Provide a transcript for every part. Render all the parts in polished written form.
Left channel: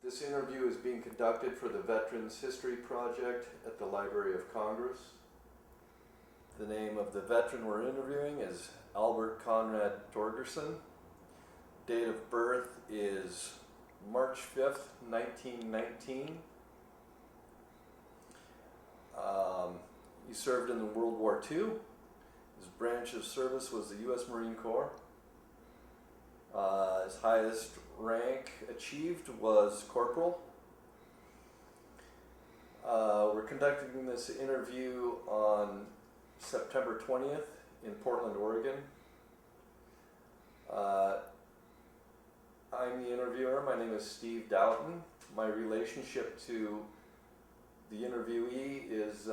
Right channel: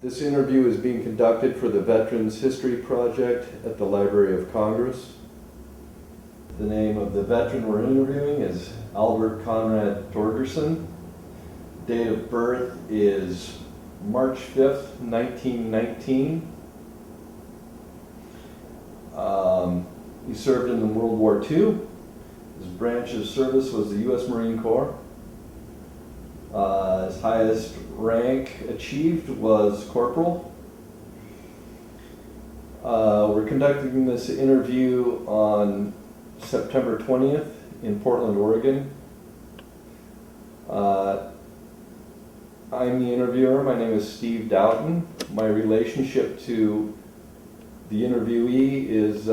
This interview is being conducted for the Veterans History Project at the Library of Congress. The name of the veteran we're interviewing is Albert Conrad Torgerson. Date of birth is March 5th, 1919. He served in World War II. His branch of service was the U.S. Marine Corps. His highest rank achieved was Corporal. We're conducting this interview on September 20th in Portland, Oregon. I'm the interviewer. My name is Steve Doughton. My relationship to the interviewee is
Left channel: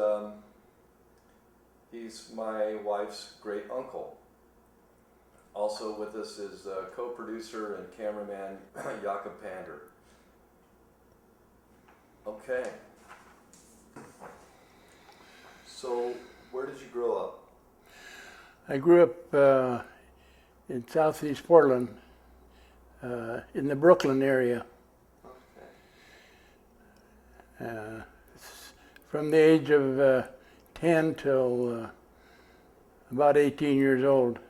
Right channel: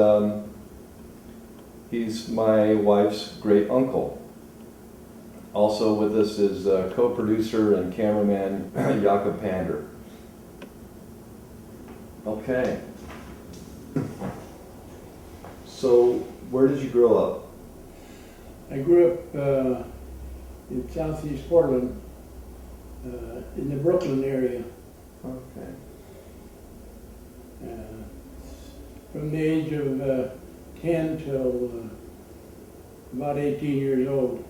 he's my wife's great uncle. Also with us is co-producer and cameraman Jakob Pander. Okay. So, where did you grow up? I grew up in southeast Portland, in the Brooklyn area. Okay. From the age of 10 till about 18 years old.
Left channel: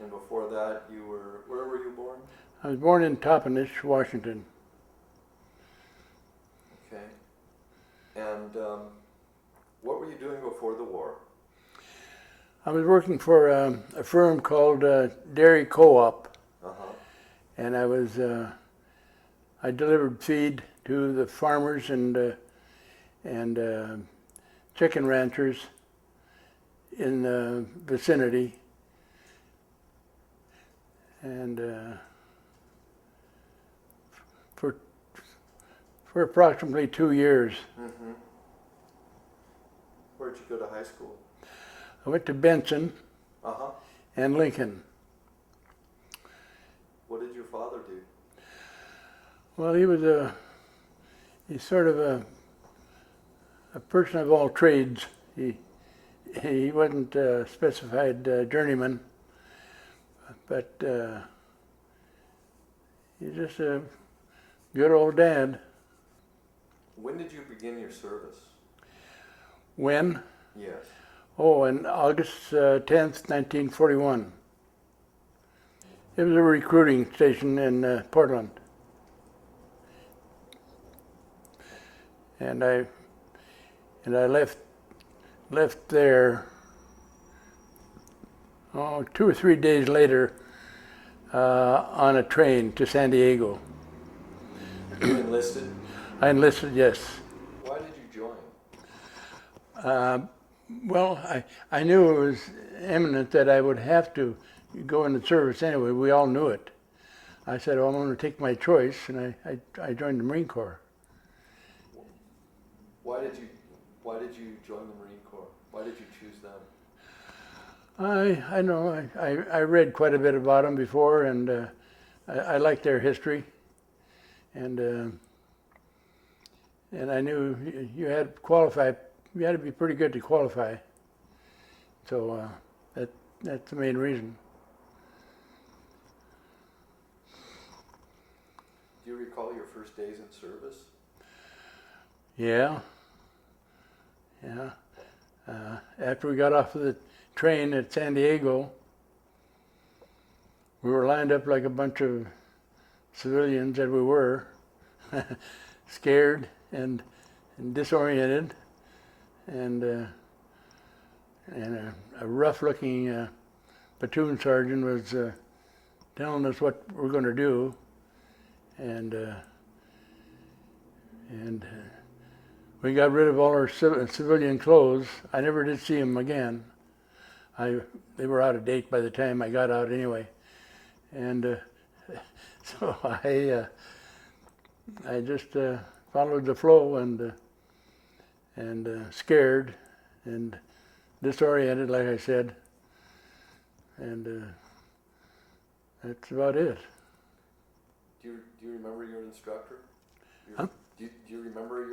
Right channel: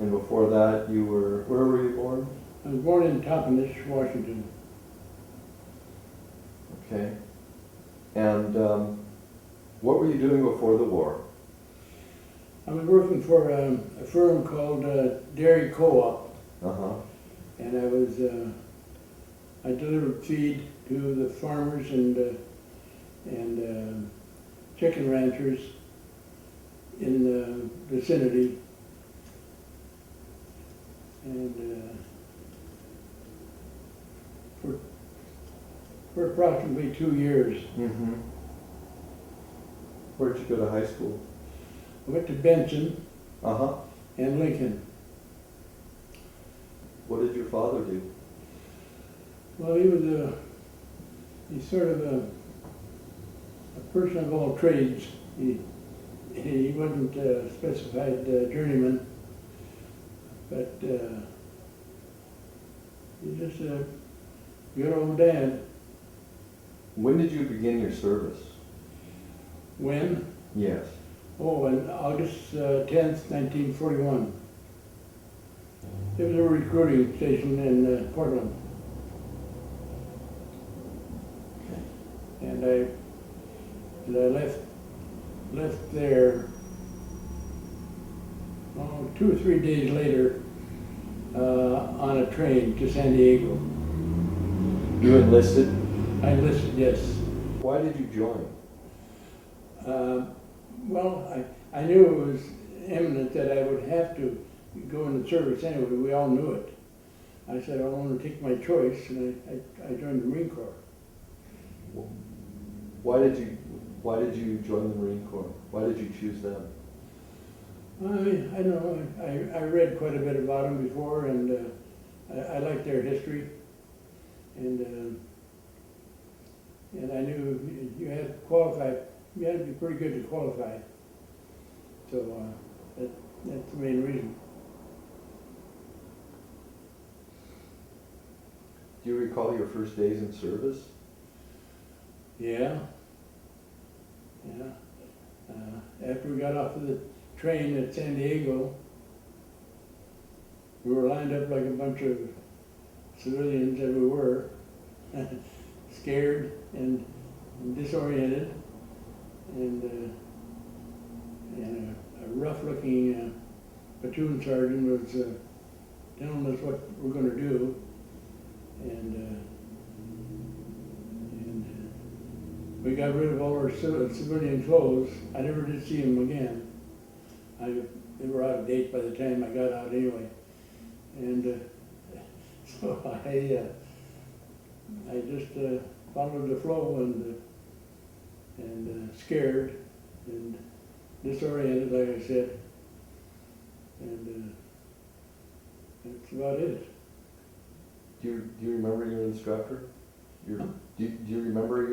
And before that, where were you born? I was born in Toppenish, Washington. Okay. And what were you doing before the war? I was working for a firm called Dairy Co-op, and I delivered feed to the farmers and chicken ranchers in the vicinity. And for approximately 2 years. Mm-hmm. Where did you go to high school? I went to Benson Uh-huh. and Lincoln. What did your father do? Well, he's sort of a person of all trades. He wasn't a specified journeyman, but he's just a good old dad. When did you begin your service? When? Yes. Oh, on August 10th, 1941. It was a recruiting station in Portland. And I left there 2 or 3 days later on a train to San Diego. You enlisted? I enlisted, yes. Why did you join? Well, I knew it was imminent that I would have to go into service anyway. We all knew it. I said, well, I'm going to take my choice, and I joined the Marine Corps. Why did you join the Marine Corps? Why did you choose them? I know. I read quite a bit about them before, and I liked their history, and I knew you had to qualify. You had to be pretty good to qualify. So that's the main reason. Do you recall your first days in service? Yeah. After we got off of the train at San Diego, we were lined up like a bunch of civilians that we were, scared and disoriented, and a rough-looking platoon sergeant was telling us what we're going to do, and we got rid of all our civilian clothes. I never did see them again. They were out of date by the time I got out anyway, and so I just followed the flow and scared and disoriented, like I said, and that's about it. Do you remember your instructor? Huh? Do you remember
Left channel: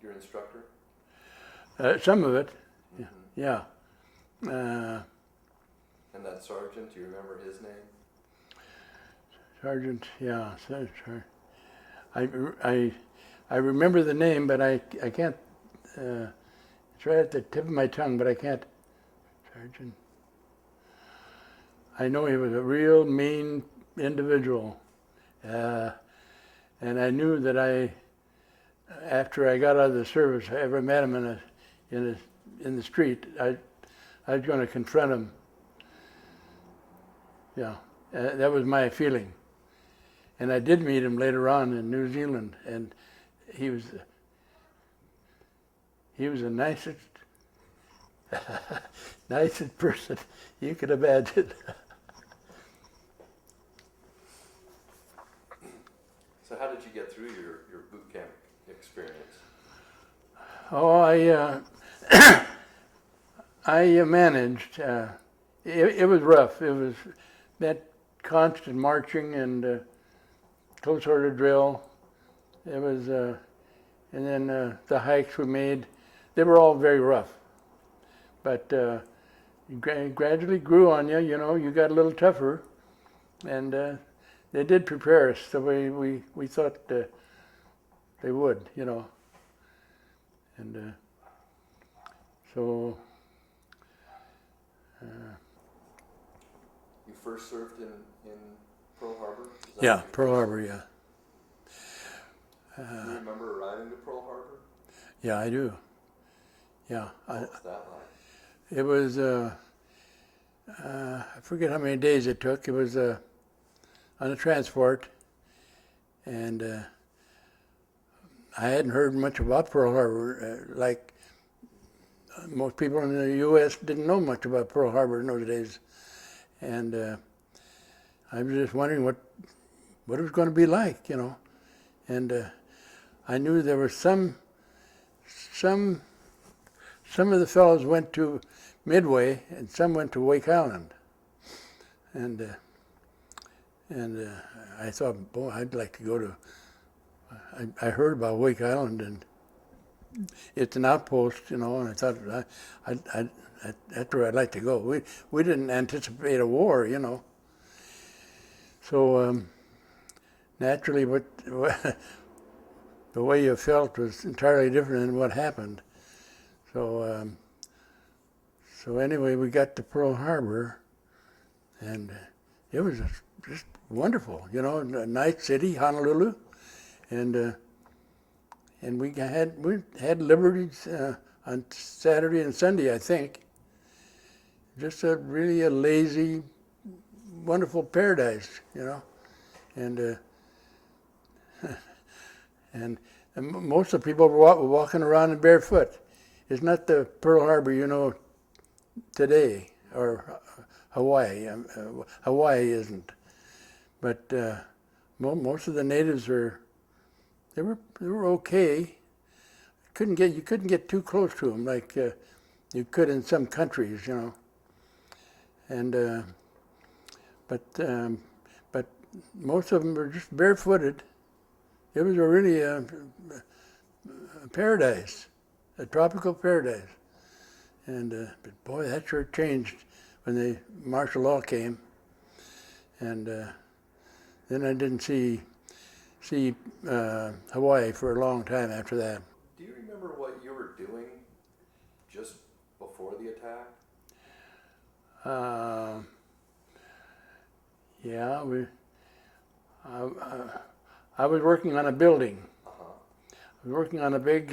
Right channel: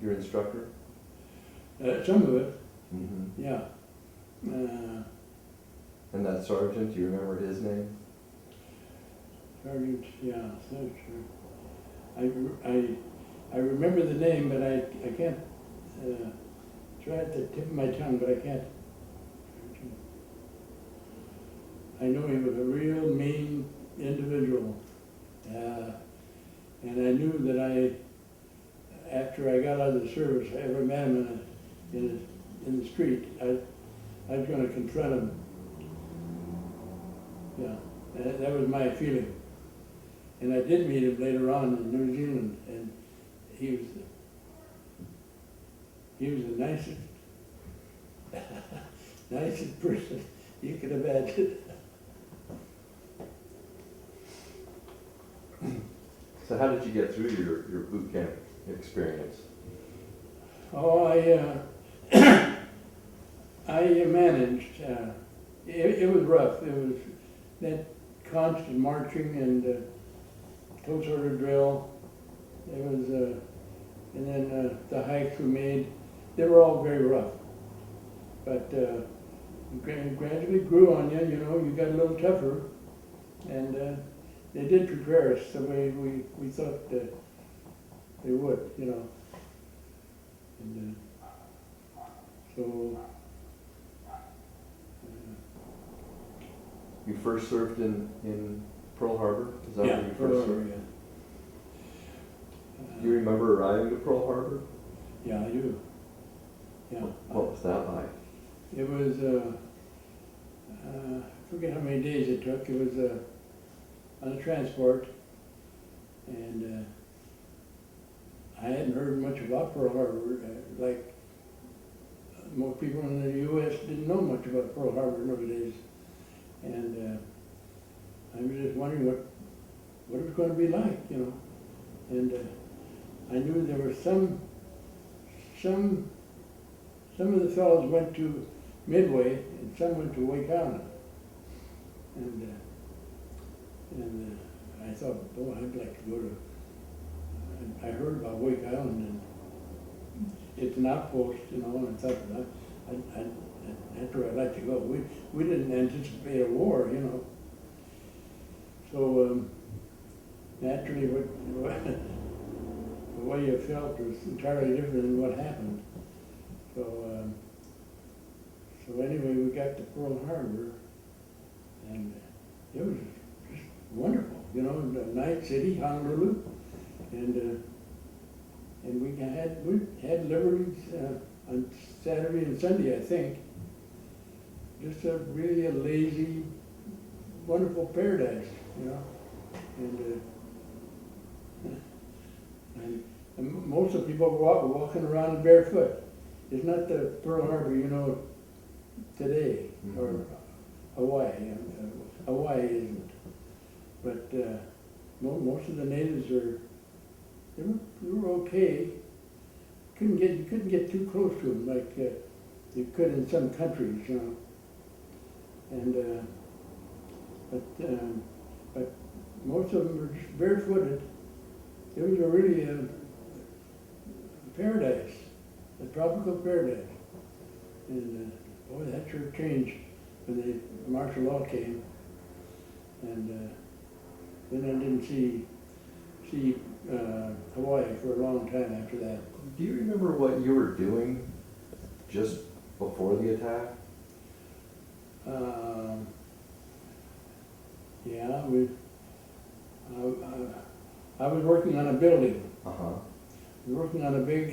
your instructor? Some of it, Mm-hmm. yeah. And that sergeant, do you remember his name? Sergeant, yeah, I remember the name, but I can't, it's right at the tip of my tongue, but I can't. Sergeant. I know he was a real mean individual. And I knew that after I got out of the service, if I ever met him in the street, I was going to confront him. Yeah, that was my feeling. And I did meet him later on in New Zealand, and he was the nicest, nicest person you could imagine. So how did you get through your boot camp experience? Oh, I managed. It was rough. It was that constant marching and close order drill. It was, and then the hikes we made. They were all very rough, but gradually grew on you. You know, you got a little tougher, and they did prepare us the way we thought they would. You know, and so. You first served in Pearl Harbor? Is that Yeah, where you Pearl first Harbor, served? yeah. Do you remember arriving to Pearl Harbor? Yeah, I do. Yeah. What was that like? It was, I forget how many days it took. It was on a transport, and I hadn't heard much about Pearl Harbor. Like most people in the U.S. didn't know much about Pearl Harbor in those days. And I was just wondering what it was going to be like, you know. And I knew there were some of the fellows went to Midway and some went to Wake Island. And I thought, boy, I'd like to go to. I heard about Wake Island, and it's an outpost, you know. And I thought that's where I'd like to go. We didn't anticipate a war, you know. So naturally, the way you felt was entirely different than what happened. So so anyway, we got to Pearl Harbor, and it was just wonderful, you know. A nice city, Honolulu, and we had liberties on Saturday and Sunday, I think. Just really a lazy, wonderful paradise, you know, and most of the people were walking around in barefoot. It's not the Pearl Harbor you know today, or Hawaii. Hawaii isn't, but most of the natives they were okay. You couldn't get too close to them like you could in some countries, you know. And but most of them were just barefooted. It was really a paradise, a tropical paradise. And boy, that sure changed when the martial law came. And then I didn't see Hawaii for a long time after that. Do you remember what you were doing just before the attack? Yeah, I was working on a building. Uh-huh. I was working on a big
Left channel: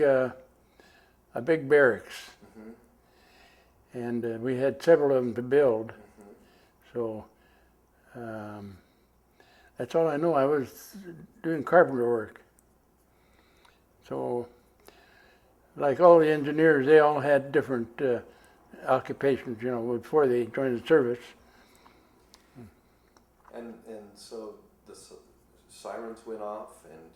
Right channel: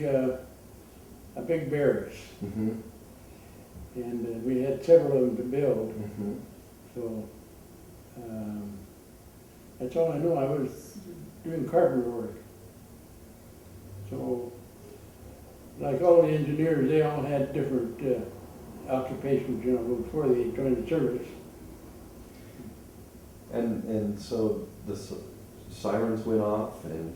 barracks, Mm-hmm. and we had several of them to build. Mm-hmm. So that's all I know. I was doing carpenter work. So, like all the engineers, they all had different occupations, you know, before they joined the service. And so the sirens went off, and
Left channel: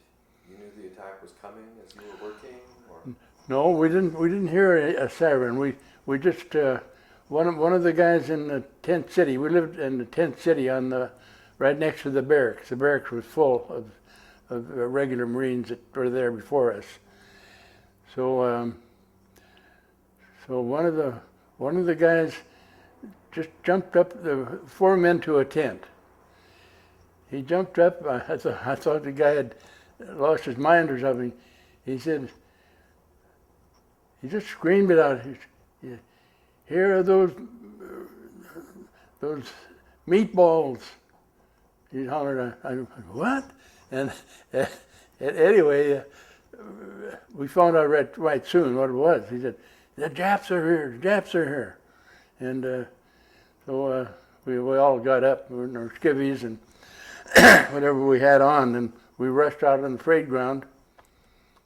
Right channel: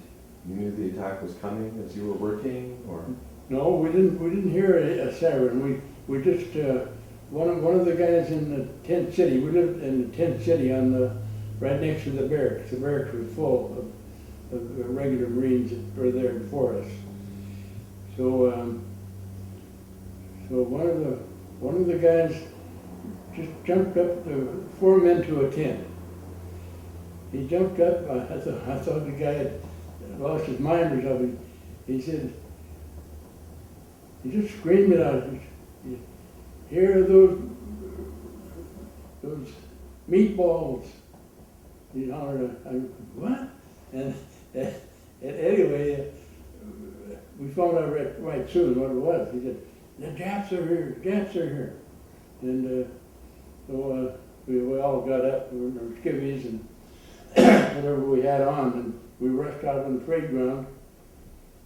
you knew the attack was coming as you were working, or? No, we didn't hear a siren. We just one of the guys in the tent city. We lived in the tent city right next to the barracks. The barracks was full of regular Marines that were there before us. So so one of the guys just jumped up the 4 men to a tent, he jumped up. I thought the guy had lost his mind or something. He said, he just screamed it out. Here are those meatballs. He hollered, what? And anyway, we found out right soon what it was. He said, the Japs are here, the Japs are here. And so we all got up in our skivvies and whatever we had on, and we rushed out on the parade ground,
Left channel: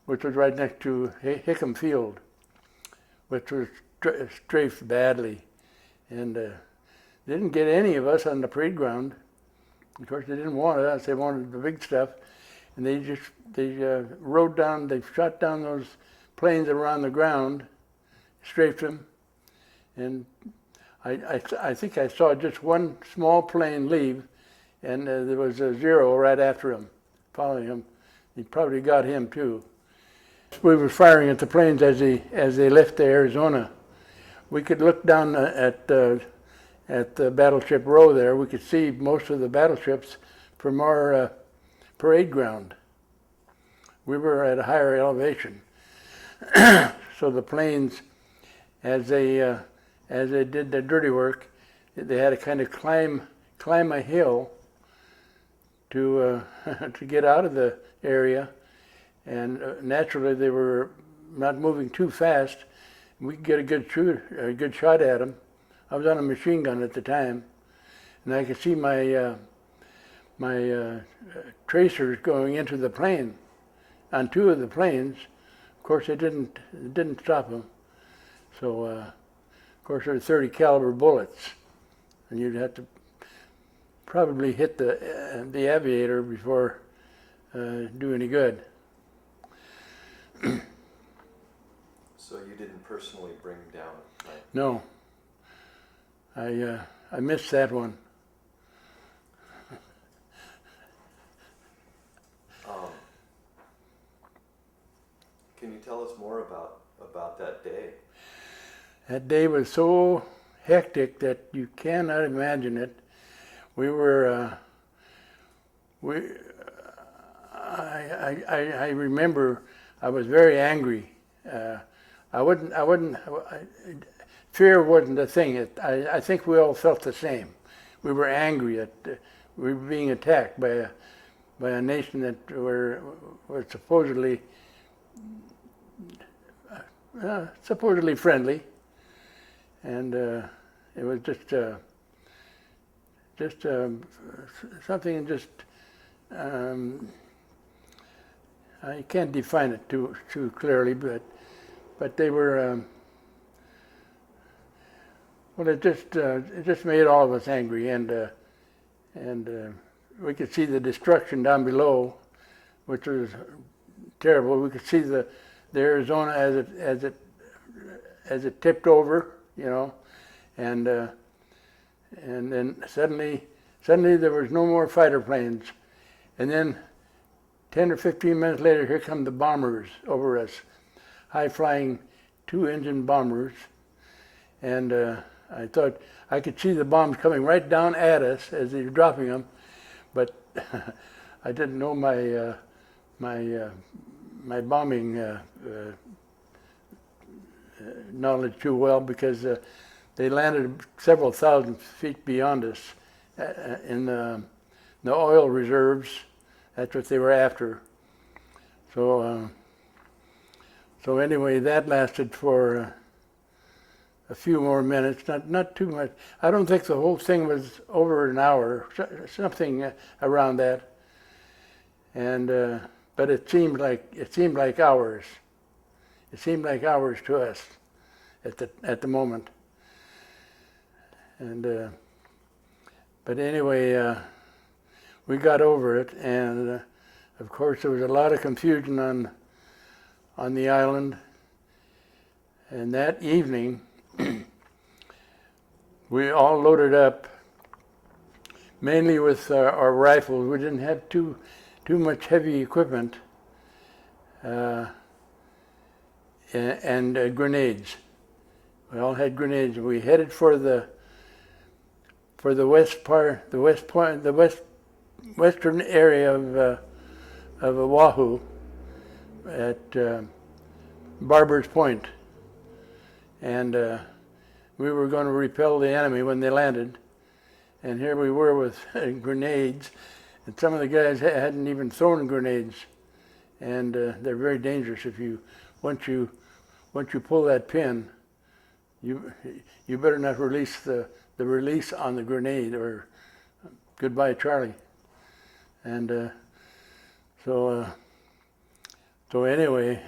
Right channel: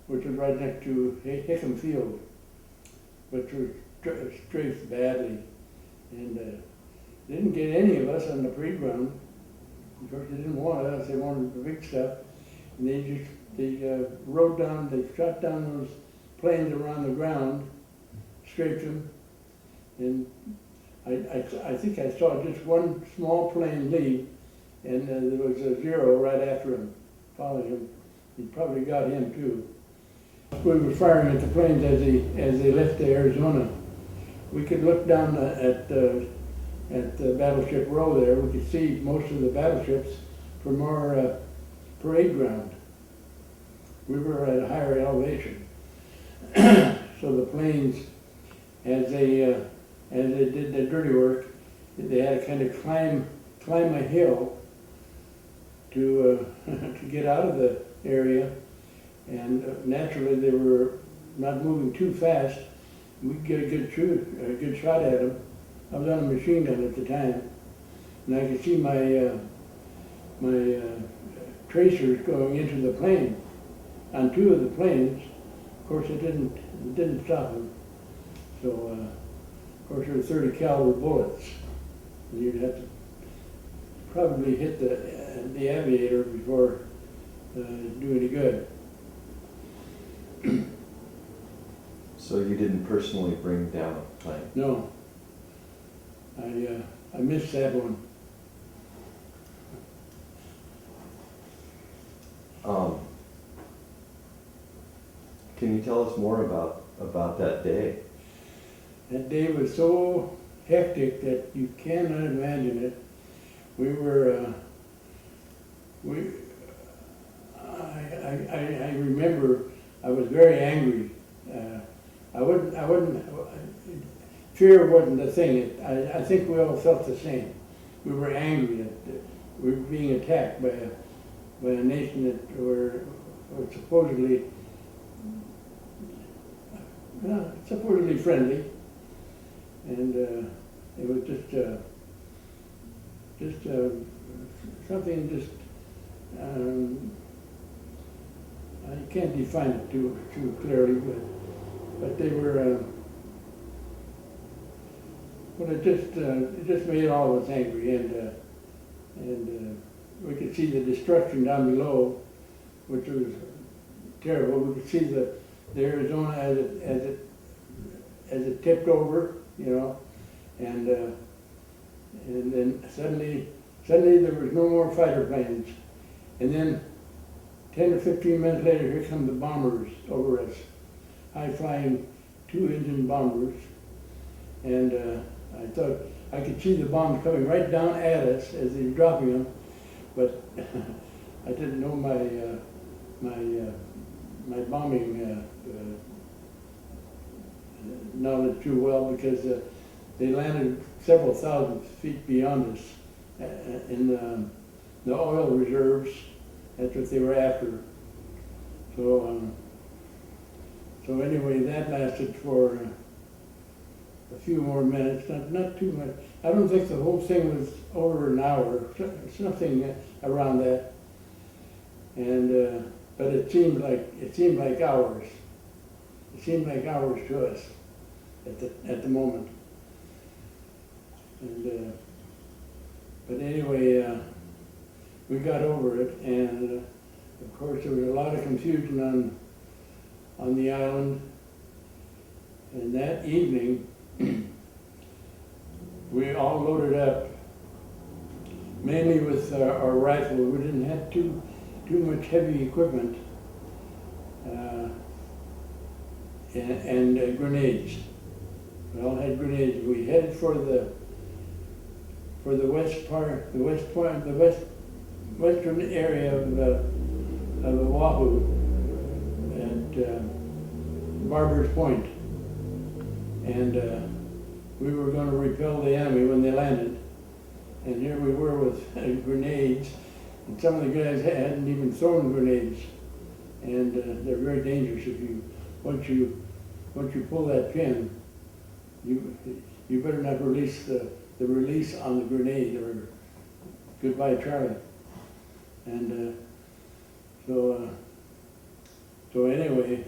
which was right next to Hickam Field, which was strafed badly. And didn't get any of us on the parade ground. Of course, they didn't want us, they wanted the big stuff. And they rode down, they shot down those planes that were on the ground, strafed them. And I think I saw just one small plane leave, and there was a Zero right after him, following him. He probably got him too. We were firing at the planes as they left to Arizona. We could look down at the battleship row there. We could see most of the battleships from our parade ground. We were at a higher elevation. So the planes, as they did the dirty work, they had to kind of climb a hill to get out of the area, and naturally they were not moving too fast. We could get a good shot at them. I was on a machine gun at the time, and I could see my tracers going into the plane, on two of the planes. Of course, it didn't stop them. So, of course, there were 30 caliber bullets, and you'd have to probably hit the aviator before do any good. So you didn't personally bring down a plane? No. I missed that one. Can you tell us more about that day? That day was so hectic that you cannot imagine it. We were, I remember I was very angry. Fear wasn't the thing. I think we all felt the same. We were angry that we were being attacked by a nation that were supposedly friendly, and it was just something you can't define it too clearly, but they were. Well, it just made all of us angry, and we could see the destruction down below, which was terrible. We could see the Arizona as it tipped over, you know, and then suddenly there was no more fighter planes, and then 10 or 15 minutes later, here come the bombers over us, high-flying two-engine bombers, and I thought I could see the bombs coming right down at us as they were dropping them, but I didn't know my bombing knowledge too well, because they landed several thousand feet beyond us in the oil reserves. That's what they were after. So anyway, that lasted for a few more minutes, not too much. I don't think the whole thing was over an hour, something around that. And but it seemed like hours. It seemed like hours to us at the moment. And but anyway, we got over it, and of course there was a lot of confusion on the island. And that evening, we all loaded up, mainly with our rifles. We didn't have too much heavy equipment, and grenades. We all had grenades. We headed for the west western area of Oahu at Barber's Point. And we were going to repel the enemy when they landed. And here we were with grenades. And some of the guys hadn't even thrown grenades. And they're very dangerous. Once you pull that pin, you better not release the release on the grenade, or goodbye, Charlie. And so anyway,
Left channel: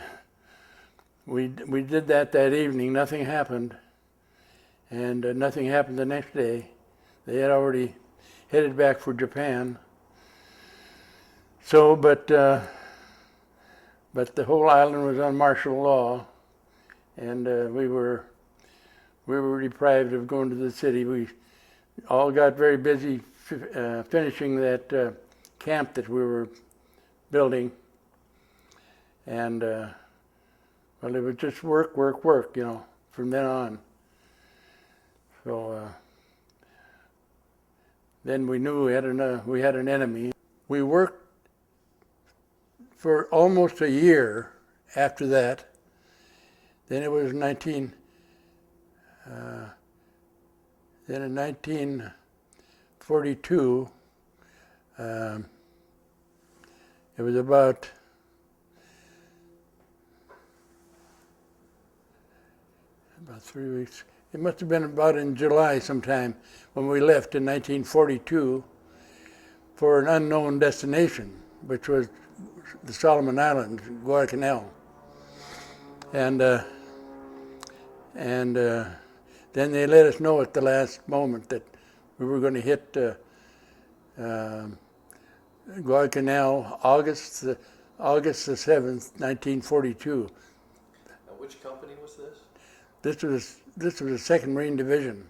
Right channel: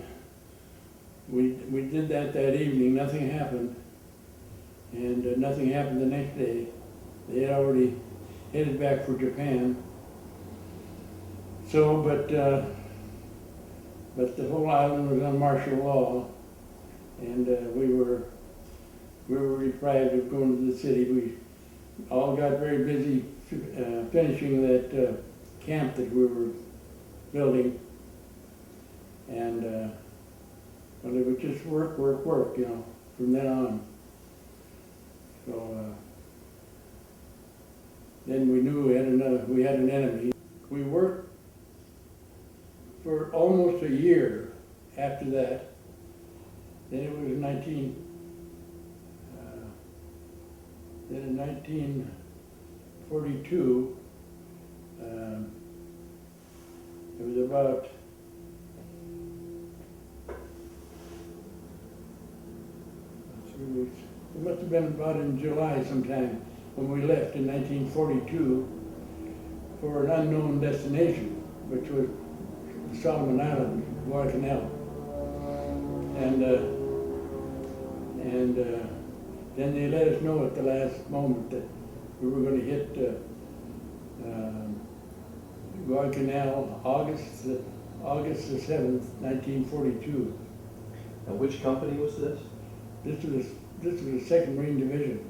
we did that evening. Nothing happened, and nothing happened the next day. They had already headed back for Japan. So, but the whole island was on martial law, and we were deprived of going to the city. We all got very busy finishing that camp that we were building, and well, it was just work, you know, from then on. So then we knew we had an enemy. We worked for almost a year after that. Then it was 1942, it was about about 3 weeks. It must have been about in July sometime when we left in 1942 for an unknown destination, which was the Solomon Islands, Guadalcanal. And then they let us know at the last moment that we were going to hit Guadalcanal August the 7th, 1942. Now, which company was this? This was the 2nd Marine Division.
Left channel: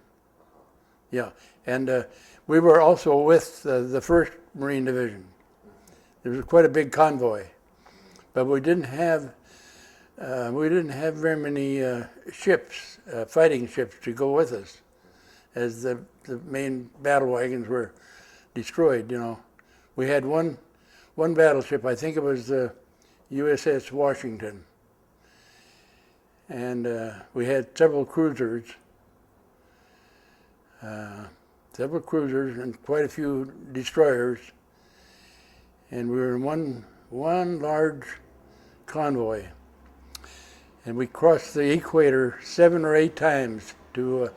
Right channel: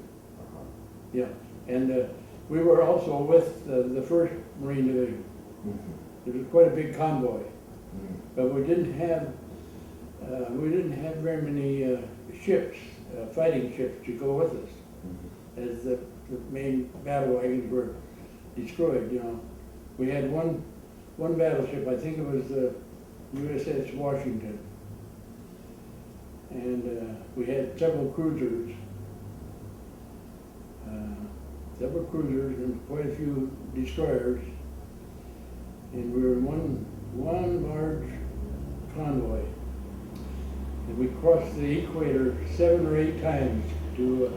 Yeah, and we were also with the 1st Marine Division. Mm-hmm. There was quite a big convoy, mm-hmm. But we didn't have very many ships, fighting ships, to go with us, mm-hmm. As the main battle wagons were destroyed. You know, we had one battleship. I think it was the USS Washington, and we had several cruisers, and quite a few destroyers, and we were in one large convoy, and we crossed the equator 7 or 8 times to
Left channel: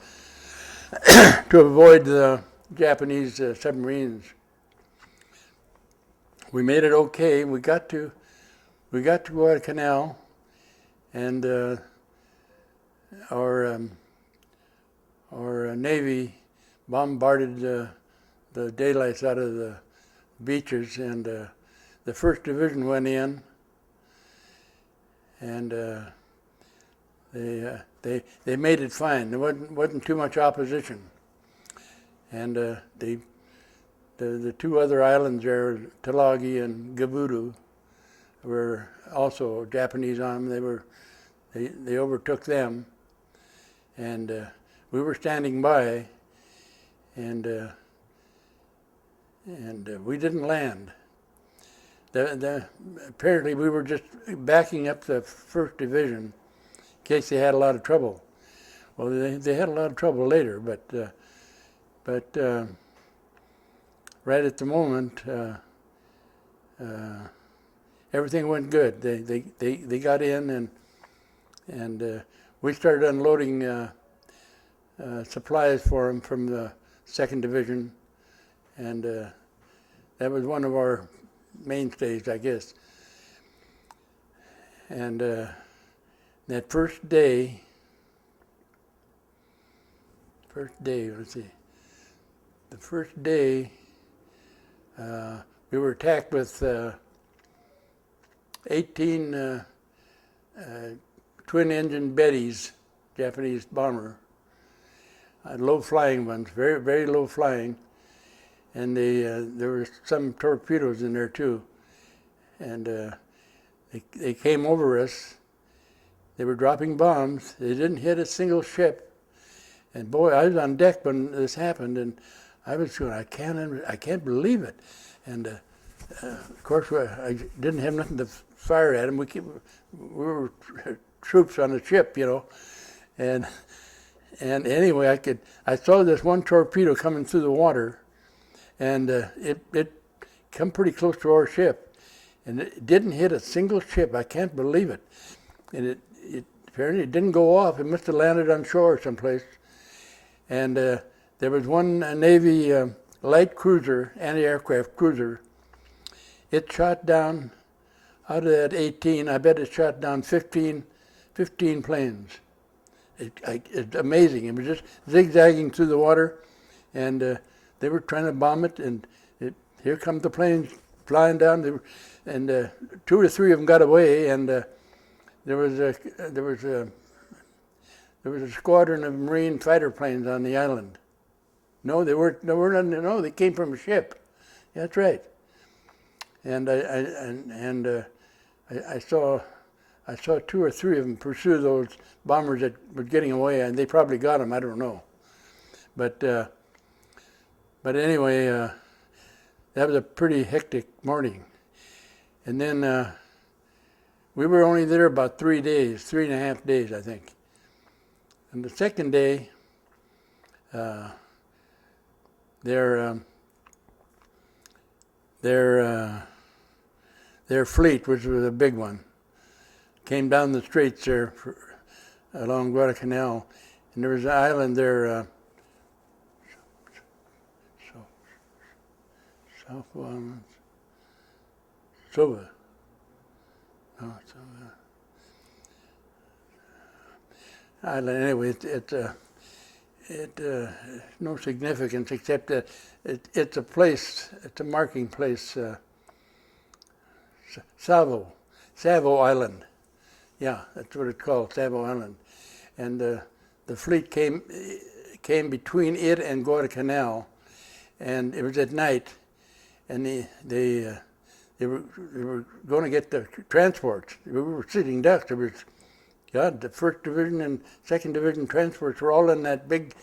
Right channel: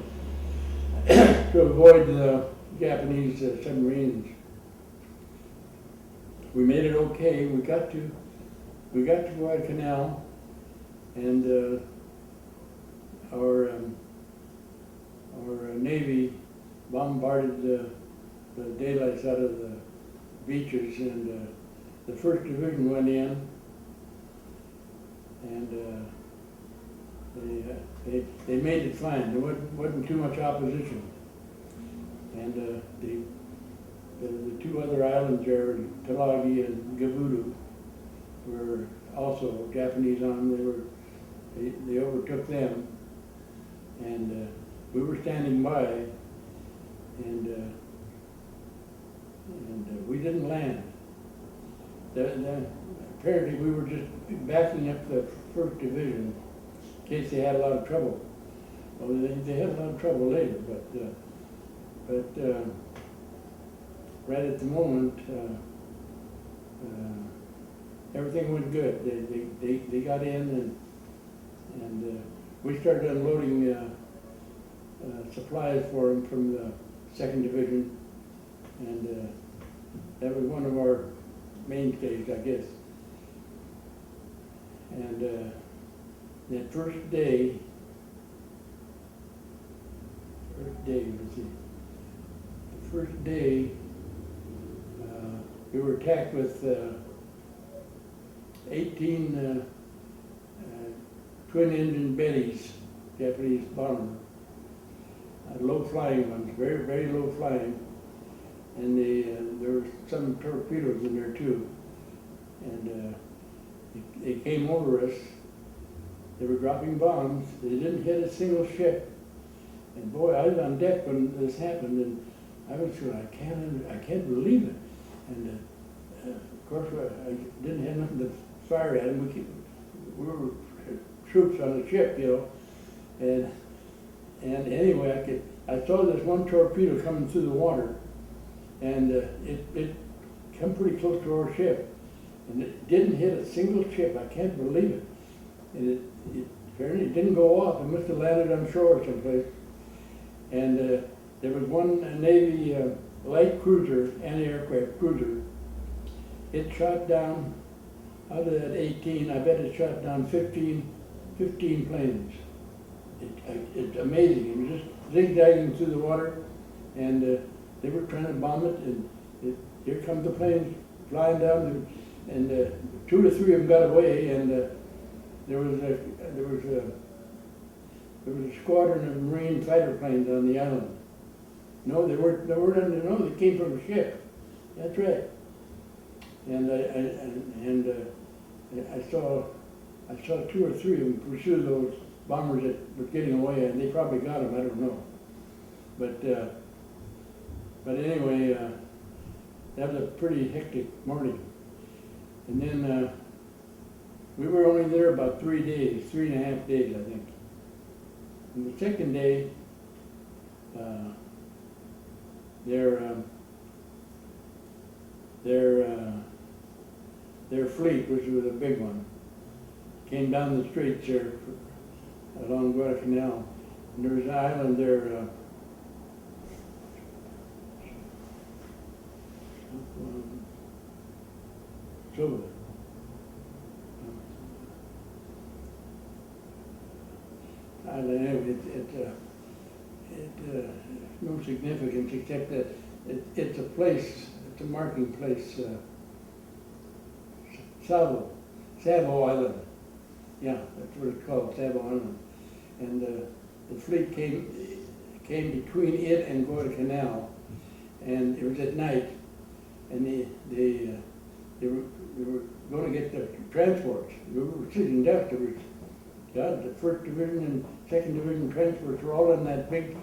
to avoid the Japanese submarines. We made it okay. We got to Guadalcanal, and our Navy bombarded the daylights out of the beaches, and the 1st Division went in, and they made it fine. There wasn't too much opposition, and the 2 other islands there, Talagi and Gabudu, were also Japanese on them. They overtook them, and we were standing by, and we didn't land. Apparently we were just backing up the 1st Division in case they had a lot of trouble. Well, they had a lot of trouble later, but right at the moment, everything went good. They got in, and we started unloading supplies for them from the 2nd Division, and that was one of our mainstays, I guess. And that first day, we were attacked with 18 twin-engine Bettys, Japanese bomber, low-flying ones, very, very low-flying, and there were some torpedoes in there too, and they came over us. They were dropping bombs. They didn't hit a single ship, and boy, I was on deck when this happened, and I was going, I can't believe it. And of course, I didn't have nothing to fire at them. We were troops on the ship, you know. And anyway, I saw this one torpedo coming through the water, and it come pretty close to our ship, and it didn't hit a single ship. I can't believe it. And it apparently it didn't go off. It must have landed on shore someplace. And there was one Navy light cruiser, anti-aircraft cruiser. It shot down, out of that 18, I bet it shot down 15 planes. It's amazing. It was just zigzagging through the water, and they were trying to bomb it, and here come the planes flying down, and 2 or 3 of them got away, and there was a squadron of Marine fighter planes on the island. No, they weren't. No, they came from a ship. That's right. And I saw 2 or 3 of them pursue those bombers that were getting away, and they probably got them. I don't know. But anyway, that was a pretty hectic morning. And then we were only there about 3 days, 3.5 days, I think. And the second day, their fleet, which was a big one, came down the straits there along Guadalcanal, and there was an island there, Sova. Island. Anyway, it's no significance except that it's a place, it's a marking place, Savo Island. Yeah, that's what it's called, Savo Island. And the fleet came between it and Guadalcanal, and it was at night, and they were going to get the transports. We were sitting ducks. There was, God, the 1st Division and 2nd Division transports were all in that big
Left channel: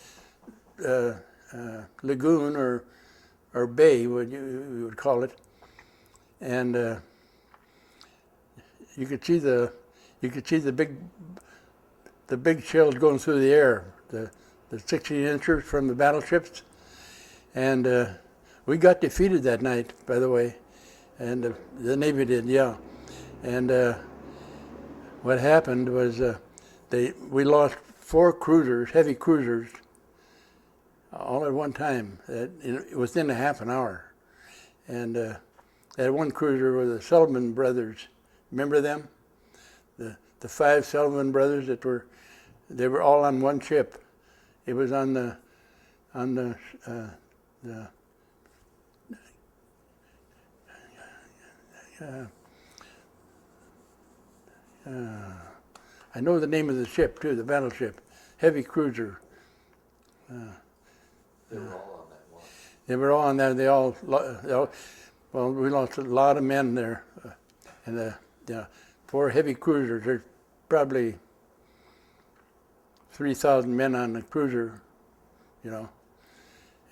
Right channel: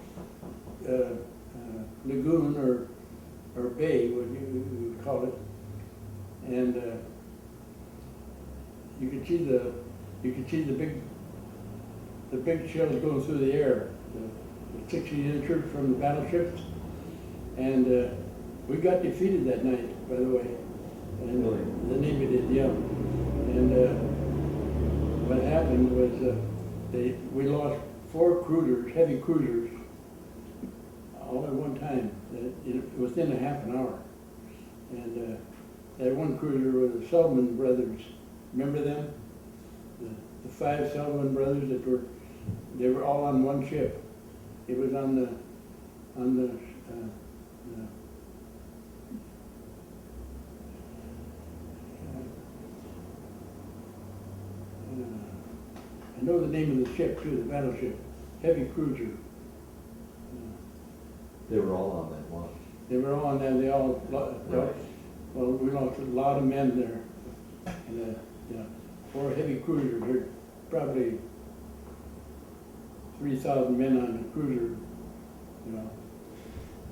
lagoon or bay, what you would call it, and you could see the big shells going through the air, the 16-inchers from the battleships, and we got defeated that night, by the way, and the Navy did, yeah, and what happened was we lost 4 cruisers, heavy cruisers, all at one time, within a half an hour, and that one cruiser were the Sullivan brothers. Remember them? The 5 Sullivan brothers they were all on one ship. It was on the I know the name of the ship too, the battleship, heavy cruiser. They were all on that one. They were all on there. Well, we lost a lot of men there, and 4 heavy cruisers. There's probably 3,000 men on the cruiser, you know,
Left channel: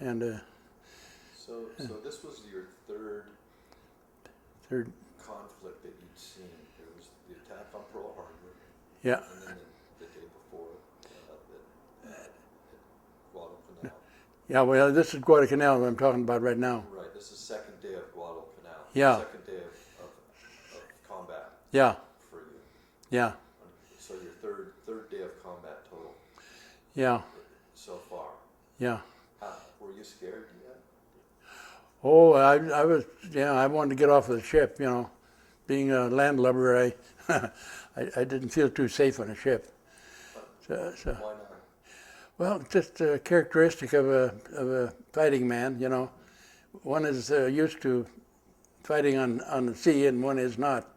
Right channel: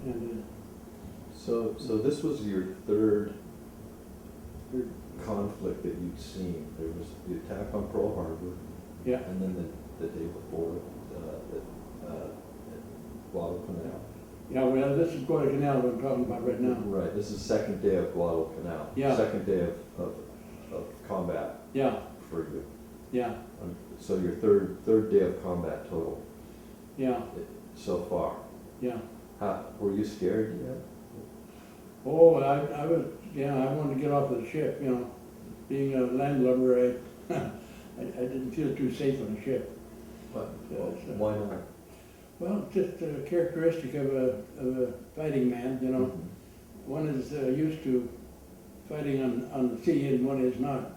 and. So this was your third conflict that you'd seen. There was the attack on Pearl Harbor. Yeah. And then the day before at Guadalcanal. Yeah, well, this is Guadalcanal that I'm talking about right now. Right. This is the 2nd day of Guadalcanal. Yeah. 2nd day of combat. Yeah. For you. Yeah. So your third day of combat total. Yeah. So far. Yeah. Were you scared yet? Oh, I was. Yeah, I wanted to get off of the ship. You know, being a landlubber, I didn't feel too safe on a ship. So why not? Well, just a characteristic of a fighting man. You know, one is used to fighting on the sea, and one is not.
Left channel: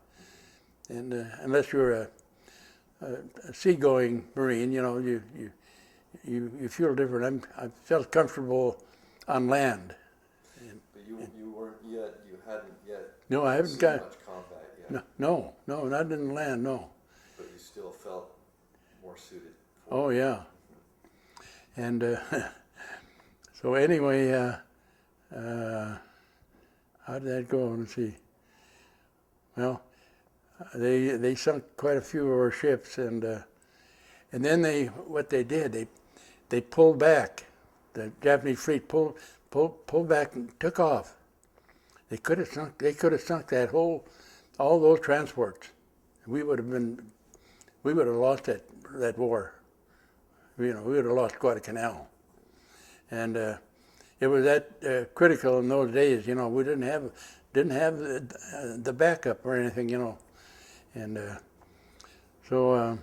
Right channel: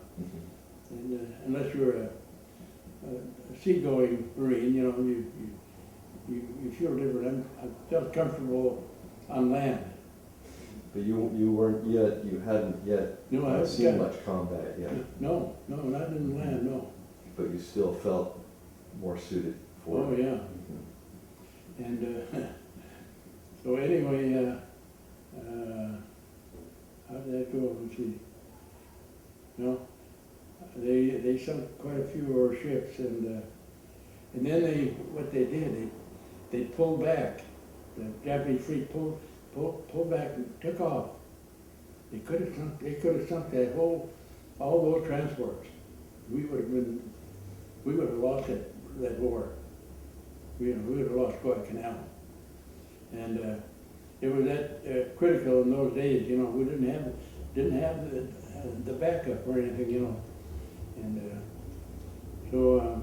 And unless you're a seagoing Marine, you know, you feel different. I felt comfortable on land. But you weren't yet. You hadn't yet. No, I haven't seen much combat yet. No, not in land. No. But you still felt more suited for it. Oh yeah. And so anyway, how did that go? Let's see. Well, they sunk quite a few of our ships, and then what they did, they pulled back. The Japanese fleet pulled back and took off. They could have sunk that all those transports. We would have lost that war. We would have lost Guadalcanal. And it was that critical in those days. We didn't have the backup or anything. And so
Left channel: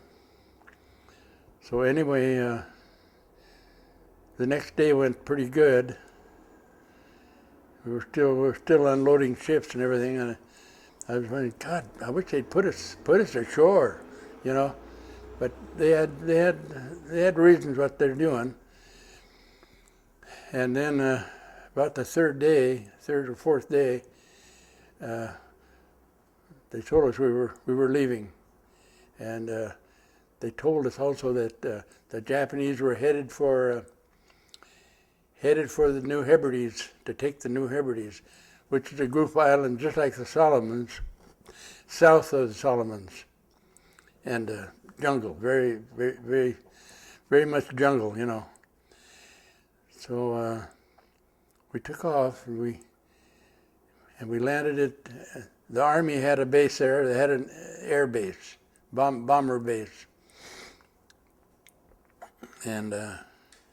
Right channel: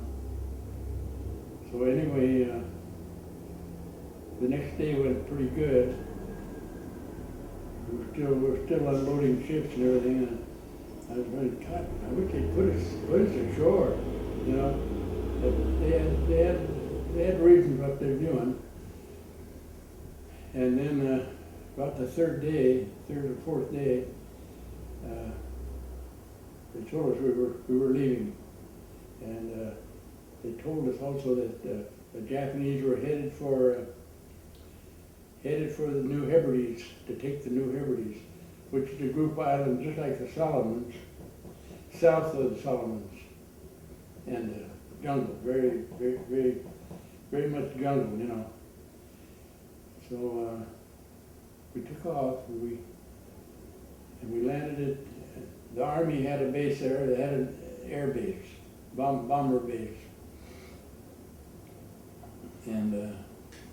anyway, the next day went pretty good. We were still unloading ships and everything, and I was thinking, God, I wish they'd put us ashore, But they had reasons what they're doing. And then about the third or fourth day, they told us we were leaving, and they told us also that the Japanese were headed for the New Hebrides, to take the New Hebrides, which is a group of islands just like the Solomons, south of the Solomons, and jungle, very, very, very, very much jungle, So we took off, and we landed at, the Army had a base there. They had an air base, bomber base. And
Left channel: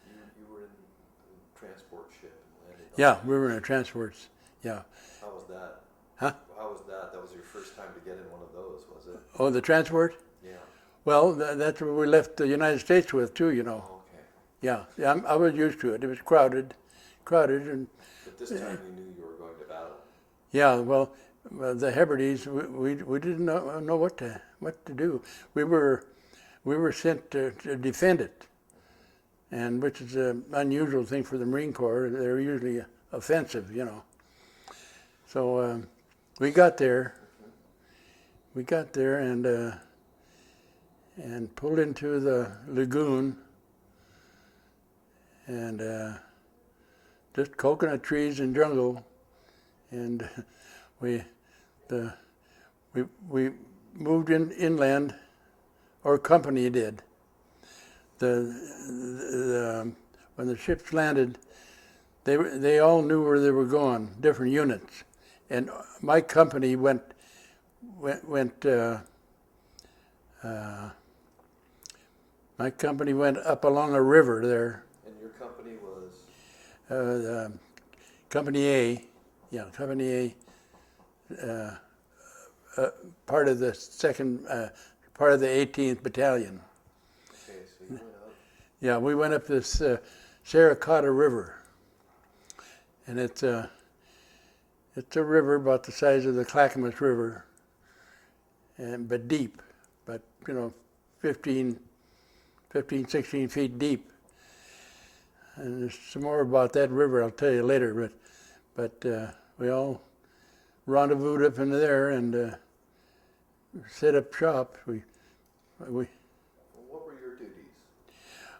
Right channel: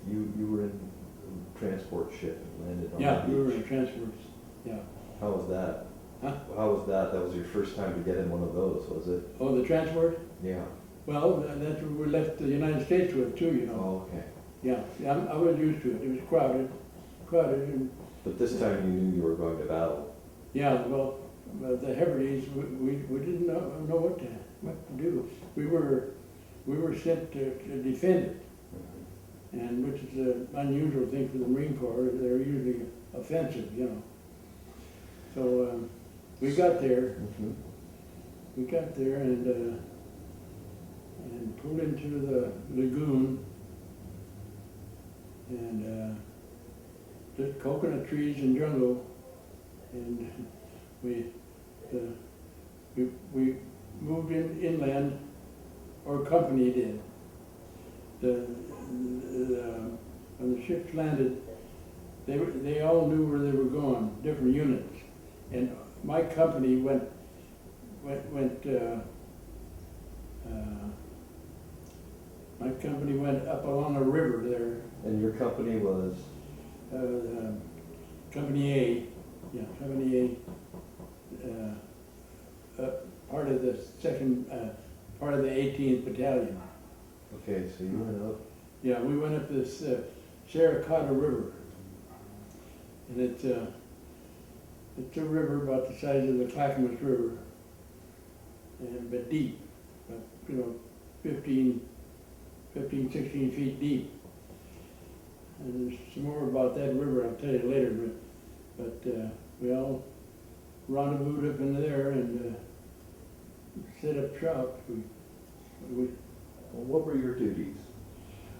you were in a transport ship and landed on yeah, the we were in beach. a transports, yeah. How was that? Huh? How was that? That was your first time to get in one of those, was it? Oh, the transport? Yeah. Well, that's what we left the United States with too, Oh, okay. Yeah, I was used to it. It was crowded, and But this time you knew you were going to battle. yeah. Well, the Hebrides, we didn't know what to do. We were sent to defend it, and which is an unusual thing for the Marine Corps. They're usually offensive, So we got there. Mm-hmm. We got there and pulled into the lagoon, and just coconut trees and jungle, and we moved inland, or company did. When the ships landed, they all knew where they were going, different units, and my company went. My company went up along a river there. And your company was? Company A, Company A, part of the part of the 18th Battalion. Okay, so you went up. Yeah, we went up this Sarasota River, and it's a river about the size of the Clackamas River, but deep, but 15, 16 feet deep. And there's some more about that river I'll tell you later, but we all rendezvoused up into there and set up shop. What were your duties?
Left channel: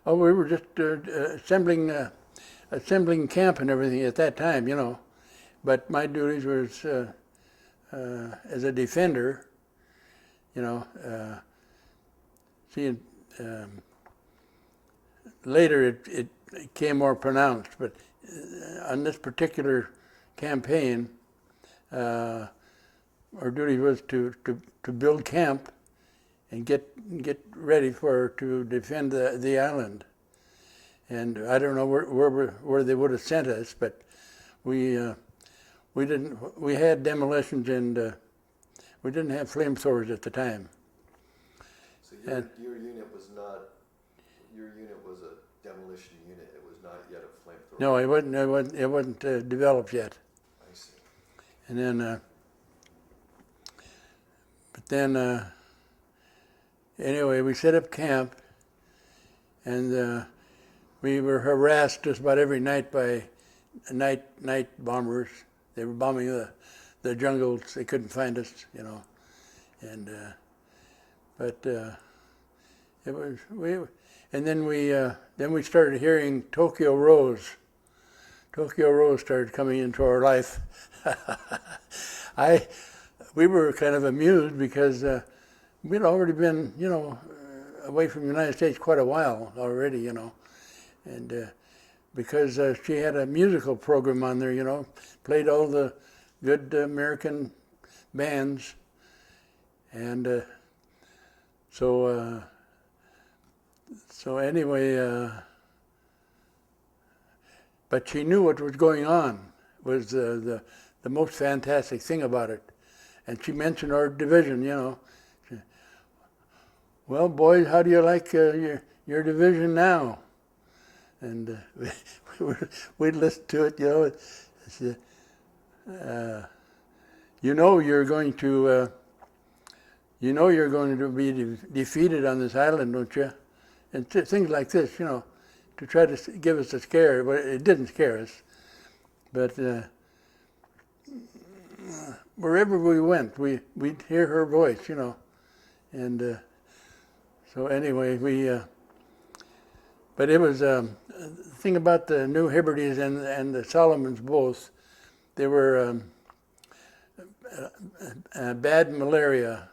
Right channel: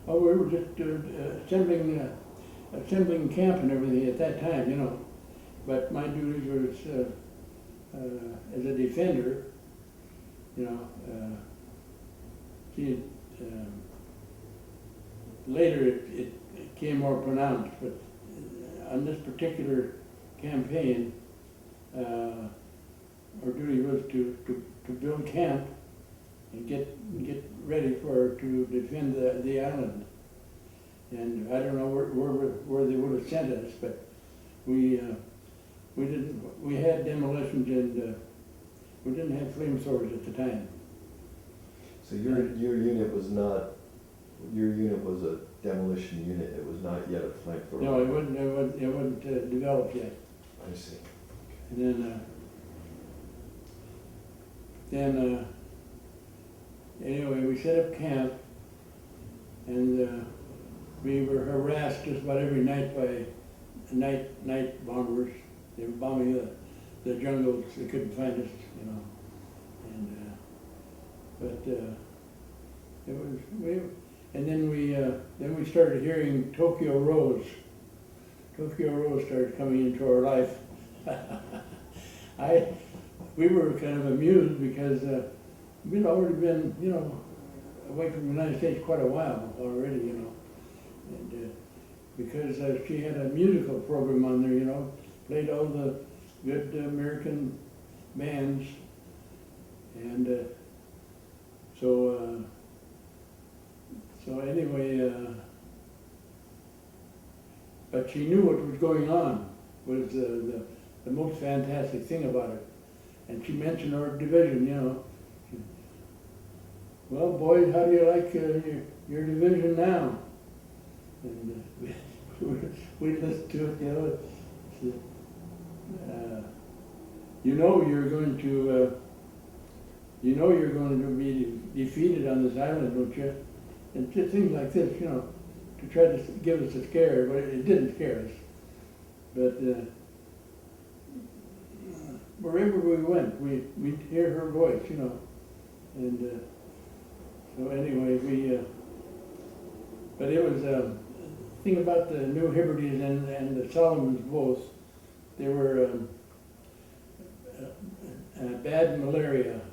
Oh, we were just assembling camp and everything at that time, But my duties was as a defender, seeing. Later it became more pronounced, but on this particular campaign, our duty was to build camp and get ready to defend the island. And I don't know where they would have sent us, but we had demolitions, and we didn't have flamethrowers at the time. So your unit was not. Your unit was a demolition unit. It was not yet a flamethrower. No, it wasn't developed yet. I see. And then, anyway, we set up camp, and we were harassed just about every night by night bombers. They were bombing the jungles. They couldn't find us, And but it was and then we started hearing Tokyo Rose. Tokyo Rose started coming into our life. We were kind of amused because we'd already been, away from the United States quite a while already, and because she had a musical program on there, played all the good American bands, and so anyway, but she knew what was going on was the most fantastic thing about it. And she mentioned our division, Well, boys, how do you like your division now? And we'd listen to it, She, you're going to, you're going to be defeated on this island, don't you? And things like this, to try to give us a scare. But it didn't scare us. But wherever we went, we'd hear her voice, And so anyway, but it was the thing about the New Hebrides and the Solomons both. They were bad malaria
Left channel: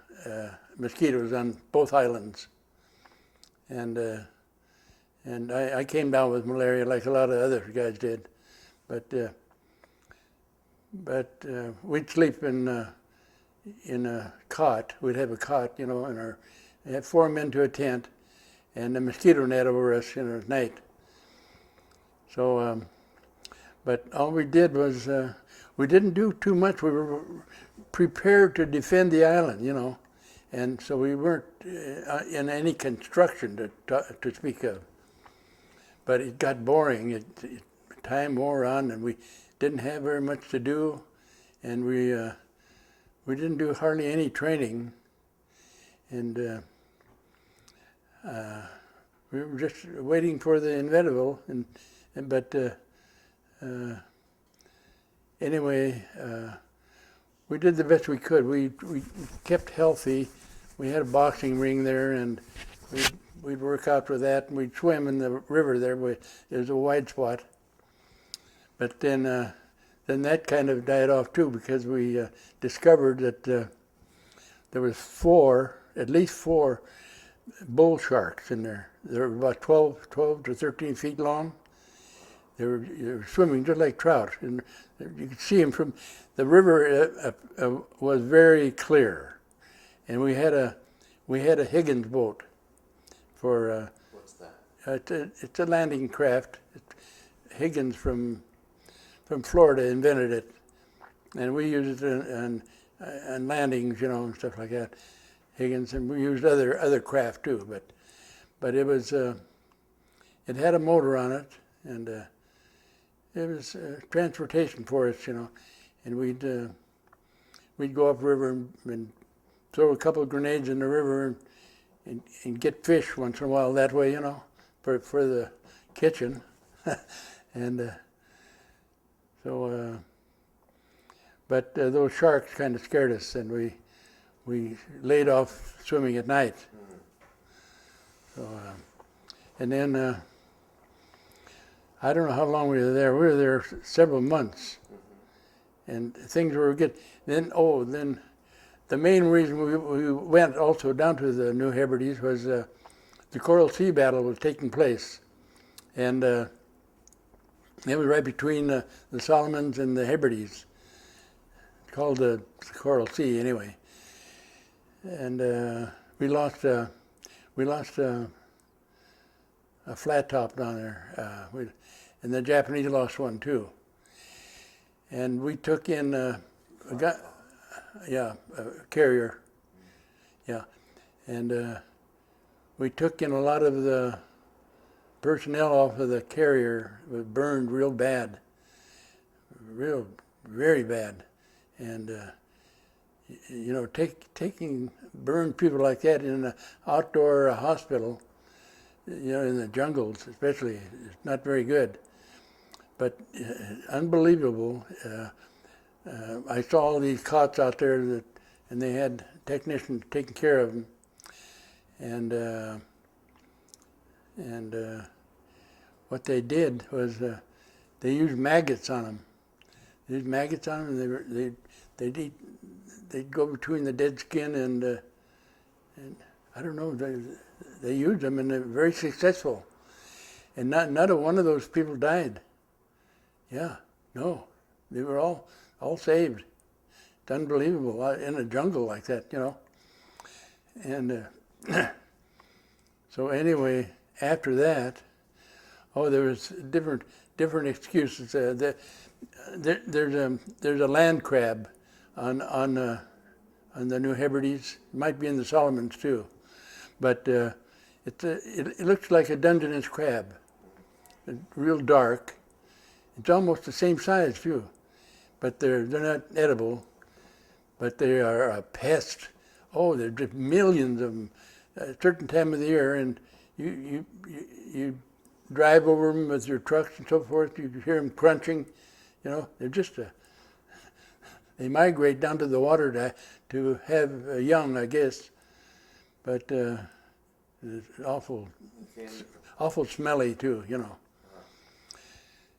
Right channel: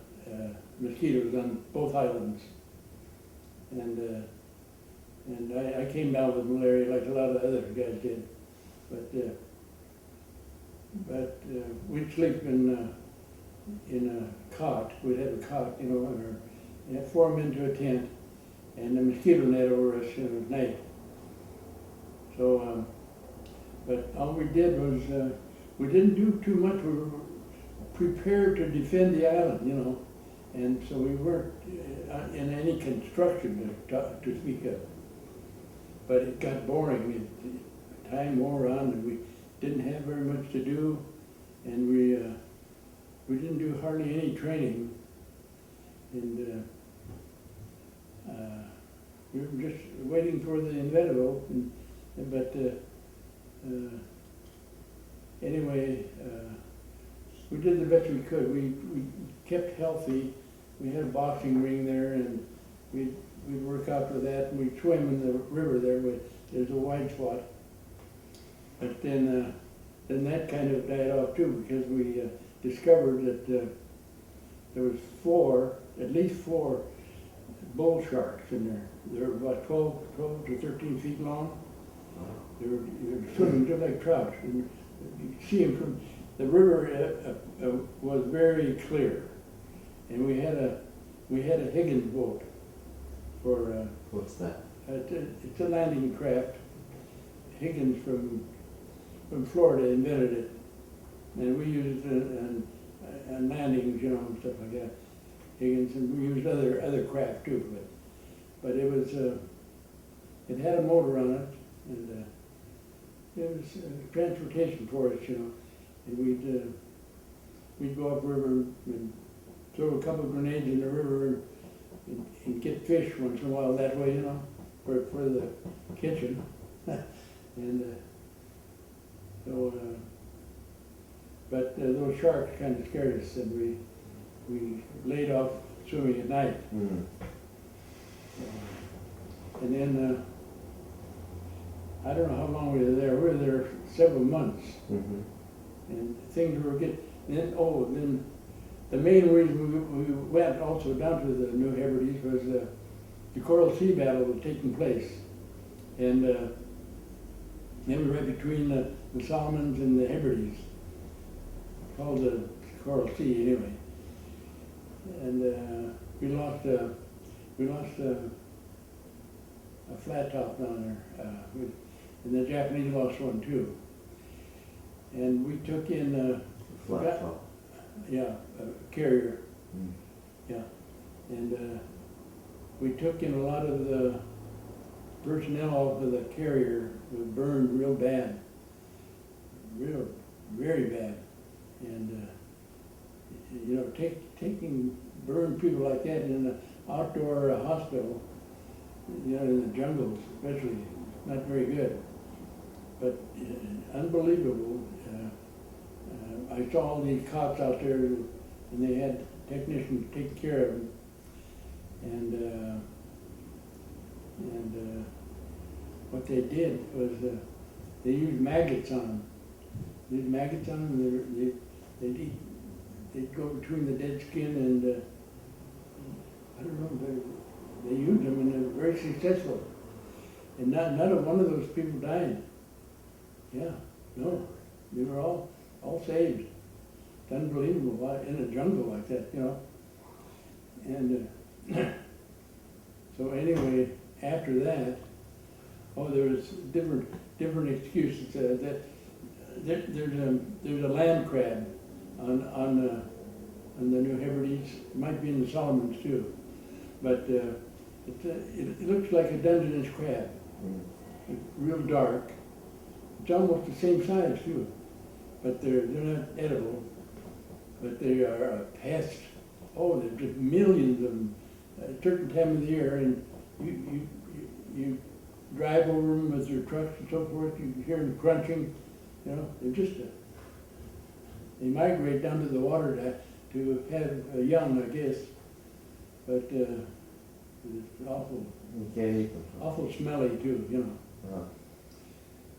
mosquitoes on both islands, and I came down with malaria like a lot of other guys did, but we'd sleep in a cot. We'd have a cot, and we had 4 men to a tent, and a mosquito net over us, at night. So, but all we did was we didn't do too much. We were prepared to defend the island, and so we weren't in any construction to speak of. But it got boring. Time wore on, and we didn't have very much to do, and we didn't do hardly any training, and we were just waiting for the inevitable. But anyway, we did the best we could. We kept healthy. We had a boxing ring there, and we'd work out for that. We'd swim in the river there, but there's a wide spot. But then that kind of died off too, because we discovered that there was at least four bull sharks in there. They were about 12 to 13 feet long. They were swimming just like trout, and you could see them from the river. Was very clear, and we had a Higgins boat for. What's that? It's a landing craft. Higgins from Florida invented it, and we used it on landings, and stuff like that. Higgins, and we used other craft too, but it was it had a motor on it, and it was transportation for us, and we'd go upriver and throw a couple of grenades in the river and get fish once in a while that way, for the kitchen, and so. But those sharks kind of scared us, and we laid off swimming at night. Mm. So, and then I don't know how long we were there. We were there several months, and things were good. Then the main reason we went also down to the New Hebrides was the Coral Sea battle was taking place, and it was right between the Solomons and the Hebrides. Called the Coral Sea anyway, and we lost a flat top down there, and the Japanese lost one too. And we took in a carrier, yeah, and we took in a lot of the personnel off of the carrier. It was burned real bad, very bad. And taking burned people like that in an outdoor hospital, in the jungles especially, it's not very good. But unbelievable. I saw all these cots out there, and they had technicians taking care of them. And what they did was they used maggots on them. There's maggots on them. They'd go between the dead skin and I don't know. They used them and they're very successful. And not a one of those people died. Yeah, no, they were all saved. It's unbelievable in a jungle like that, you know. And so anyway, after that, there was different excuses. There's a land crab on the New Hebrides. It might be in the Solomons too, but it looks like a Dungeness crab, real dark. It's almost the same size too, but they're not edible, but they are a pest. Oh, there's just millions of them at a certain time of the year, and you drive over them with your trucks and so forth. You hear them crunching. You know, they're just they migrate down to the water to have young, I guess. But it's awful. You can't eat them. Awful smelly too, you know.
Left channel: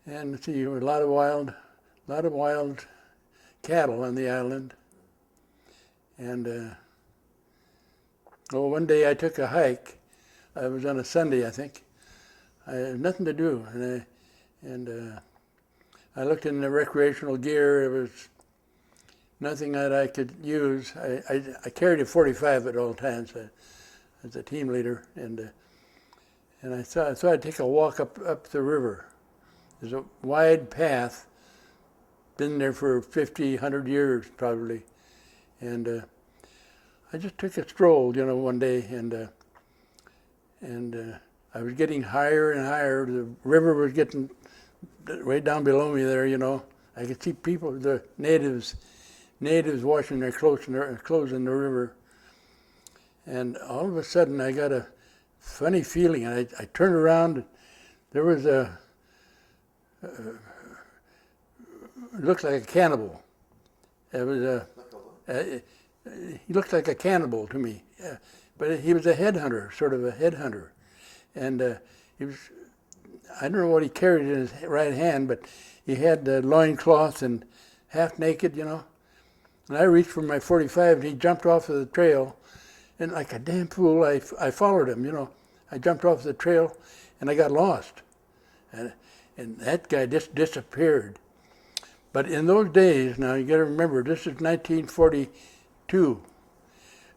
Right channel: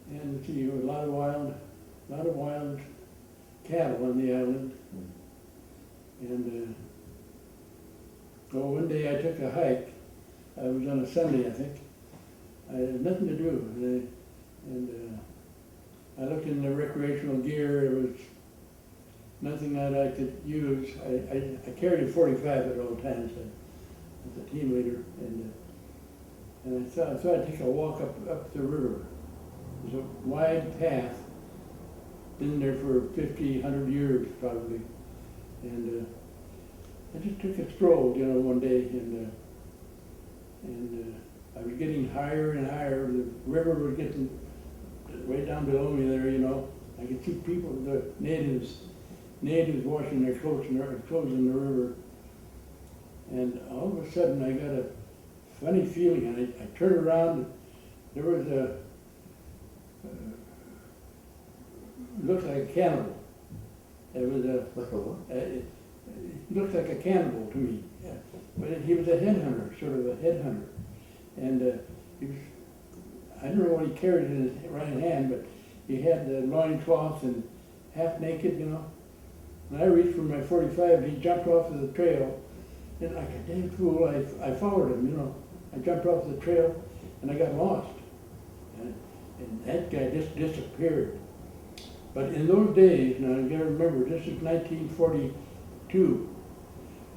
And let's see, there were a lot of wild cattle on the island. And one day I took a hike. It was on a Sunday, I think. I had nothing to do, and I looked in the recreational gear. There was nothing that I could use. I carried a .45 at all times as a team leader, and I thought I'd take a walk up the river. There's a wide path, been there for 50, 100 years probably, and I just took a stroll, you know, one day, and I was getting higher and higher. The river was getting right down below me there, you know. I could see people, the natives washing their clothes in the river, and all of a sudden I got a funny feeling, and I turned around, and there was it looked like a cannibal. It was he looked like a cannibal to me, but he was a headhunter, sort of a headhunter, and he was, I don't know what he carried in his right hand, but he had the loincloth and half naked, you know. And I reached for my .45, and he jumped off of the trail, and like a damn fool, I followed him, you know. I jumped off the trail, and I got lost, and that guy just disappeared. But in those days, now you got to remember, this is 1942.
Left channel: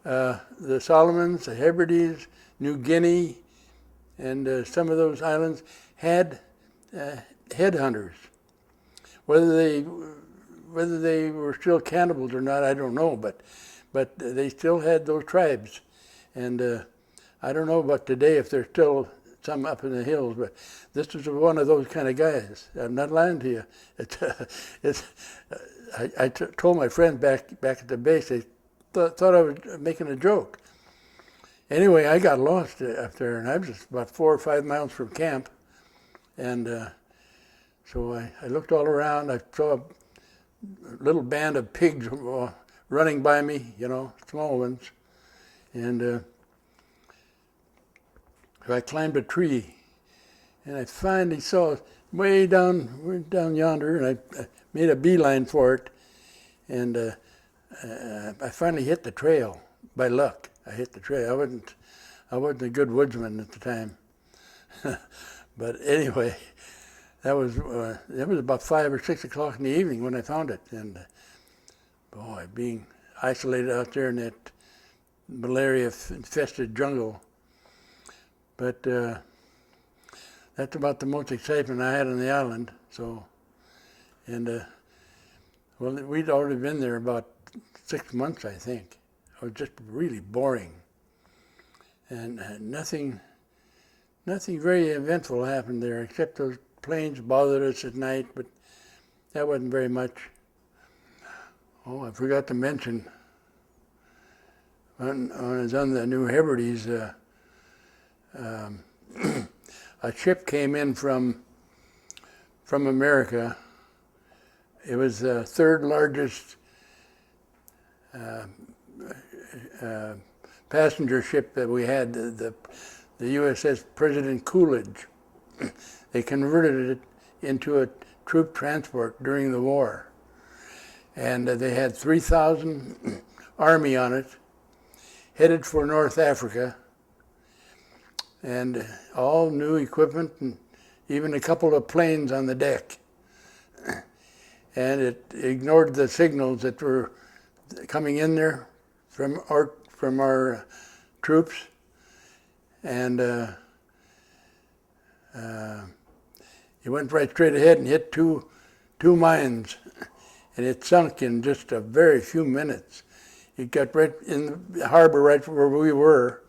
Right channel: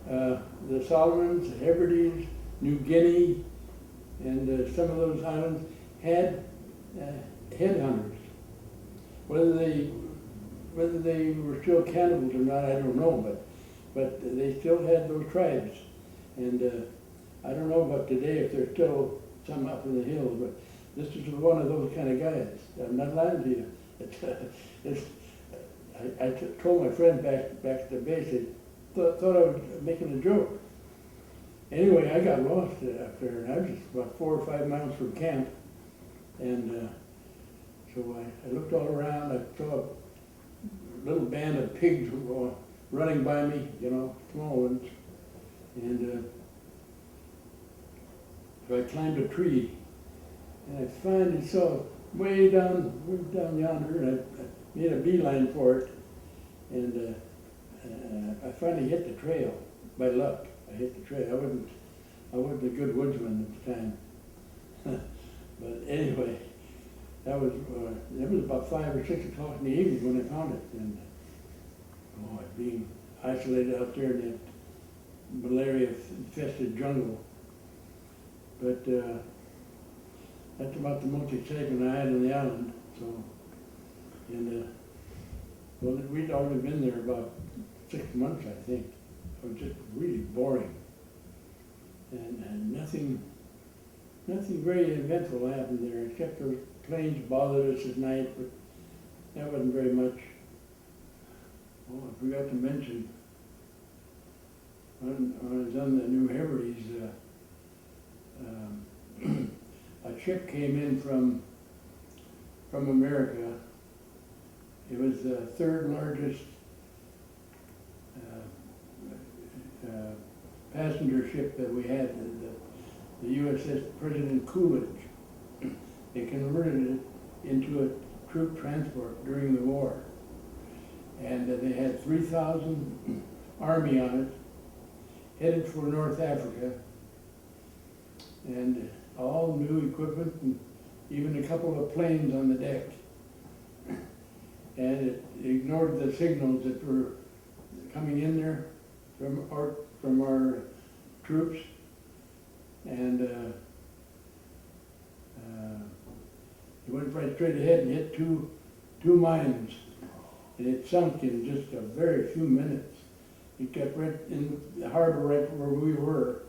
The Solomons, the Hebrides, New Guinea, and some of those islands had headhunters. Whether they were still cannibals or not, I don't know, but they still had those tribes. And I don't know about today if there's still some up in the hills, but this was one of those kind of guys. I'm not lying to you. I told my friends back at the base, they thought I was making a joke. Anyway, I got lost up there, and I was just about 4 or 5 miles from camp. And so I looked all around. I saw a little band of pigs running by me, you know, small ones. And so I climbed a tree, and I finally saw it way down yonder, and I made a beeline for it. And I finally hit the trail by luck. I hit the trail. I wasn't a good woodsman at the time. But anyway, that was about 5 or 6 o'clock in the evening when I found it. And boy, being isolated out there in that malaria-infested jungle. But that's about the most excitement I had on the island. So, and well, we'd already been there about 6 months, I think. It was just really boring, and nothing very eventful happened there, except those planes bothered us at night, but that wasn't very much. Oh, I forgot to mention, when I was on the New Hebrides, a ship came in from America. It was the third largest passenger ship that we had, the USS President Coolidge. They converted it into a troop transport during the war. and they had 3,000 Army on it, headed for North Africa, and all new equipment, and even a couple of planes on the deck. And it ignored the signals that were coming in there from our troops, and it went right straight ahead and hit two mines, and it sunk in just a very few minutes. It got right in the harbor, right where we were,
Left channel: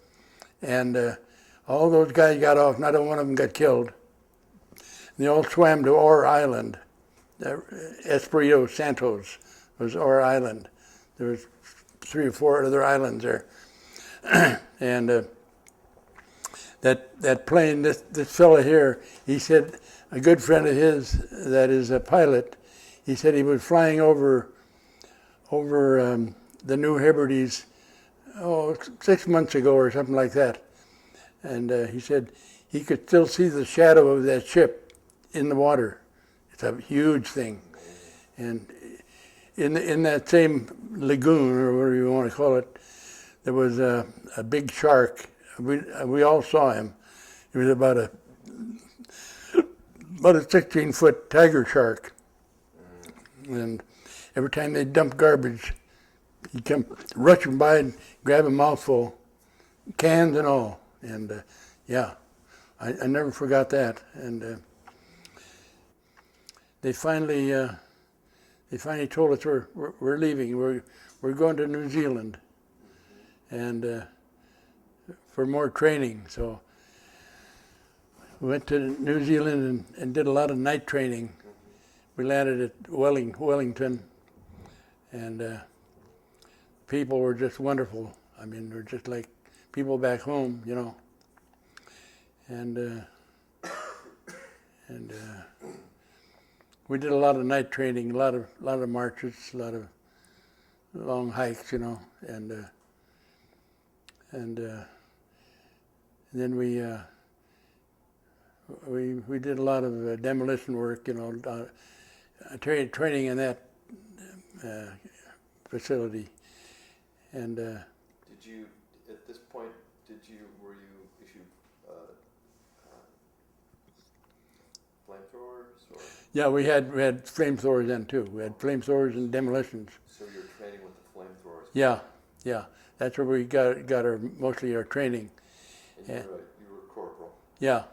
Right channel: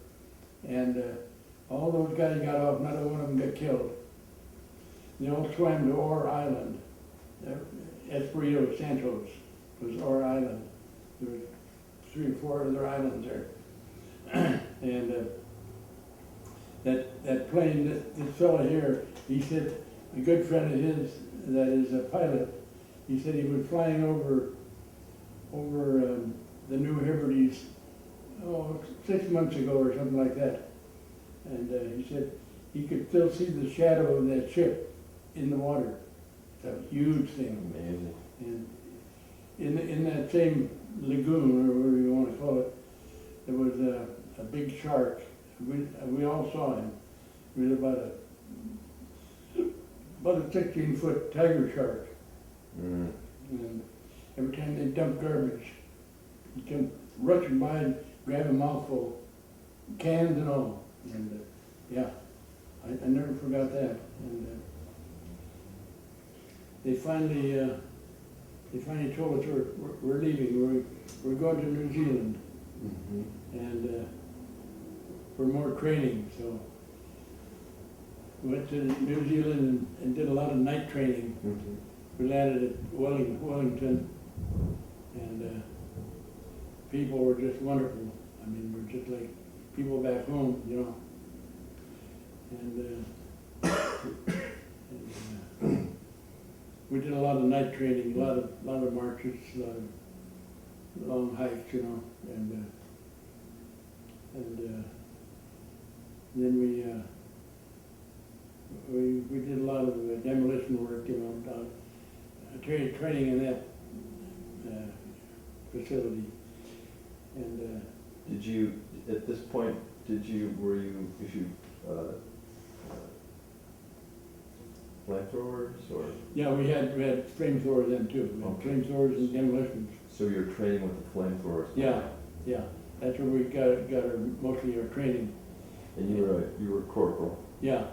and all those guys got off. Not one of them got killed. They all swam to Orr Island. Espirito Santos was Orr Island. There was 3 or 4 other islands there, and that plane, this fellow here, he said, a good friend of his that is a pilot, he said he was flying over the New Hebrides, 6 months ago or something like that. And he said he could still see the shadow of that ship in the water. It's a huge thing. And in that same lagoon, or whatever you want to call it, there was a big shark. We all saw him. He was about a 16-foot tiger shark. And every time they dumped garbage, he'd come rushing by and grab a mouthful, cans and all. And yeah, I never forgot that. And they finally told us we're leaving. We're going to New Zealand, and for more training. So we went to New Zealand and did a lot of night training. We landed at Wellington, and people were just wonderful. I mean, we're just like people back home, you know. And we did a lot of night training, a lot of marches, a lot of long hikes, you know, and then we did a lot of demolition work, you know, training in that facility. And did you, at this point, were you issued flamethrowers, or? Yeah, we had flamethrowers then too. We had flamethrowers and demolitions. So you were training with the flamethrowers? Yeah, that's where we got mostly our training. And you were corporal? Yeah,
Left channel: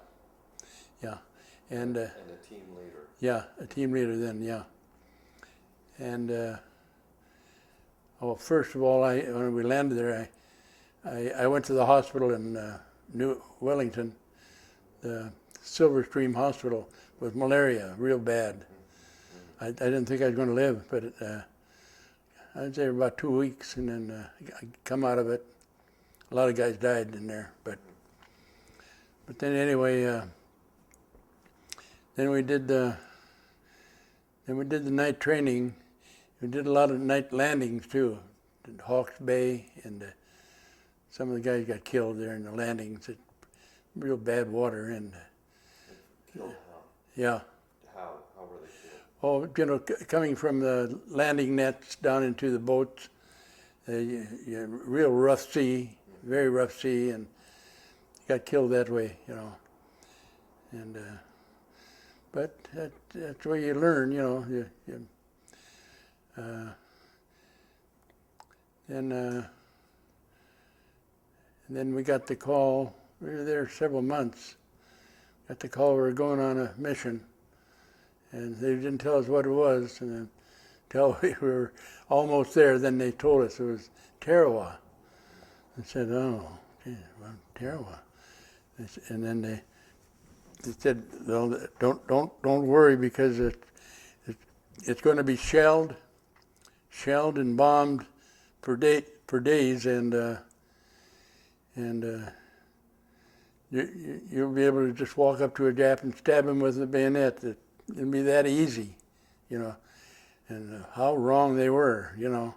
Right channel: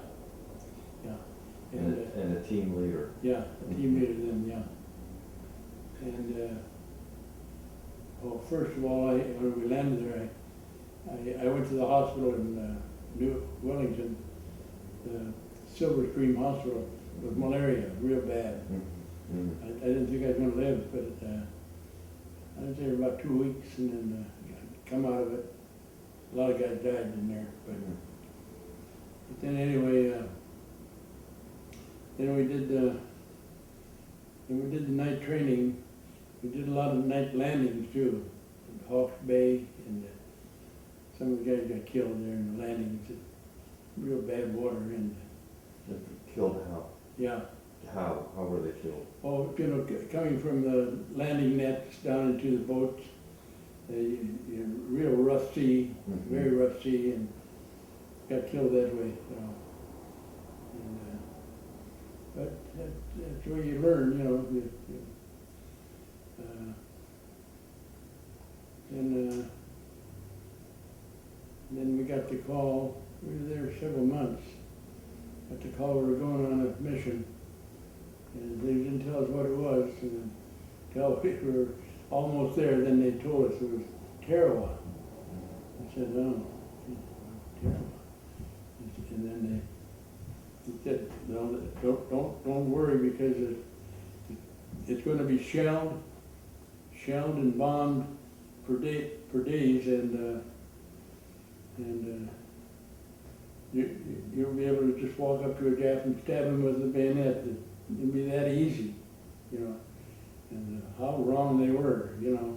and a team leader? Yeah, a team leader then, yeah. And first of all, when we landed there, I went to the hospital in New Wellington, the Silver Stream Hospital, with malaria, real bad. I didn't think I was going to live, but I was there about 2 weeks, and then I come out of it. A lot of guys died in there, but then anyway, then we did the night training. We did a lot of night landings too. Did Hawke's Bay, and some of the guys got killed there in the landings. Real bad water, and killed how? Yeah. How were they killed? Oh, you know, coming from the landing nets down into the boats, real rough sea, very rough sea, and got killed that way, you know. And but that's where you learn, you know. And then we got the call. We were there several months. Got the call we were going on a mission, and they didn't tell us what it was until we were almost there. Then they told us it was Tarawa. I said, "Oh, okay, well, Tarawa." And then they said, "Well, don't worry, because it's going to be shelled and bombed for days, and you'll be able to just walk up to a Jap and stab him with a bayonet. It'll be that easy, you know." And how wrong they were, you know.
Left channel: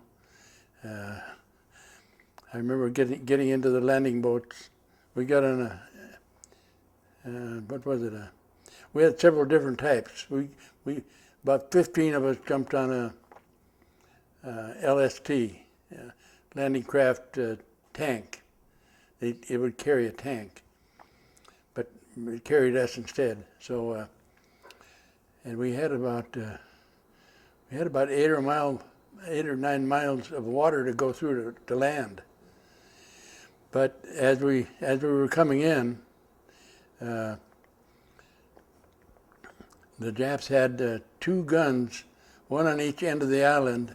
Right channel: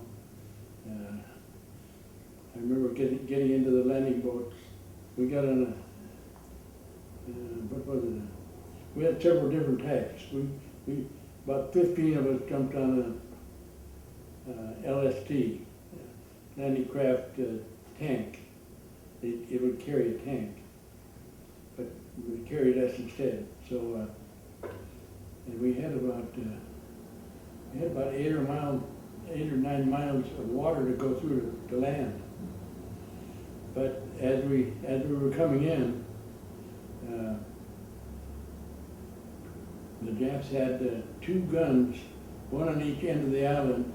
I remember getting into the landing boats. We got on what was it? We had several different types. We about 15 of us jumped on LST, landing craft tank. It would carry a tank, but it carried us instead. So, and we had about 8 or 9 miles of water to go through to land. But as we were coming in, the Japs had 2 guns, one on each end of the island.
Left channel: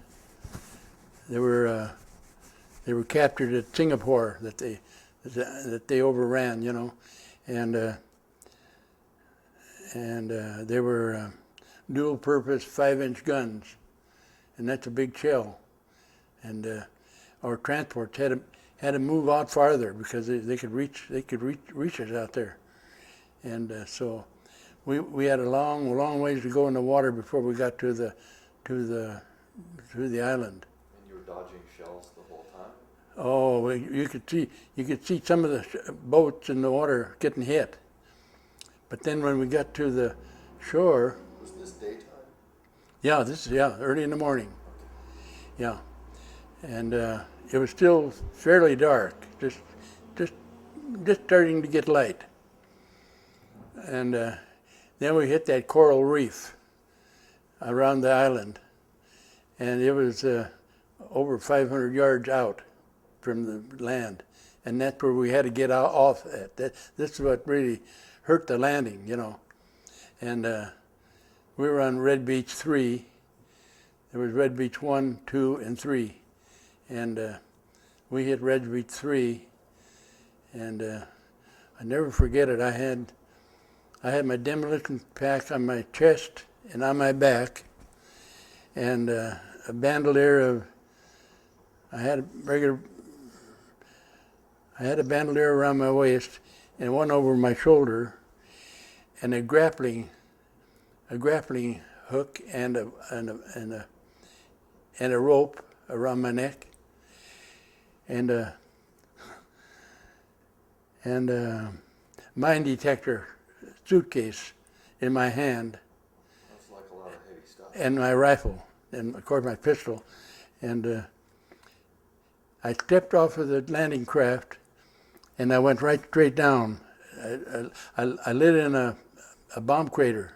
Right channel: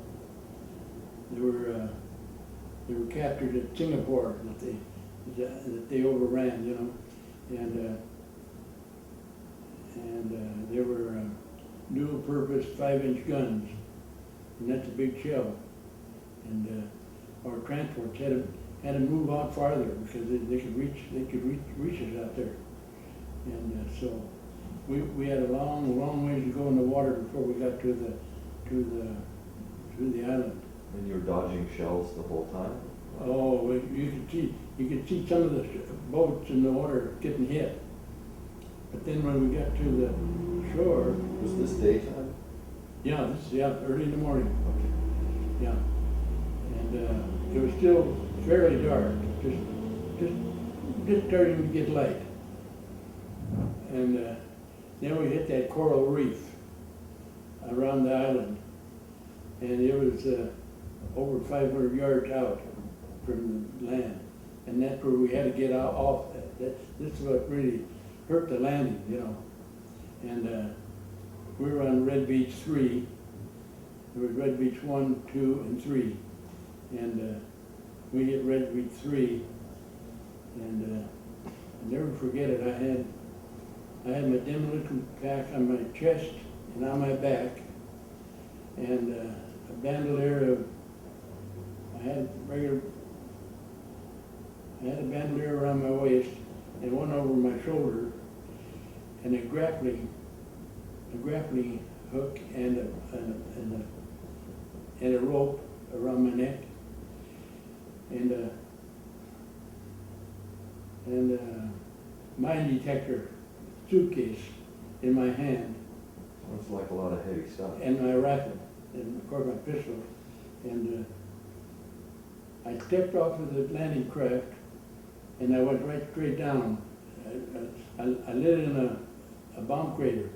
They were captured at Singapore that they overran, you know, and they were dual-purpose 5-inch guns, and that's a big shell. And our transports had to move out farther because they could reach us out there, and so we had a long ways to go in the water before we got to the island. And you were dodging shells the whole time? Oh, you could see some of the boats in the water getting hit. But then when we got to the shore. Was this daytime? Yeah, early in the morning. Okay. Yeah, and it was still fairly dark, just starting to get light. And then we hit that coral reef around the island, and it was over 500 yards out from the land, and that's where we had to get off at. This is what really hurt the landing, you know. And we were on Red Beach 3. There was Red Beach 1, 2, and 3, and we hit Red Beach 3, and I never forget it. I had my demolition pack on my chest and on my back, and a bandolier of. I had a bandolier around my waist and one over my shoulder, and a grappling hook and a rope around my neck, and mine detector suitcase in my hand. Looks like a lot of heavy stuff. And my rifle, and of course my pistol, and I stepped off of the landing craft, and I went right straight down. I lit in a bomb crater,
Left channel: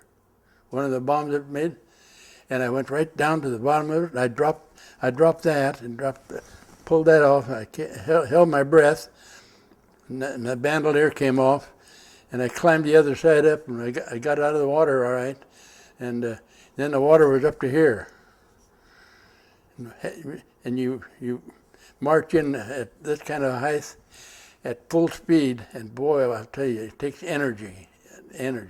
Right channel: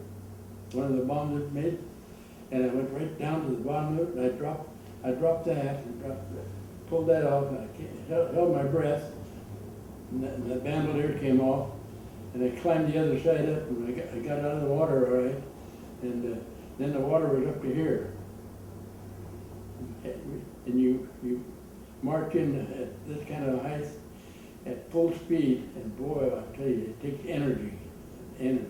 one of the bombs it made, and I went right down to the bottom of it. I dropped that and pulled that off. I held my breath, and the bandolier came off, and I climbed the other side up, and I got out of the water all right, and then the water was up to here. And you march in at this kind of height at full speed, and boy, I'll tell you, it takes energy. And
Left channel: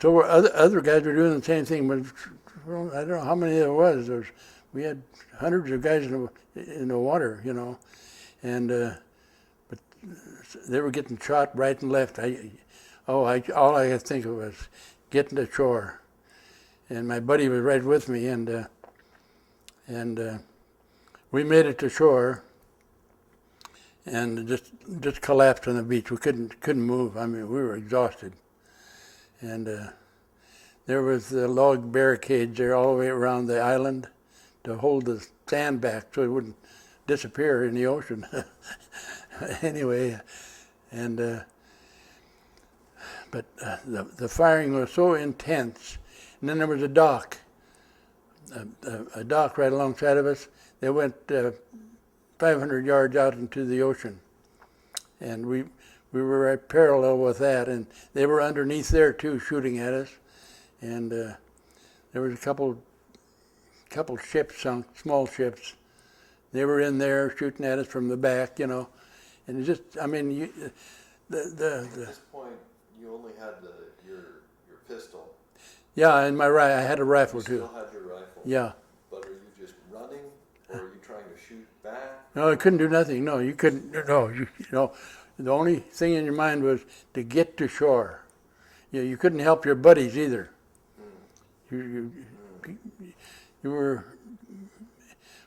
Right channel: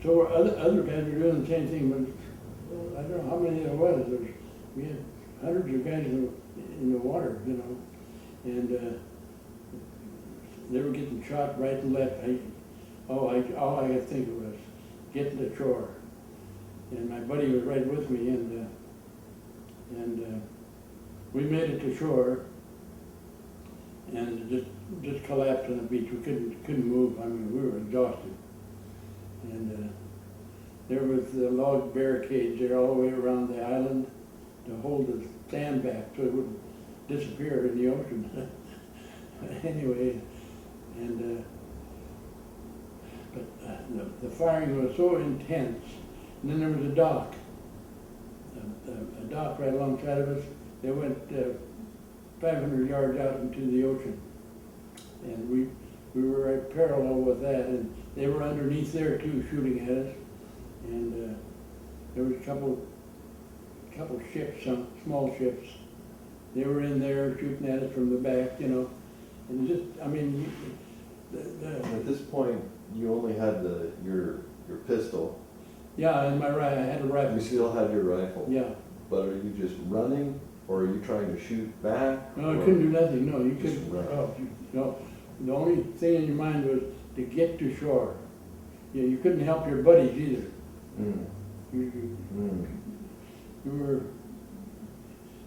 so other guys were doing the same thing, but I don't know how many there was. We had hundreds of guys in the water, you know, and but they were getting shot right and left. All I could think of was getting to shore, and my buddy was right with me, and we made it to shore, and just collapsed on the beach. We couldn't move. I mean, we were exhausted, and there was the log barricades there all the way around the island to hold the sand back so it wouldn't disappear in the ocean. Anyway, and but the firing was so intense, and then there was a dock right alongside of us. They went 500 yards out into the ocean, and we were right parallel with that, and they were underneath there too, shooting at us, and there was a couple ships sunk, small ships. They were in there shooting at us from the back, you know, and it just, I mean, At this point, you only had your pistol. Yeah, and I had a rifle You too. still had your rifle. Yeah. But are you just running, or are you trying to shoot back? No, you couldn't do nothing. No, you couldn't. No, you know, the only thing in your mind was to get to shore. You couldn't help your buddies either. Mm. You were,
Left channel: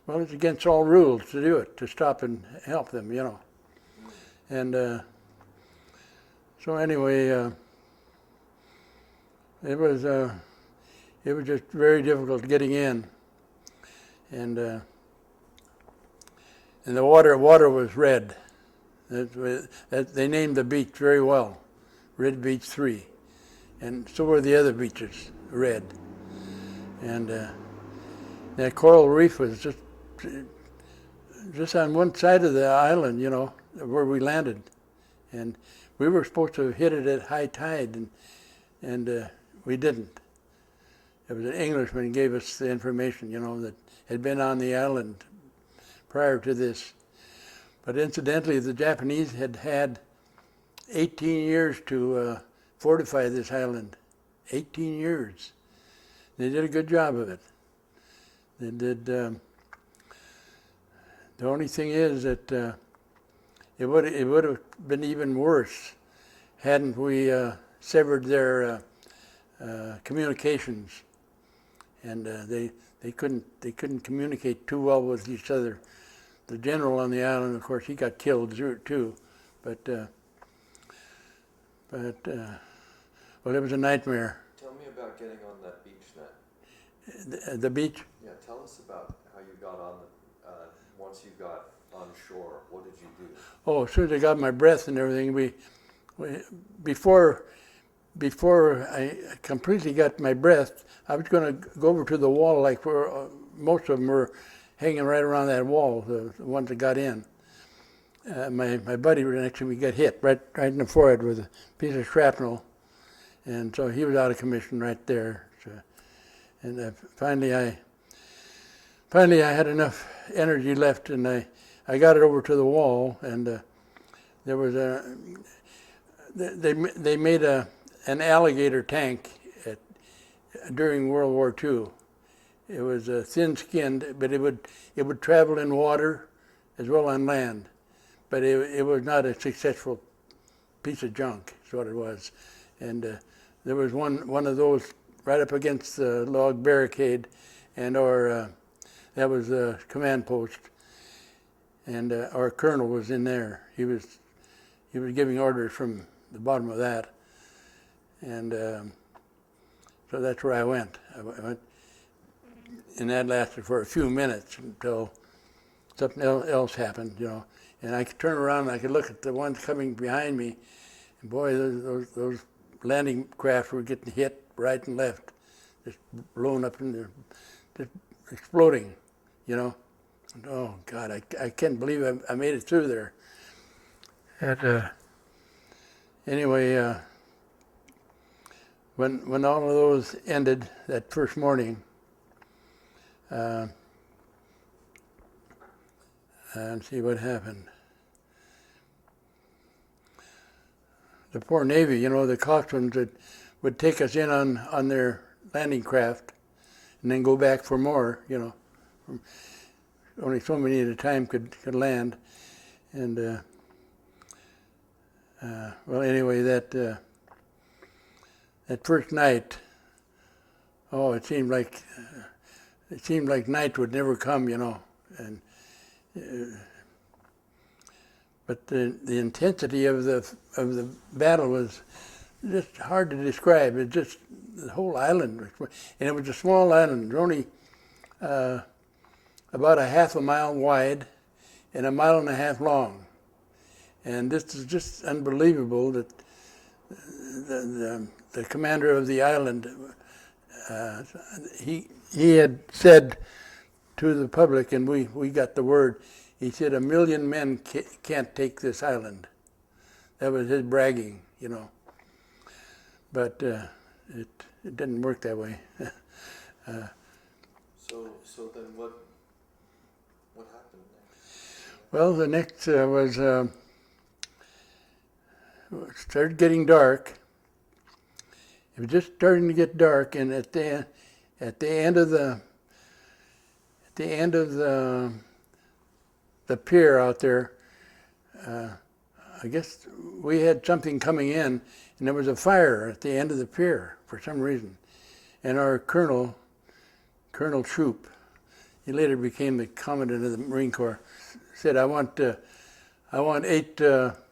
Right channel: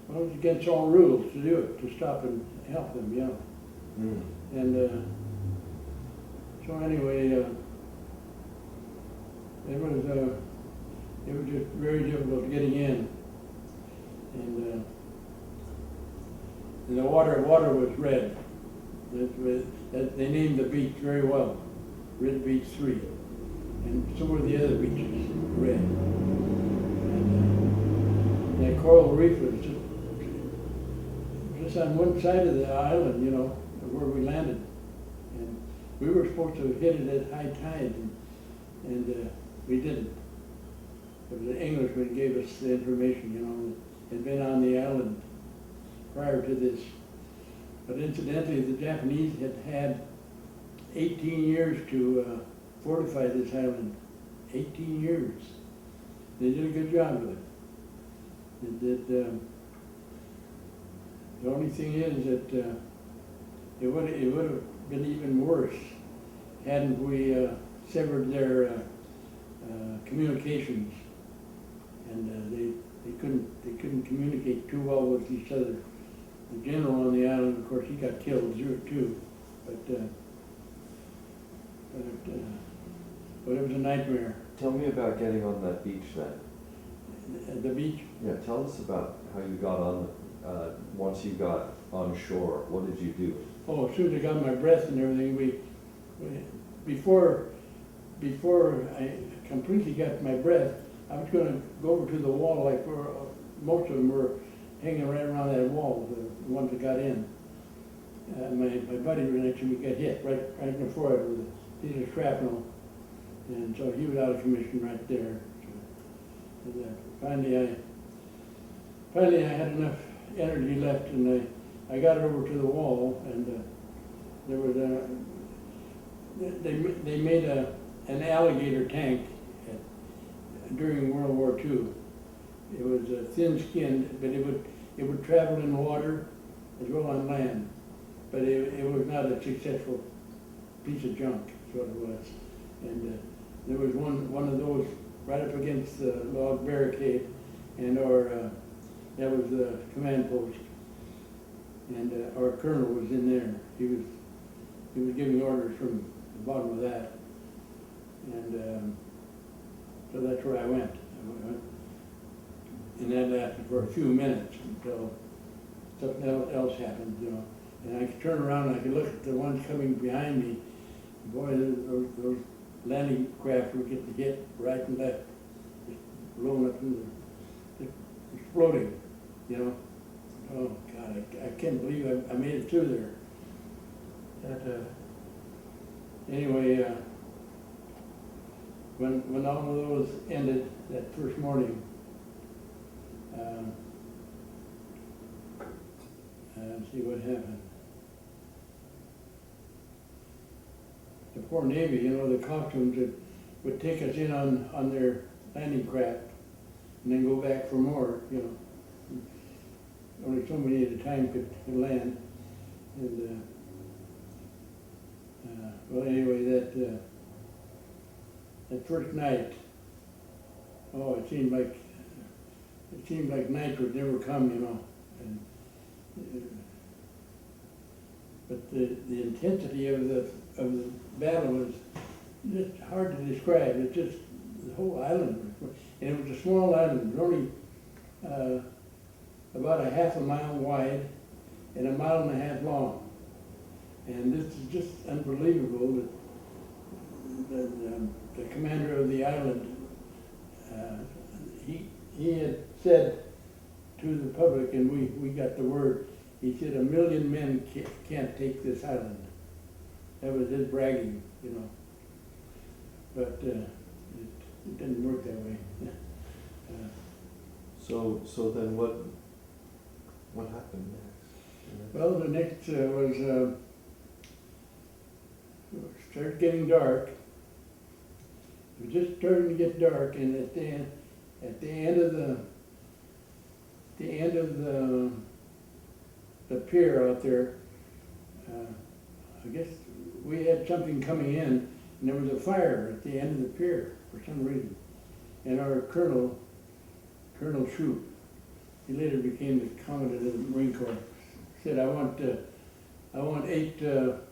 well, it's against all rules to do it, to stop and help them, you know. Mm. And so anyway, it was just very difficult getting in. and the water was red. They named the beach very well, Red Beach 3, and so were the other beaches, red. And that coral reef was just on one side of the island, you know, where we landed, and we were supposed to hit it at high tide, and we didn't. It was an Englishman gave us the information, you know, that had been on the island prior to this. But incidentally, the Japanese had 18 years to fortify this island. 18 years. They did a good job of it. They did. The only thing is that it would have been even worse hadn't we severed their communications, and they couldn't communicate too well with each other. The general on the island, of course, he got killed too, but well, it was a nightmare. Tell me about getting on that beach then. The beach? Yeah, tell us about how you got on, once you got on shore. What did you do? Oh, as soon as I got my breath and everything, before I completely got my breath, I was going to go over to the wall, like where most of them were hanging right around that wall, the ones that got in. My buddy next to me got hit right in the forehead with a piece of shrapnel, and so he was out of commission right there. So, and finally I had enough energy left, and I got it over to the wall, and there was they made an alligator tank during World War II. It was thin-skinned, but it would travel in water as well on land. But it was not a successful piece of junk, is what it was. And there was one of those right up against the log barricade, and that was the command post. And our colonel was in there. He was giving orders from the bottom of that. And so that's where I went. And that lasted for a few minutes until something else happened, you know. And I could turn around and I could look at the ones coming behind me. And boy, those landing craft were getting hit right and left, just blowing up just exploding, you know. Oh God, I can't believe I made it through there. And anyway, when all of those ended that first morning, and see what happened. The poor Navy, you know, the coxswains that would take us in on their landing craft and then go back for more, you know. Only so many at a time could land. And well, anyway, that first night, oh, it seemed like night would never come, you know. And but the intensity of the battle was just hard to describe. It just, the whole island, and it was a small island, only about a half a mile wide and a mile and a half long. And this is just unbelievable that the commander of the island, he had said to the public, and we got the word, he said 1 million men can't take this island. That was his bragging, you know. But it didn't work that way. So then what happened next? Well, the next was it started getting dark. It was just starting to get dark, and at the end of the pier out there, I guess we had something coming in, and there was a fire at the end of the pier for some reason. And our Colonel Shoup, he later became the commandant of the Marine Corps, said, I want 8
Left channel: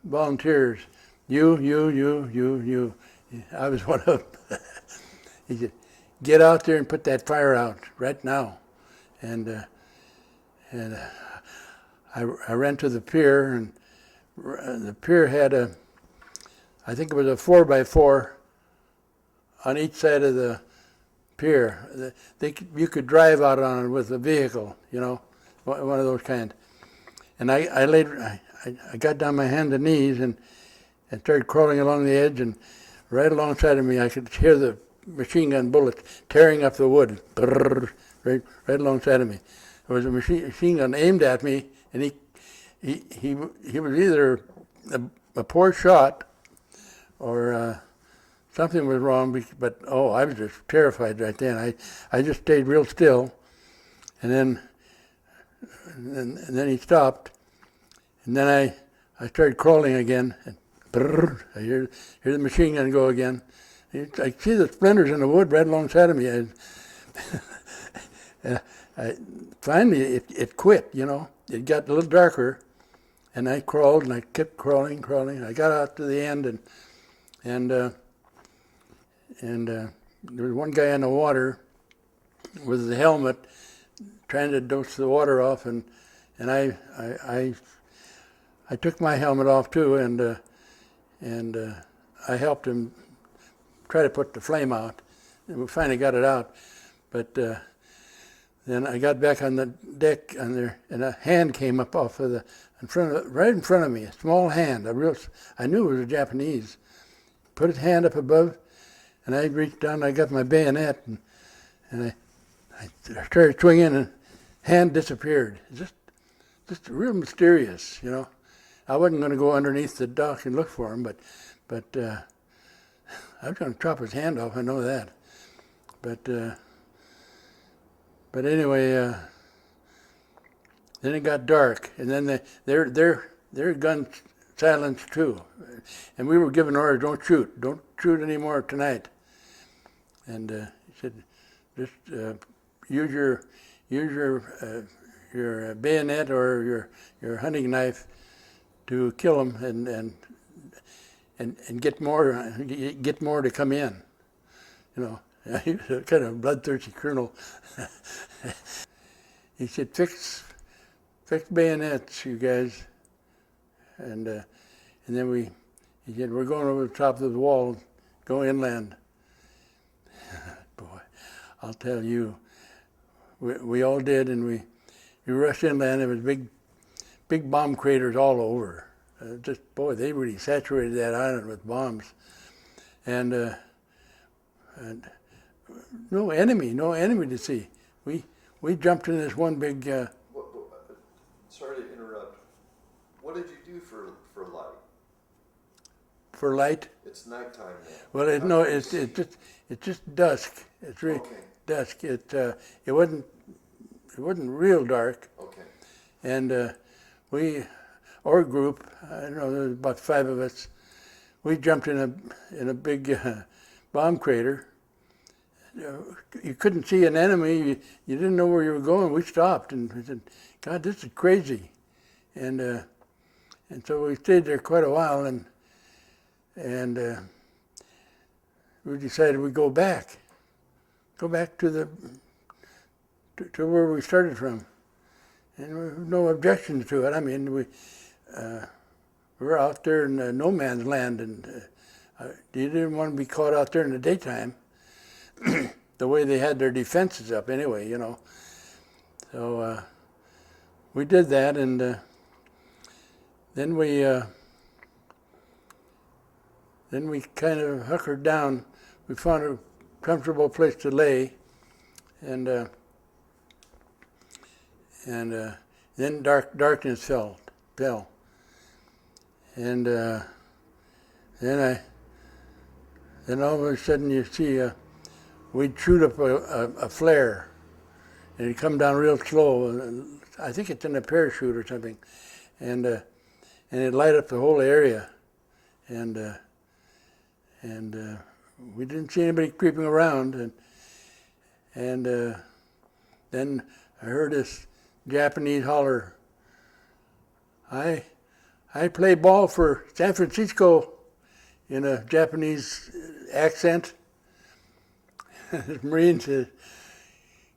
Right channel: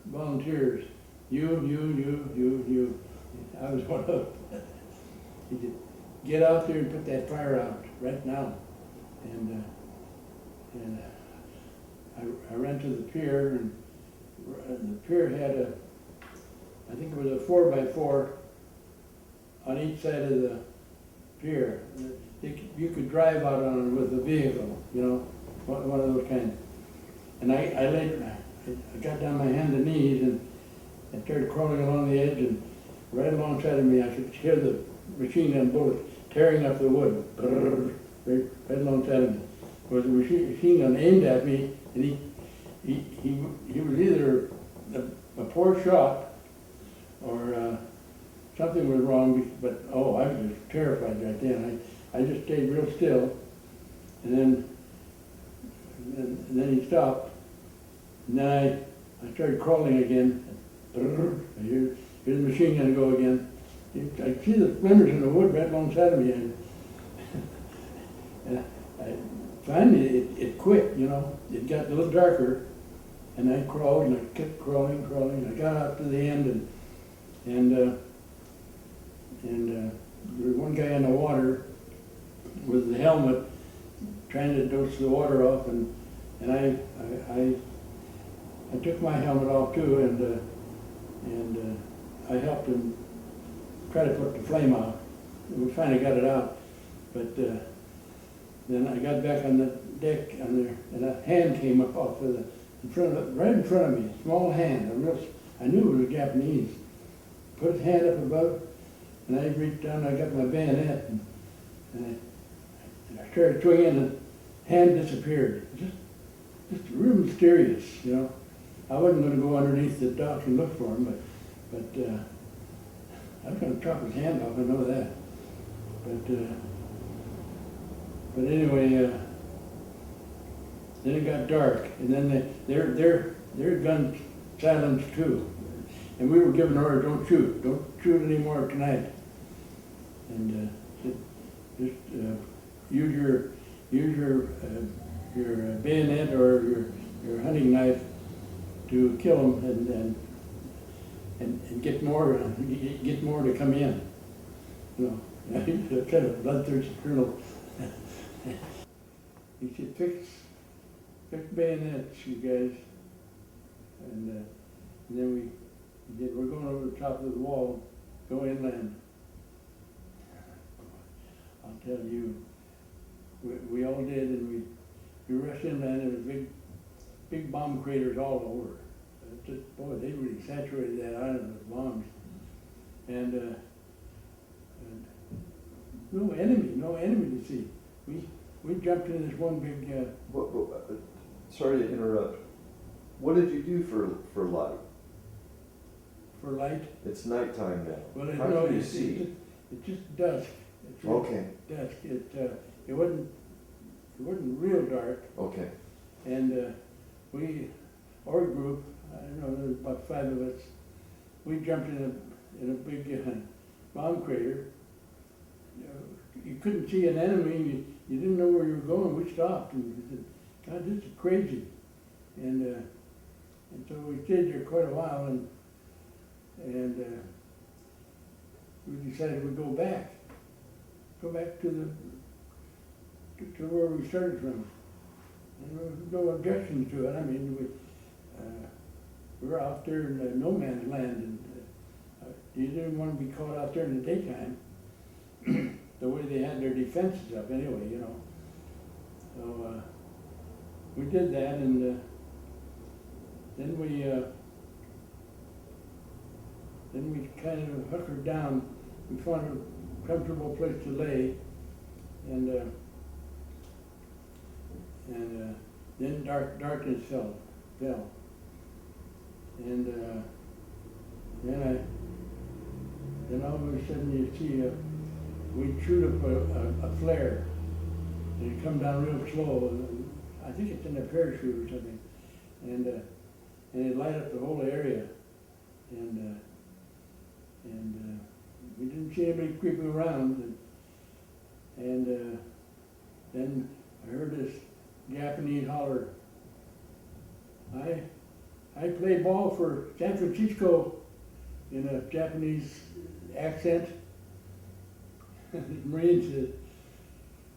volunteers. You. I was one of them. He said, get out there and put that fire out right now. And And I ran to the pier, and the pier had I think it was a 4x4 on each side of the pier. You could drive out on it with a vehicle, you know, one of those kinds. And I got down my hands and knees and started crawling along the edge, and right alongside of me I could hear the machine gun bullets tearing up the wood, right alongside of me. There was a machine gun aimed at me, and he was either a poor shot or something was wrong, but I was just terrified right then. I just stayed real still, and then he stopped, and then I started crawling again. And I hear the machine gun go again. I see the splinters in the wood right alongside of me. Finally, it quit, you know. It got a little darker, and I crawled, and I kept crawling. I got out to the end, and there was one guy in the water with the helmet trying to dose the water off, and I took my helmet off too, and I helped him try to put the flame out. We finally got it out, but then I got back on the deck and a hand came up off of right in front of me, a small hand, I knew it was a Japanese. Put his hand up above, and I reached down, I got my bayonet, and I started swinging, and hand disappeared. Just real mysterious, you know. I wasn't going to go underneath the dock and look for him, but I was going to chop his hand off, I know that. But anyway, then it got dark, and then their guns silenced too. And we were given orders, don't shoot anymore tonight. And said, just use your bayonet or your hunting knife to kill them and get more to come in. You know, he was a kind of bloodthirsty colonel. He said, fix bayonets, you guys. And then he said, we're going over the top of the wall, go inland. Boy, I'll tell you, we all did, and we rushed inland. There was big bomb craters all over. Boy, they really saturated that island with bombs. And no enemy to see. We jumped in this one big. Sorry to interrupt. What did you do for light? For light? It's nighttime now. Well, it's just dusk. It's really dusk. It wasn't real dark. Okay. And our group, I don't know, there was about 5 of us. We jumped in a big bomb crater. You couldn't see an enemy. You didn't know where you were going. We stopped and we said, God, this is crazy. And so we stayed there quite a while, and we decided we'd go back to where we started from. And there were no objections to it. I mean, we were out there in no man's land, and you didn't want to be caught out there in the daytime. The way they had their defenses up anyway, you know. So we did that, and then we kind of hunkered down. We found a comfortable place to lay, and then darkness fell, and then all of a sudden you see we'd shoot up a flare, and it'd come down real slow. I think it's in a parachute or something, and it'd light up the whole area, and we didn't see anybody creeping around, and then I heard this Japanese holler, I play ball for San Francisco, in a Japanese accent. The Marine said,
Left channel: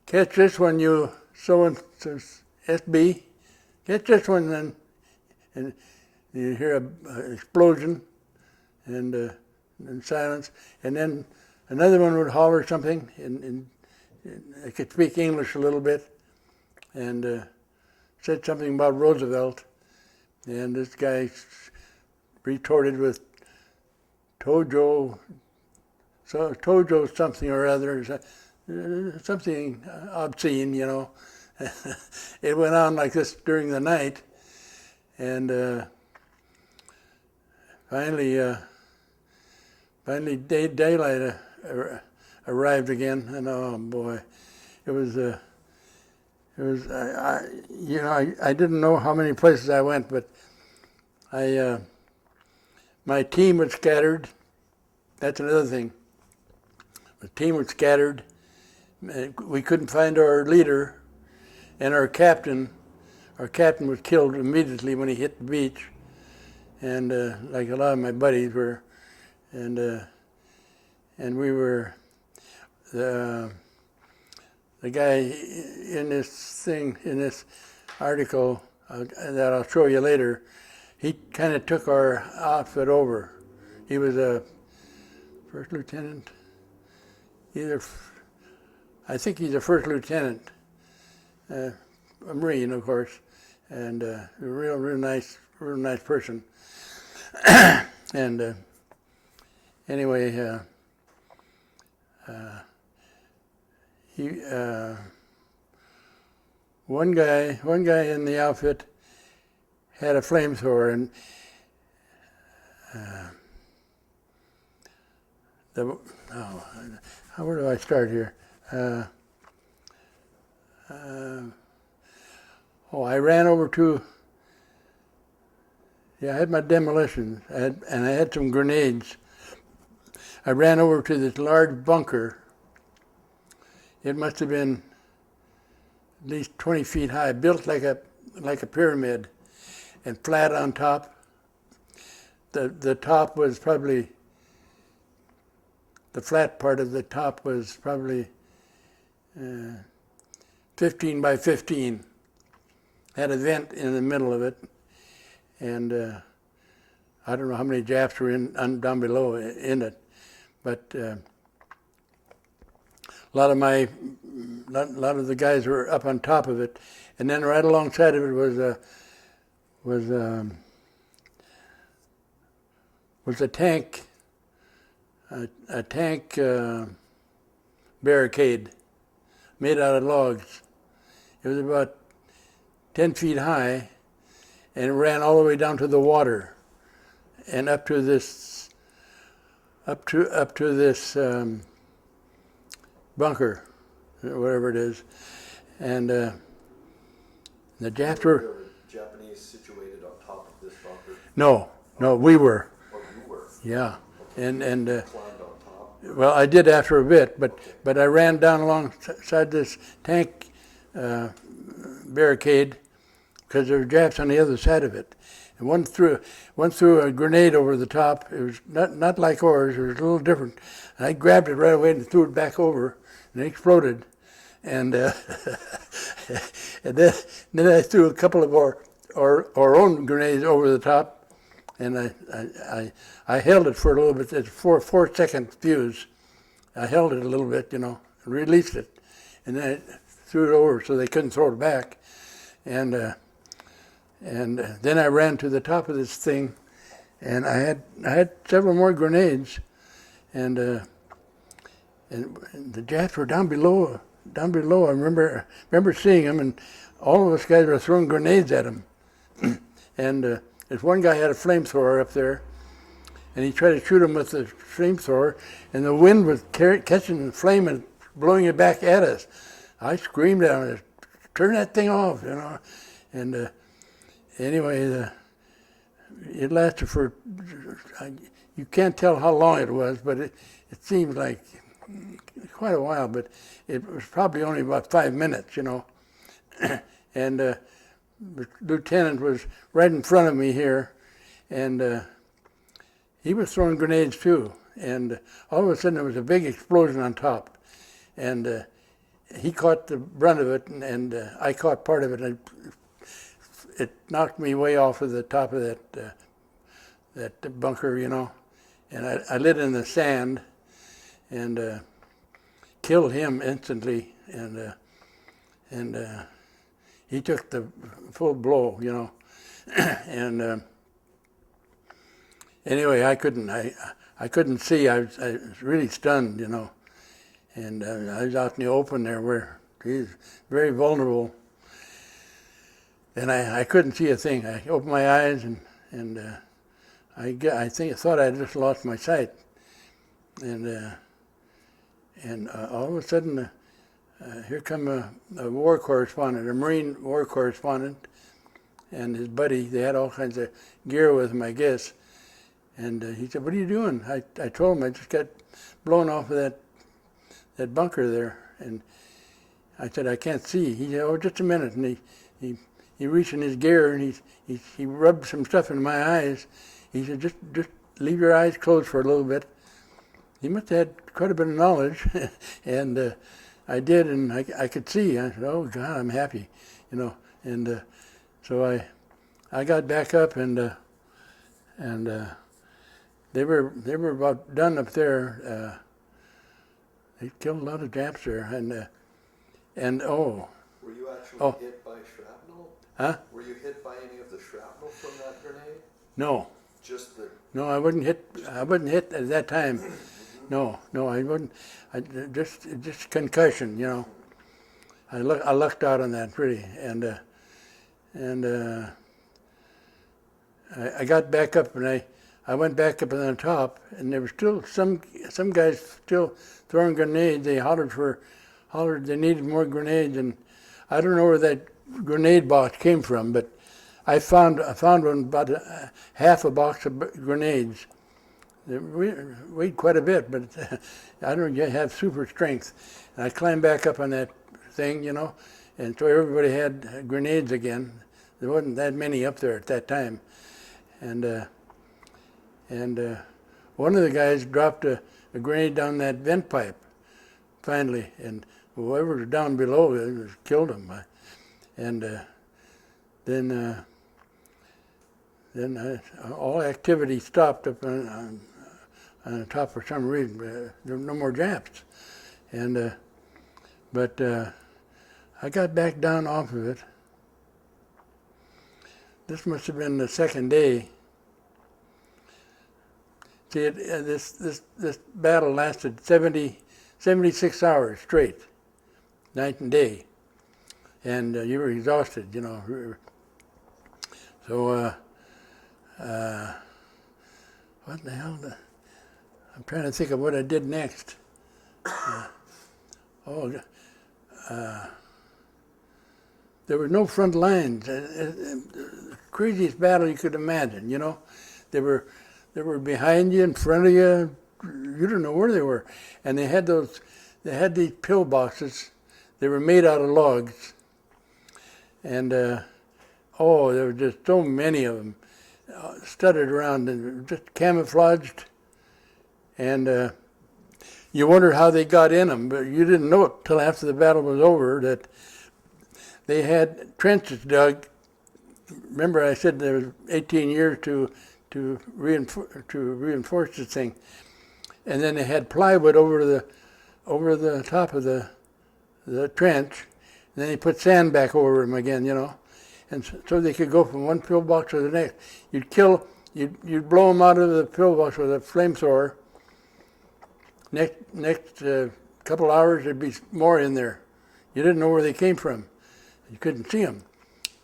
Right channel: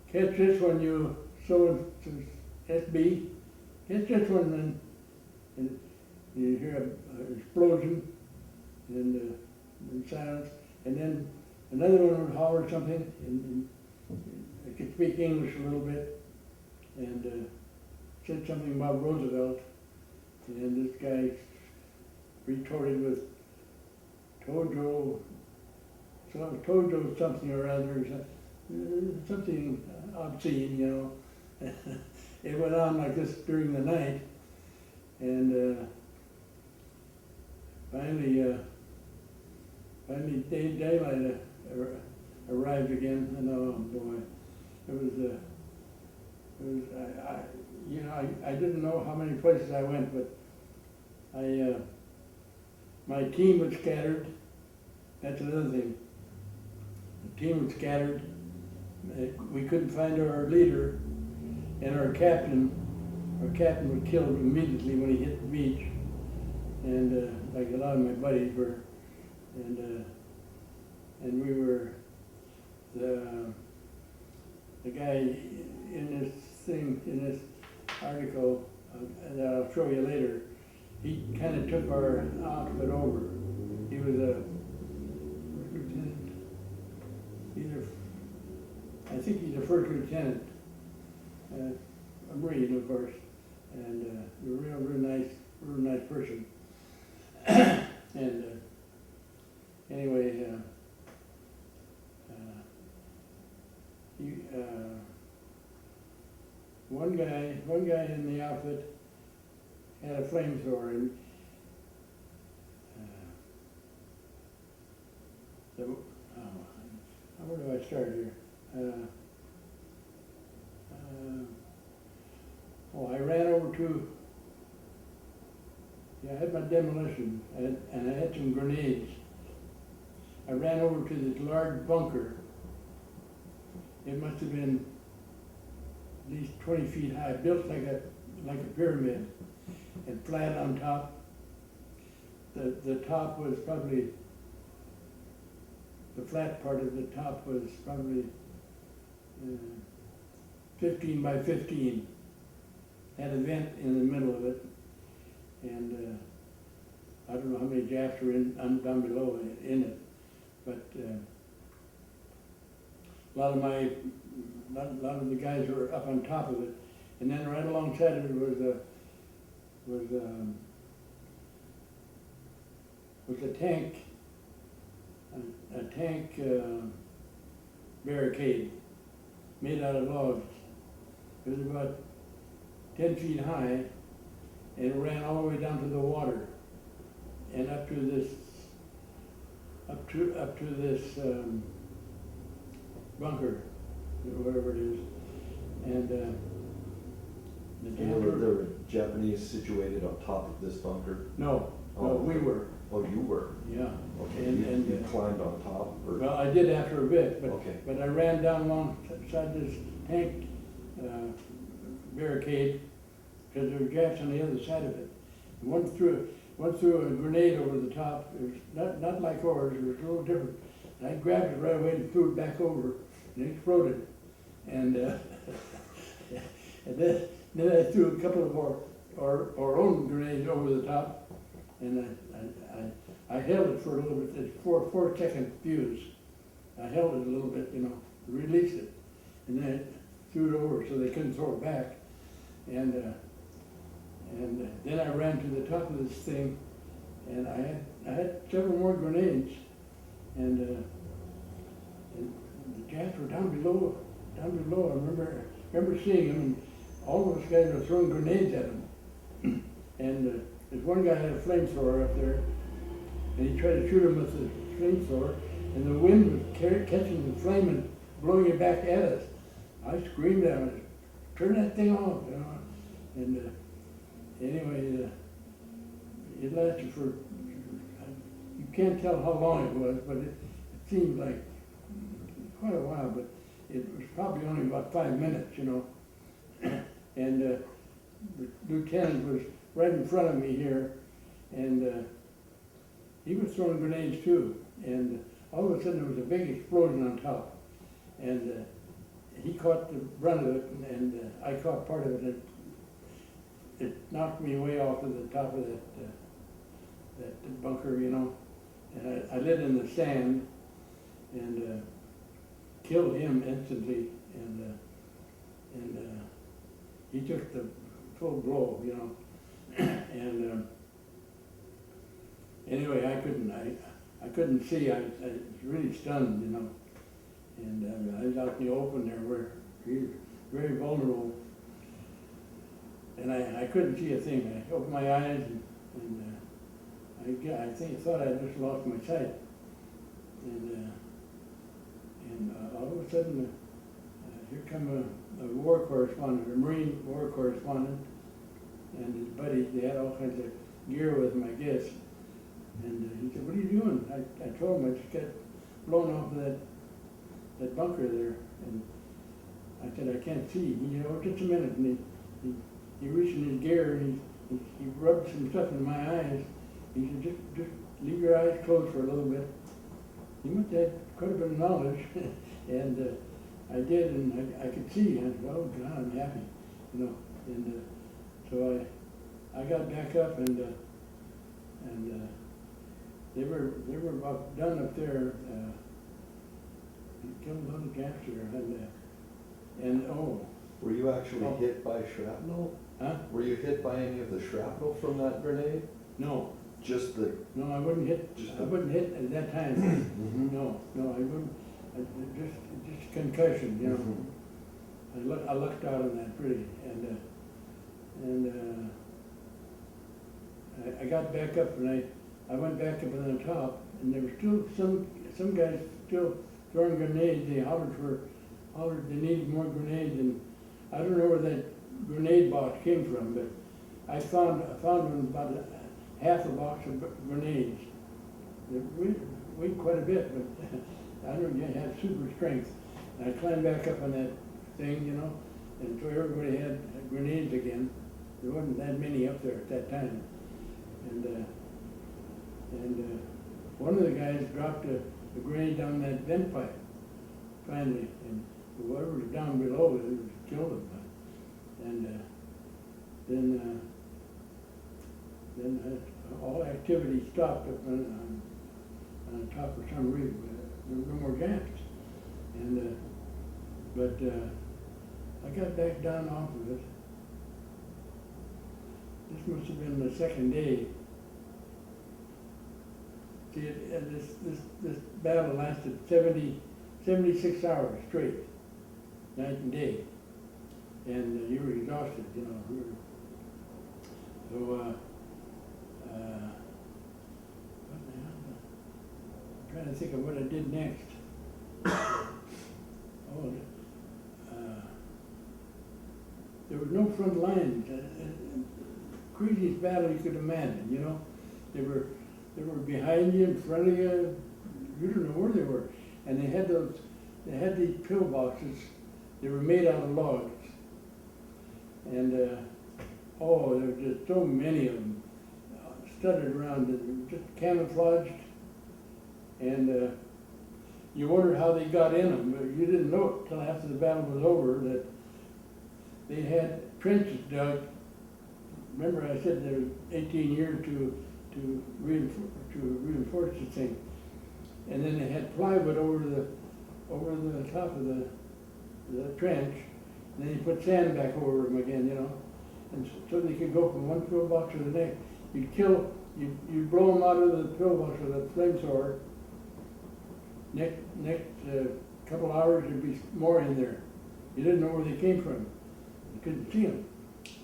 catch this one, you so-and-so SB, get this one then. And you hear an explosion and silence. And then another one would holler something, and I could speak English a little bit, and said something about Roosevelt. And this guy retorted with Tojo something or other, something obscene, you know. It went on like this during the night, and finally daylight arrived again, and oh boy, it was I didn't know how many places I went, but my team was scattered. That's another thing. The team was scattered. We couldn't find our leader, and our captain was killed immediately when he hit the beach, and like a lot of my buddies were, and we were the guy in this article that I'll show you later. He kind of took our outfit over. He was a first lieutenant. I think he's a first lieutenant, a Marine, of course, and a real nice person. And anyway, one guy in the outfit had a flamethrower, and where do I start here? I ran over to. I had my demolitions, and I had some grenades. I ran over to this large bunker. It must have been at least 20 feet high, built like a pyramid, and flat on top. The top was probably, the flat part of the top was probably 15 by 15. Had a vent in the middle of it, and I don't know how many Japs were down below in it, but a lot of the guys were up on top of it, and then right alongside of it was a tank, a tank barricade made out of logs. It was about 10 feet high, and it ran all the way down to the water, and up to this bunker, or whatever it is, and the Japs were. There were Japanese situated on top of this bunker. No, we were. Or you were. Yeah, Okay. and You climbed on top. Or? well, I did after a bit, but Okay. but I ran down alongside this tank barricade because there were Japs on the other side of it, and one threw a grenade over the top. It was not like ours. It was a little different. And I grabbed it right away and threw it back over, and it exploded. And and then I threw a couple of our own grenades over the top, and I held it for a little bit. It's 4-second fuse. I held it a little bit, released it, and then I threw it over so they couldn't throw it back. And then I ran to the top of this thing, and I had several more grenades, and the Japs were down below. I remember seeing them, and all of us guys were throwing grenades at them. And this one guy had a flamethrower up there, and he tried to shoot him with the flamethrower, and the wind was catching the flame and blowing it back at us. I screamed at him, "Turn that thing off!" And anyway, it lasted for. You can't tell how long it was, but it seemed like quite a while. But it was probably only about 5 minutes, And the lieutenant was right in front of me here, and he was throwing grenades too. And all of a sudden there was a big explosion on top, and he caught the brunt of it, and I caught part of it. it knocked me way off of the top of that bunker, you know, and I lit in the sand and killed him instantly, and he took the full blow, you know, and anyway, I couldn't see. I was really stunned, you know, and I was out in the open there where he's very vulnerable, and I couldn't see a thing. I opened my eyes and I thought I'd just lost my sight, and all of a sudden here come a war correspondent, a Marine war correspondent, and his buddy. They had all kinds of gear with them, I guess. And he said, "What are you doing?" I told him I just got blown off of that bunker there. And I said, "I can't see." He said, "Oh, just a minute." And he reached in his gear and he rubbed some stuff in my eyes. He said, just leave your eyes closed for a little bit. He must have had quite a bit of knowledge. And I did, and I could see. I said, "Oh God, I'm happy," you know. And so I got back up and they were about done up there. They killed a lot of Japs there, and oh. Were you actually hit by shrapnel? Huh? Were you hit by any of the shrapnel from that grenade? No. Just the. No, I wasn't hit. I wasn't hit at that time. Mm-hmm. No, I wasn't. Just concussion, you know. Mm-hmm. I lucked out on that really, and I got back up and I went back up on the top, and there were still some guys still throwing grenades. They hollered they needed more grenades, and I don't know where that grenade box came from, but I found one about half a box of grenades. They weighed quite a bit, but I don't have super strength. And I climbed back up on that thing, you know, and so everybody had grenades again. There wasn't that many up there at that time, and one of the guys dropped a grenade down that vent pipe, finally, and whoever was down below killed him. And then all activity stopped up on the top for some reason. There were no more Japs, and but I got back down off of it. This must have been the second day. See, this battle lasted 76 hours straight, night and day, and you were exhausted, you know. So, what the hell? I'm trying to think of what I did next. There were no front lines. Craziest battle you could imagine, you know. They were behind you, in front of you. You don't know where they were. And they had these pill boxes. They were made out of logs. And there were just so many of them, studded around and just camouflaged. And you wondered how they got in them, but you didn't know it till after the battle was over that they had trenches dug. Remember, I said there was 18 years to reinforce this thing, and then they had plywood over the top of the trench, and then they put sand back over them again, you know, and so they could go from one pillbox to the next. You'd blow them out of the pillbox with a flamethrower. Next couple hours, there'd be more in there. You didn't know where they came from. You couldn't see them.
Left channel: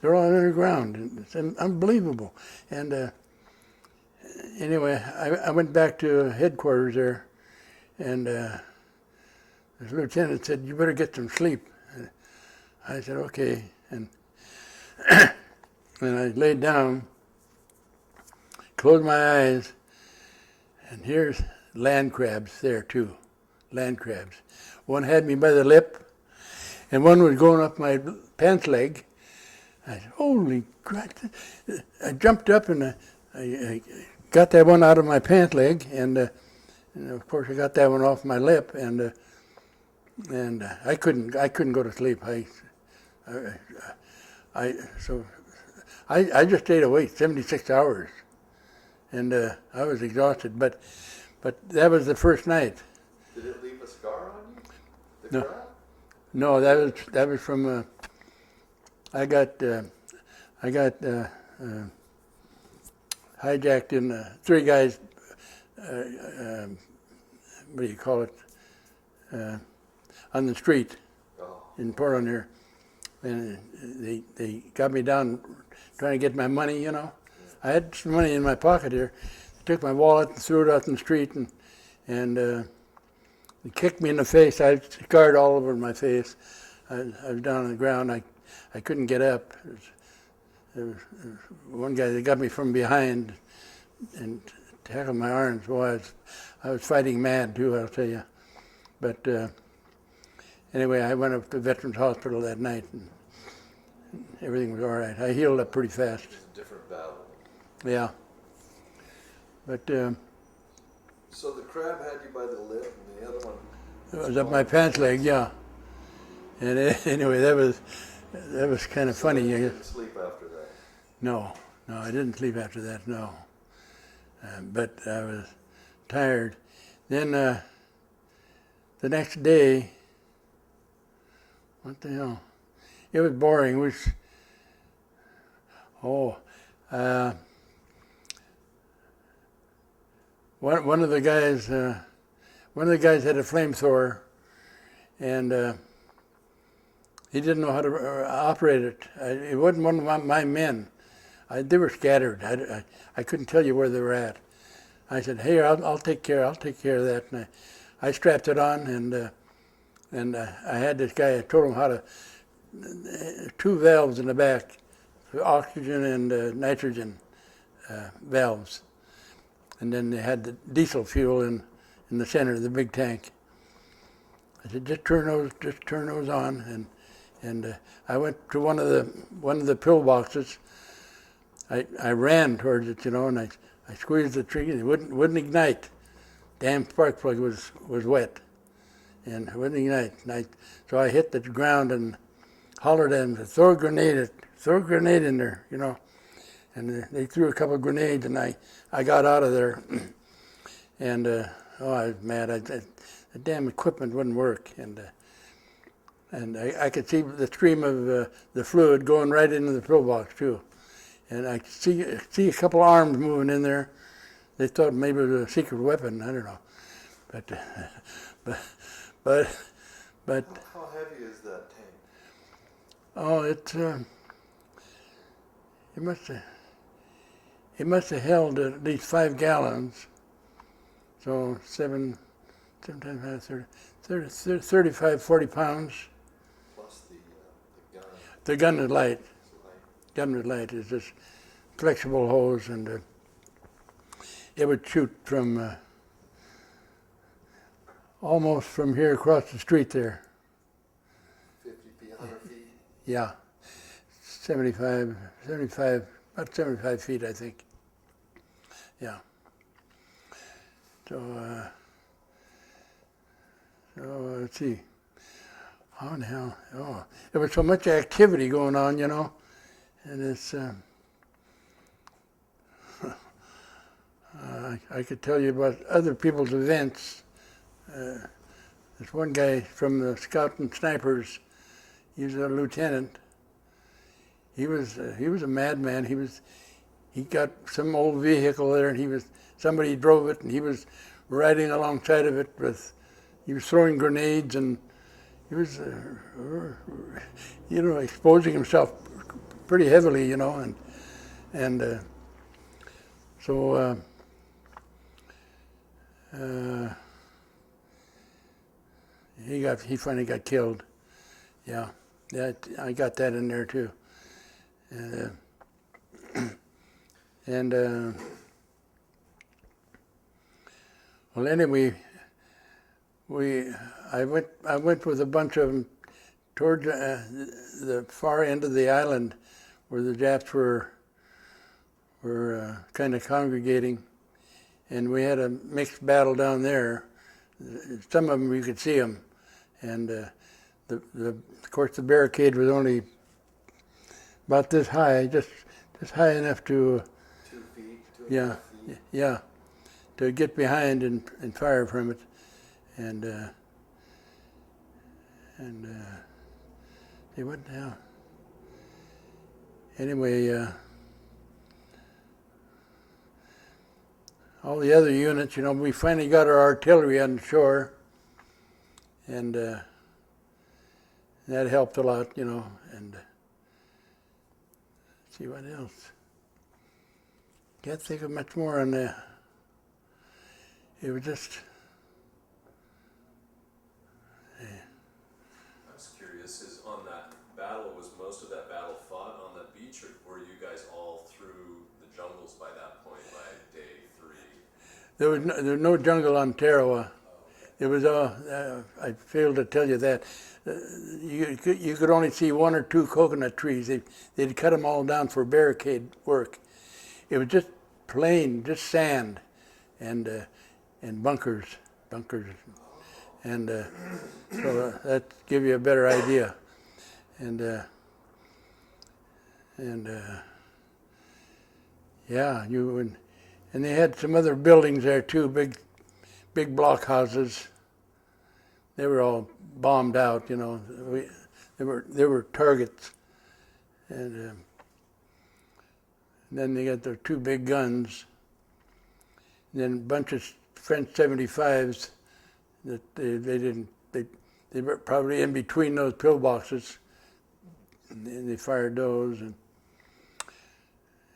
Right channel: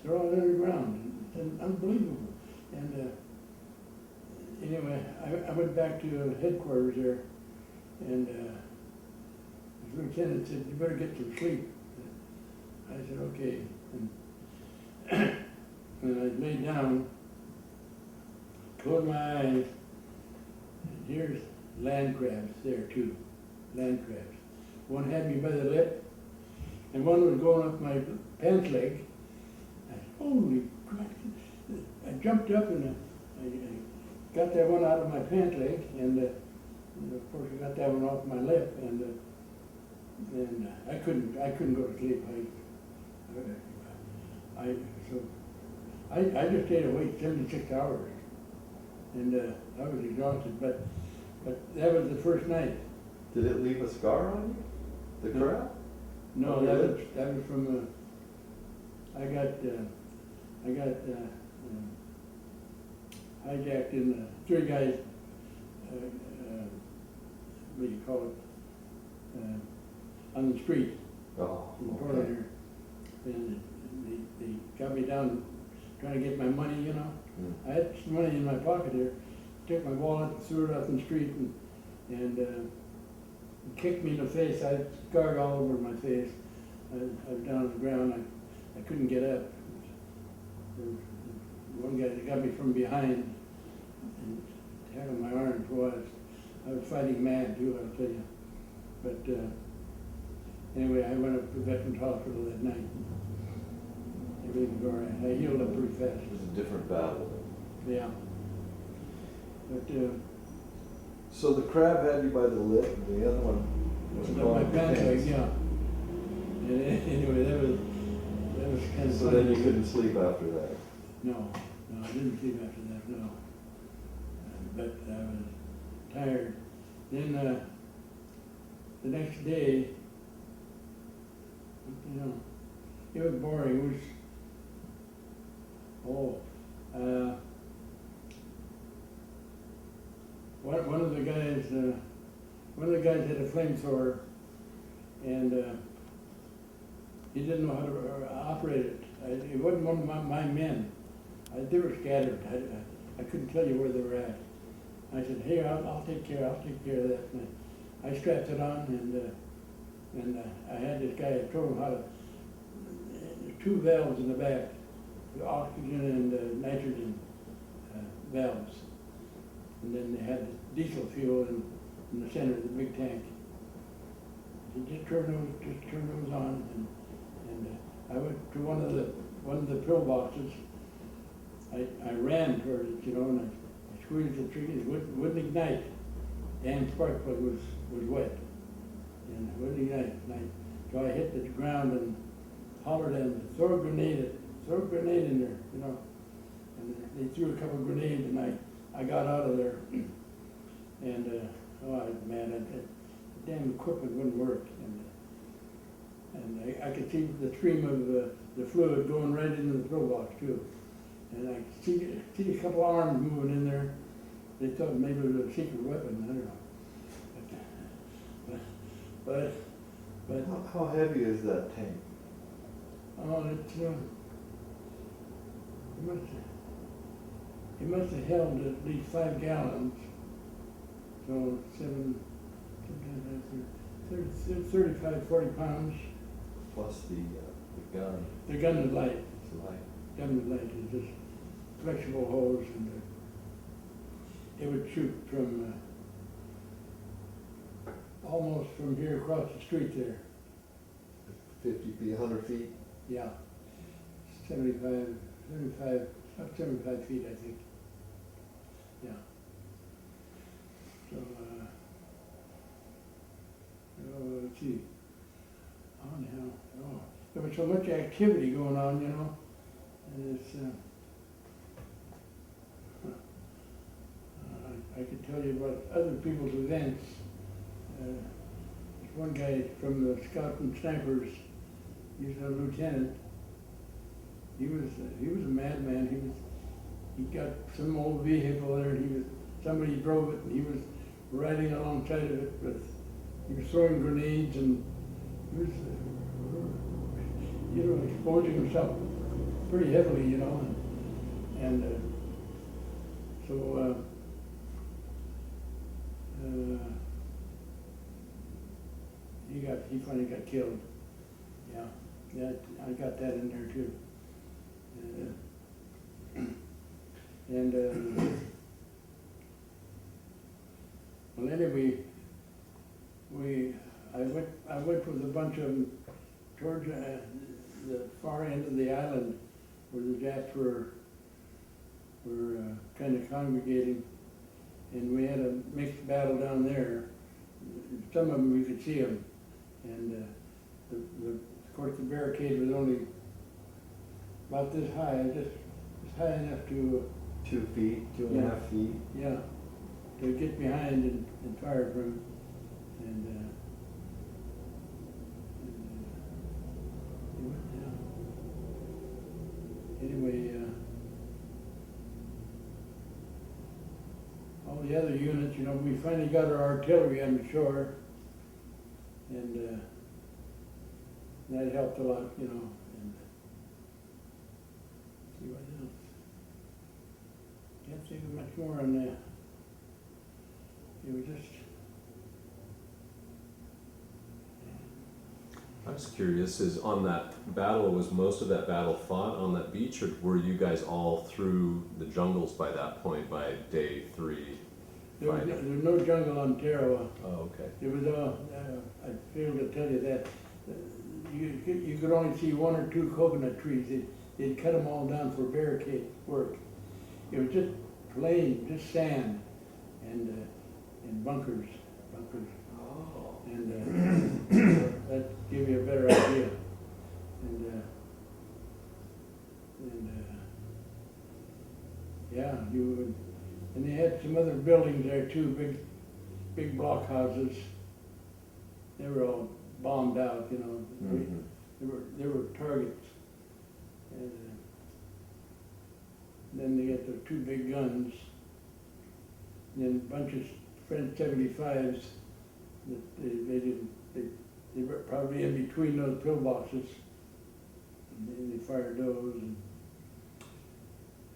They're all underground. It's unbelievable. And anyway, I went back to headquarters there, and the lieutenant said, "You better get some sleep." I said, "Okay." And I laid down, closed my eyes, and here's land crabs there too, land crabs. One had me by the lip, and one was going up my pants leg. I said, "Holy crap!" I jumped up and I got that one out of my pant leg, and of course I got that one off my lip, and I couldn't go to sleep. So I just stayed awake 76 hours, and I was exhausted. But that was the first night. Did it leave a scar on you? The No. crab? No, that was from. I got hijacked in 3 guys. What do you call it? On the street Oh. in Portland here, and they got me down trying to get my money. You know, I had some money in my pocket here. Took my wallet and threw it out in the street, and kicked me in the face. I had scarred all over my face. I was down on the ground. I couldn't get up. There was one guy that got me from behind and tackled my arms. Boy, I was fighting mad too, I'll tell you. But anyway, I went up to Veterans Hospital that night, and everything was all right. I healed up pretty fast. It was a different battle. Yeah. But So the crab had you by the lip, and the other one it was up my pants leg, yeah. And anyway, that was kind of So funny. then you didn't sleep after that. No, I didn't sleep after that, no. But I was tired. Then the next day, what the hell? It was boring. It was, one of the guys had a flamethrower, and he didn't know how to operate it. It wasn't one of my men. They were scattered. I couldn't tell you where they were at. I said, "Hey, I'll take care of that." And I strapped it on, and I had this guy. I told him how to 2 valves in the back, oxygen and nitrogen valves, and then they had the diesel fuel in the center of the big tank. I said, just turn those on, and I went to one of the pillboxes. I ran towards it, you know, and I squeezed the trigger. It wouldn't ignite. Damn spark plug was wet, and it wouldn't ignite. So I hit the ground and hollered at them, throw a grenade in there, you know. And they threw a couple of grenades, and I got out of there. And I was mad. The damn equipment wouldn't work, and I could see the stream of the fluid going right into the pillbox too. And I could see a couple of arms moving in there. They thought maybe it was a secret weapon. I don't know, but How heavy is that tank? oh, it must have held at least 5 gallons. So 7 times 35, 40 pounds. Plus the gun. The gun is light. It's light. Gun was light. It's just flexible hose, and it would shoot from almost from here across the street there. 50 feet, 100 feet. Yeah, 75, about 75 feet, I think. Yeah. So, let's see. How in the hell? Oh, there was so much activity going on, you know, and it's. I could tell you about other people's events. There's one guy from the Scout and Snipers. He was a lieutenant. He was a madman. He got some old vehicle there, and somebody drove it, and he was riding alongside of it he was throwing grenades, and he was, exposing himself pretty heavily, you know, and so he finally got killed. Yeah, I got that in there too. Well, anyway, I went with a bunch of them toward the far end of the island, where the Japs were kind of congregating, and we had a mixed battle down there. Some of them you could see them, and of course the barricade was only about this high, just just high enough to, 2 feet, 2.5 Yeah. feet. yeah, to get behind and fire from it. And they went down. Anyway, all the other units, we finally got our artillery on shore, and that helped a lot, and let's see what else. Can't think of much more on that. It was just, I'm just curious, is on that battle, was most of that battle fought on that beach, or were you guys all through the jungles by that point, by day 3? there was no jungle on Tarawa. Oh, okay. It was I failed to tell you that. You could only see 1 or 2 coconut trees. They'd cut them all down for barricade work. It was just plain, just sand and bunkers. And so that give you a better idea. And yeah, you would, and they had some other buildings there too, big block houses. They were all bombed out, They were targets. And then they got their 2 big guns. And then a bunch of French 75s that they were probably in between those pillboxes. And they fired those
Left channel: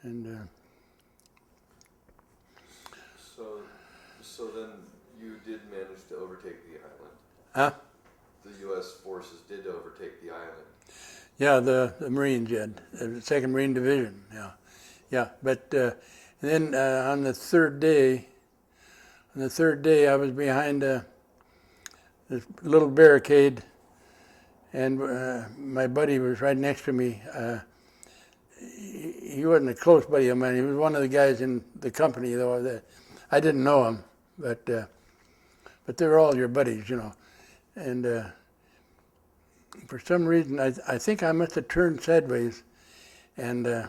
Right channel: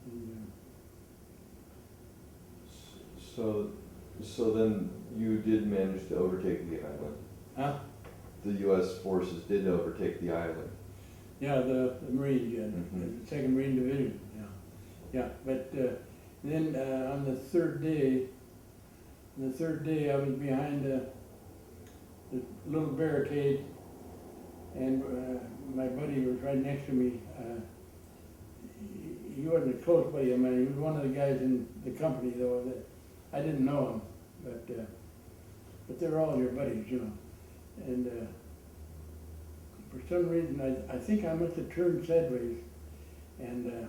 and So then you did manage to overtake the island. huh? The U.S. forces did overtake the island. Yeah, the Marines, yeah, Mhm. the 2nd Marine Division, yeah. But then on the third day, I was behind this little barricade, and my buddy was right next to me. He wasn't a close buddy of mine. He was one of the guys in the company, though. That I didn't know him, but they were all your buddies, And for some reason, I think I must have turned sideways, and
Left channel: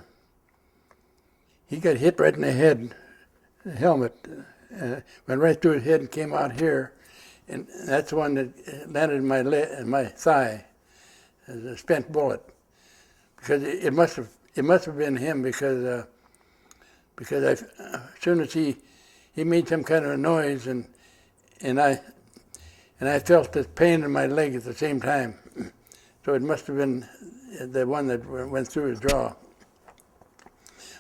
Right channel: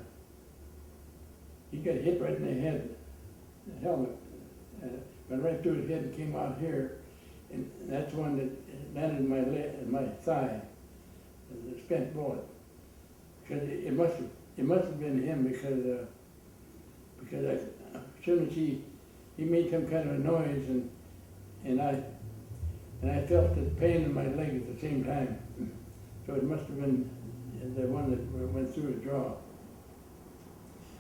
he got hit right in the head, the helmet, went right through his head and came out here, and that's the one that landed in my thigh, as a spent bullet. Because it must have been him, because as soon as he made some kind of a noise, and I felt the pain in my leg at the same time. So it must have been the one that went through his jaw.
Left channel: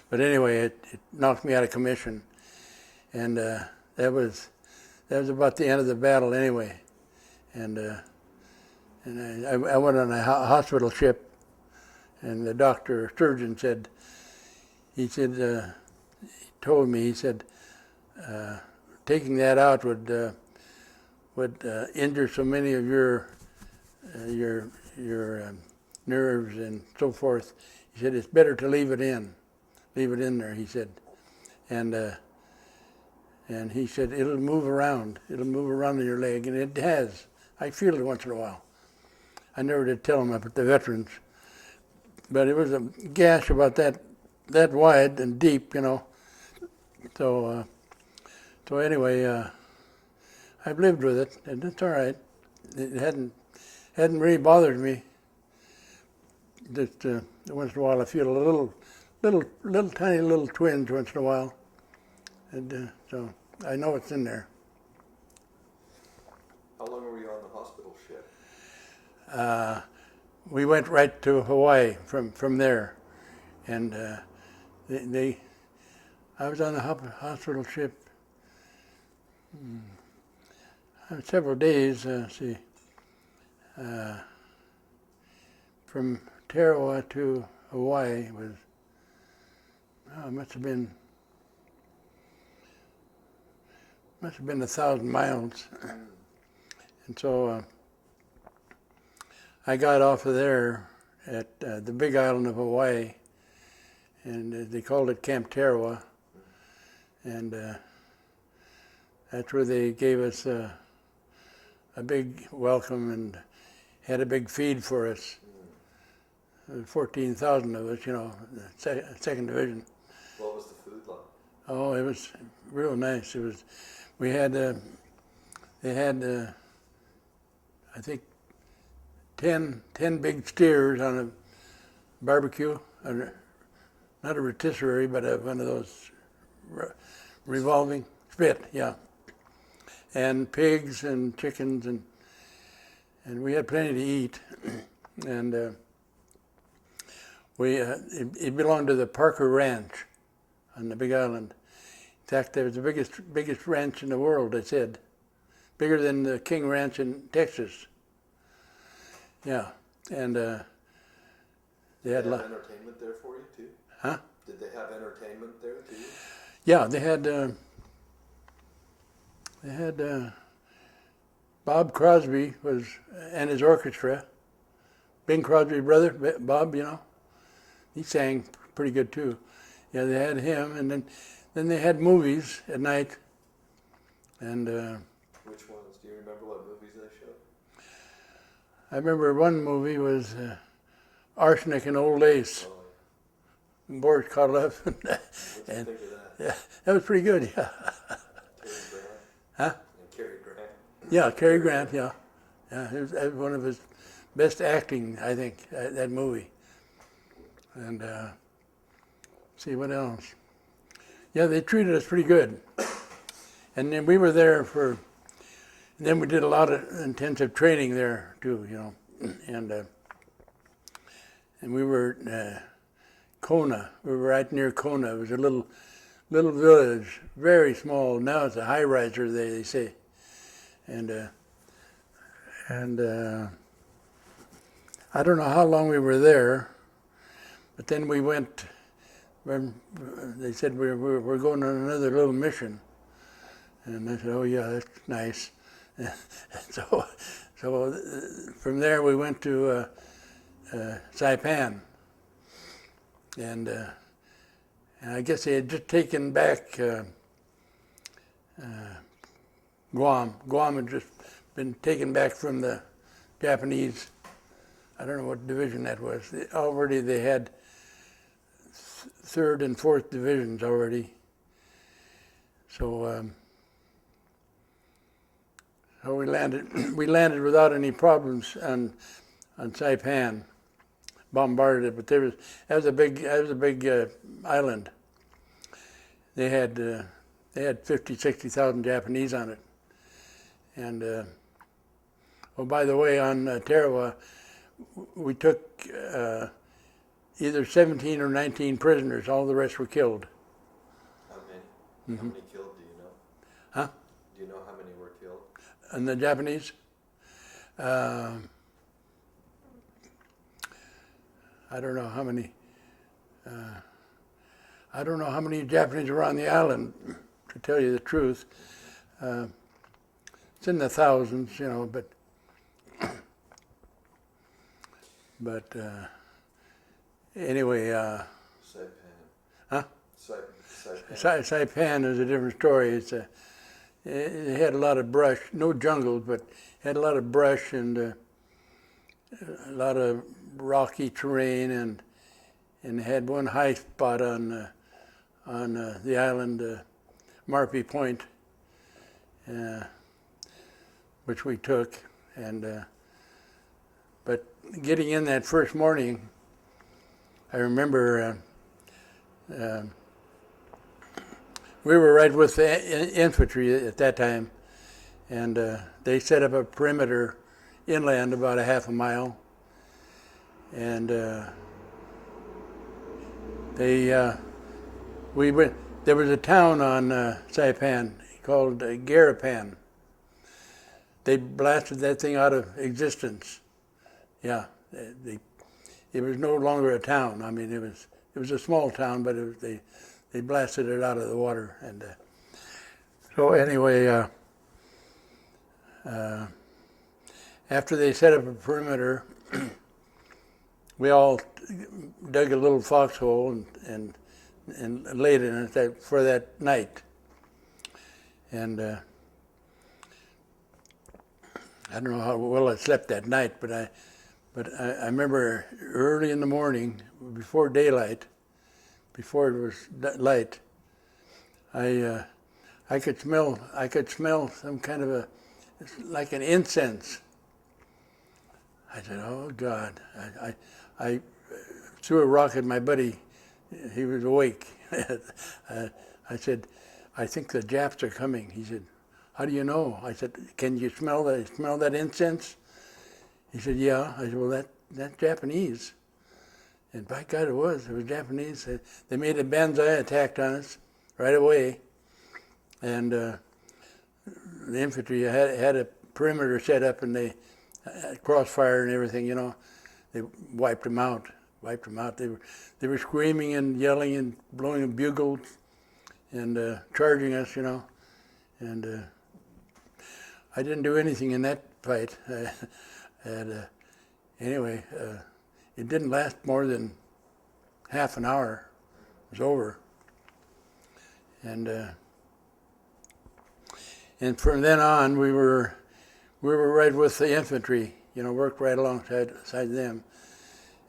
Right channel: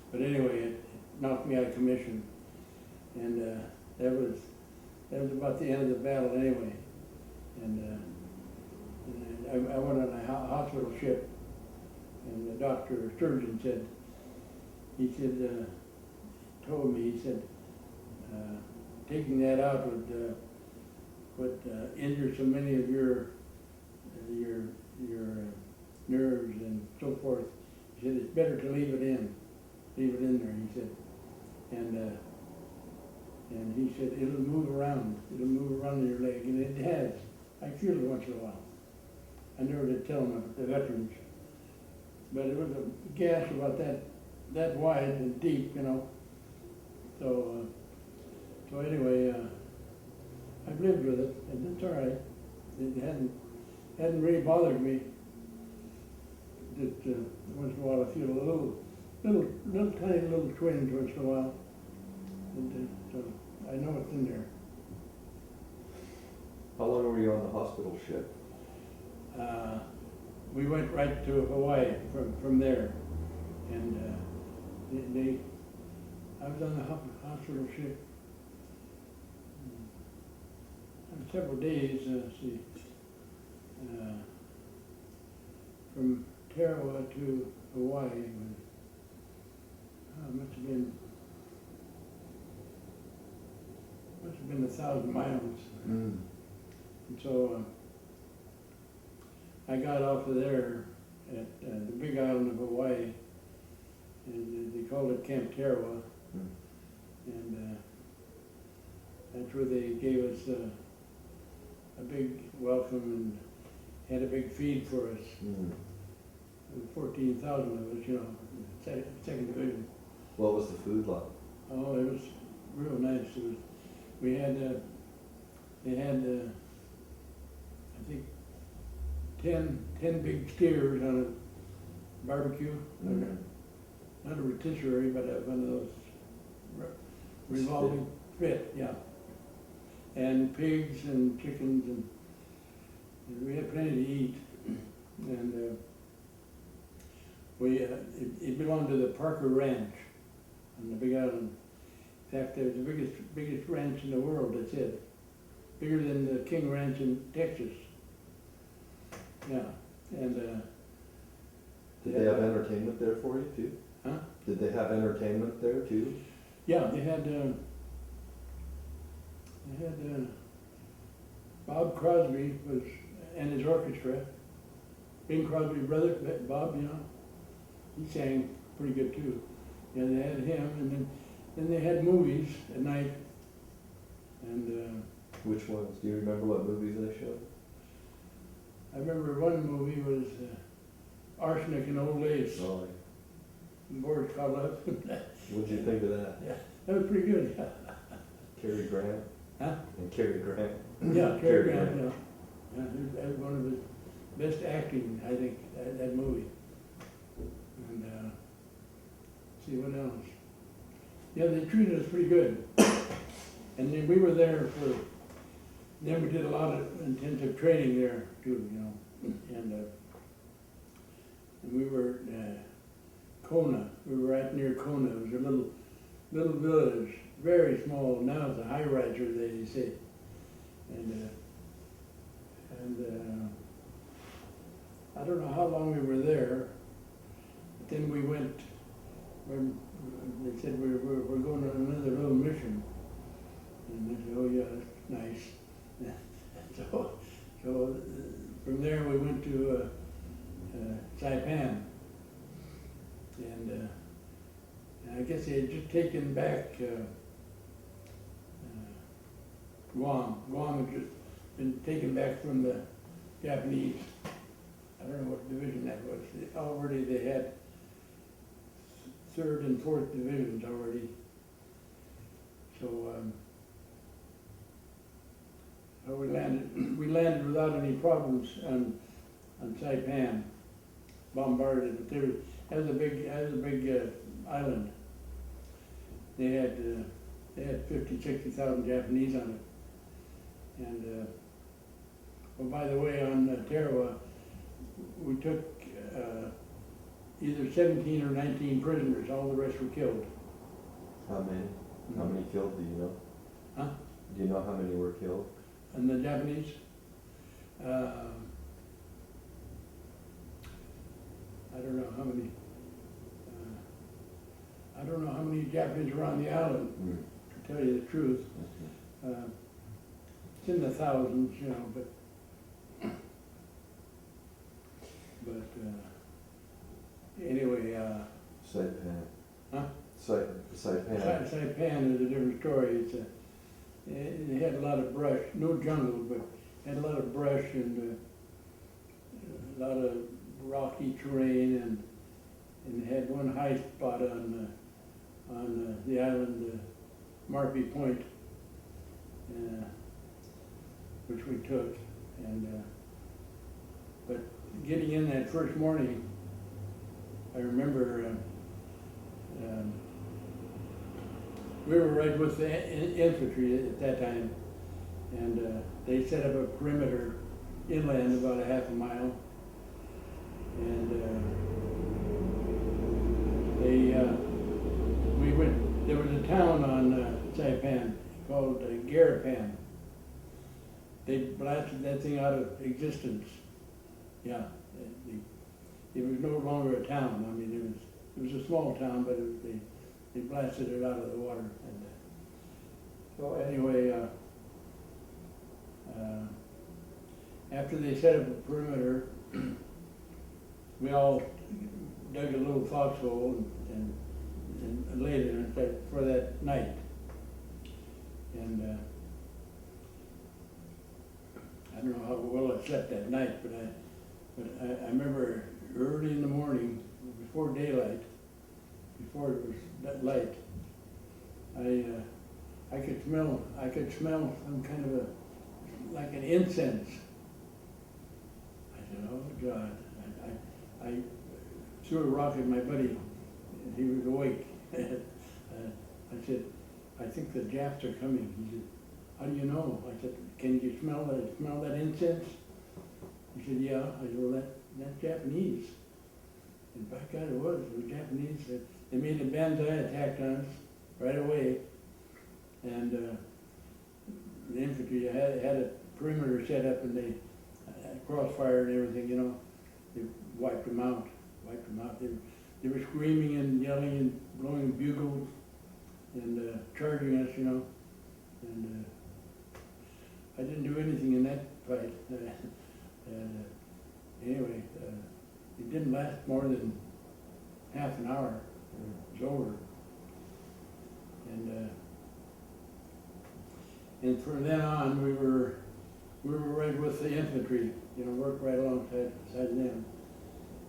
But anyway, it knocked me out of commission, and that was about the end of the battle anyway. And I went on a hospital ship, and the doctor, surgeon he told me, taking that out would injure so many of your nerves and so forth. He said, it's better to leave it in there, he said. And he said, it'll move around in your leg, and it has. I feel it once in a while. I never did tell them about the veterans, but it was a gash about that wide and deep, So anyway, I've lived with it, and it's all right. It hadn't really bothered me. Just once in a while, I feel a little tiny little twinge once in a while, and so I know it's in there. How long were you on the hospital ship? We went right to Hawaii from there, and I was on the hospital ship several days. From Tarawa to Hawaii was must have been 1,000 miles. Mm. And so I got off of there at the big island of Hawaii, and they called it Camp Tarawa. And that's where they gave us a big welcome and had a big feed for us. 14,000 of us, second division. What was the food like? Oh, it was real nice. We had, they had, I think, 10 big steers on a barbecue, not a rotisserie, but one of those revolving spit, yeah. And pigs and chickens, and we had plenty to eat. And it belonged to the Parker Ranch on the Big Island. In fact, it was the biggest ranch in the world, they said. Bigger than the King Ranch in Texas. Yeah, and Did they have entertainment there for you too? Huh? Did they have entertainment there too? Yeah, they had Bob Crosby and his orchestra. Bing Crosby's brother, Bob, he sang pretty good too. Yeah, they had him, and then they had movies at night. And Which ones? Do you remember what movies they showed? I remember one movie was Arsenic and Old Lace. Oh, Boris Karloff. what did you think of that? Yeah, that was pretty good, yeah. Cary Grant? Huh? And Cary Grant? Yeah, Cary Grant, yeah. Yeah, that was one of his best acting, I think, that movie. And see what else. Yeah, they treated us pretty good. And then we were there then we did a lot of intensive training there too, And we were Kona. We were right near Kona. It was a little village, very small. Now it's a high-riser, they say. And I don't know how long we were there, but then we went. They said we're going on another little mission, and I said, "Oh yeah, that's nice." so from there we went to Saipan, and I guess they had just taken back Guam. Guam had just been taken back from the Japanese. I don't know what division that was. Already they had 3rd and 4th divisions already. So we landed without any problems on Saipan. Bombarded it, but that was a big island. They had 50,000-60,000 Japanese on it. And by the way, on Tarawa, we took either 17 or 19 prisoners. All the rest were killed. How many? Mm-hmm. How many killed, do you know? Huh? Do you know how many were killed? And the Japanese? I don't know how many. I don't know how many Japanese were on the island, to tell you the truth. It's in the thousands, but anyway. Saipan. Huh? Saipan. Saipan is a different story. It had a lot of brush, no jungle, but had a lot of brush and a lot of rocky terrain, and had one high spot on the island, Marpy Point, which we took. And but getting in that first morning, I remember we were right with the infantry at that time, and they set up a perimeter inland about a half a mile, and there was a town on Saipan called Garapan. They blasted that thing out of existence. Yeah, it was no longer a town. I mean, it was a small town, but they blasted it out of the water. And so anyway, after they set up a perimeter, we all dug a little foxhole and laid in it for that night. And I don't know how well I slept that night, but But I remember early in the morning, before daylight, before it was light, I could smell some kind of like an incense. I said, "Oh God!" I threw a rock at my buddy. He was awake. I said, "I think the Japs are coming." He said, "How do you know?" I said, "Can you smell that incense?" He said, "Yeah." I said, "Well, that's Japanese." And by God, it was Japanese. They made a banzai attack on us right away. And the infantry had a perimeter set up, and they crossfire and everything, you know. They wiped them out. They were screaming and yelling and blowing bugles and charging us, you know. And I didn't do anything in that fight. Anyway, it didn't last more than half an hour. It was over. And from then on, we were right with the infantry, you know, worked right alongside them.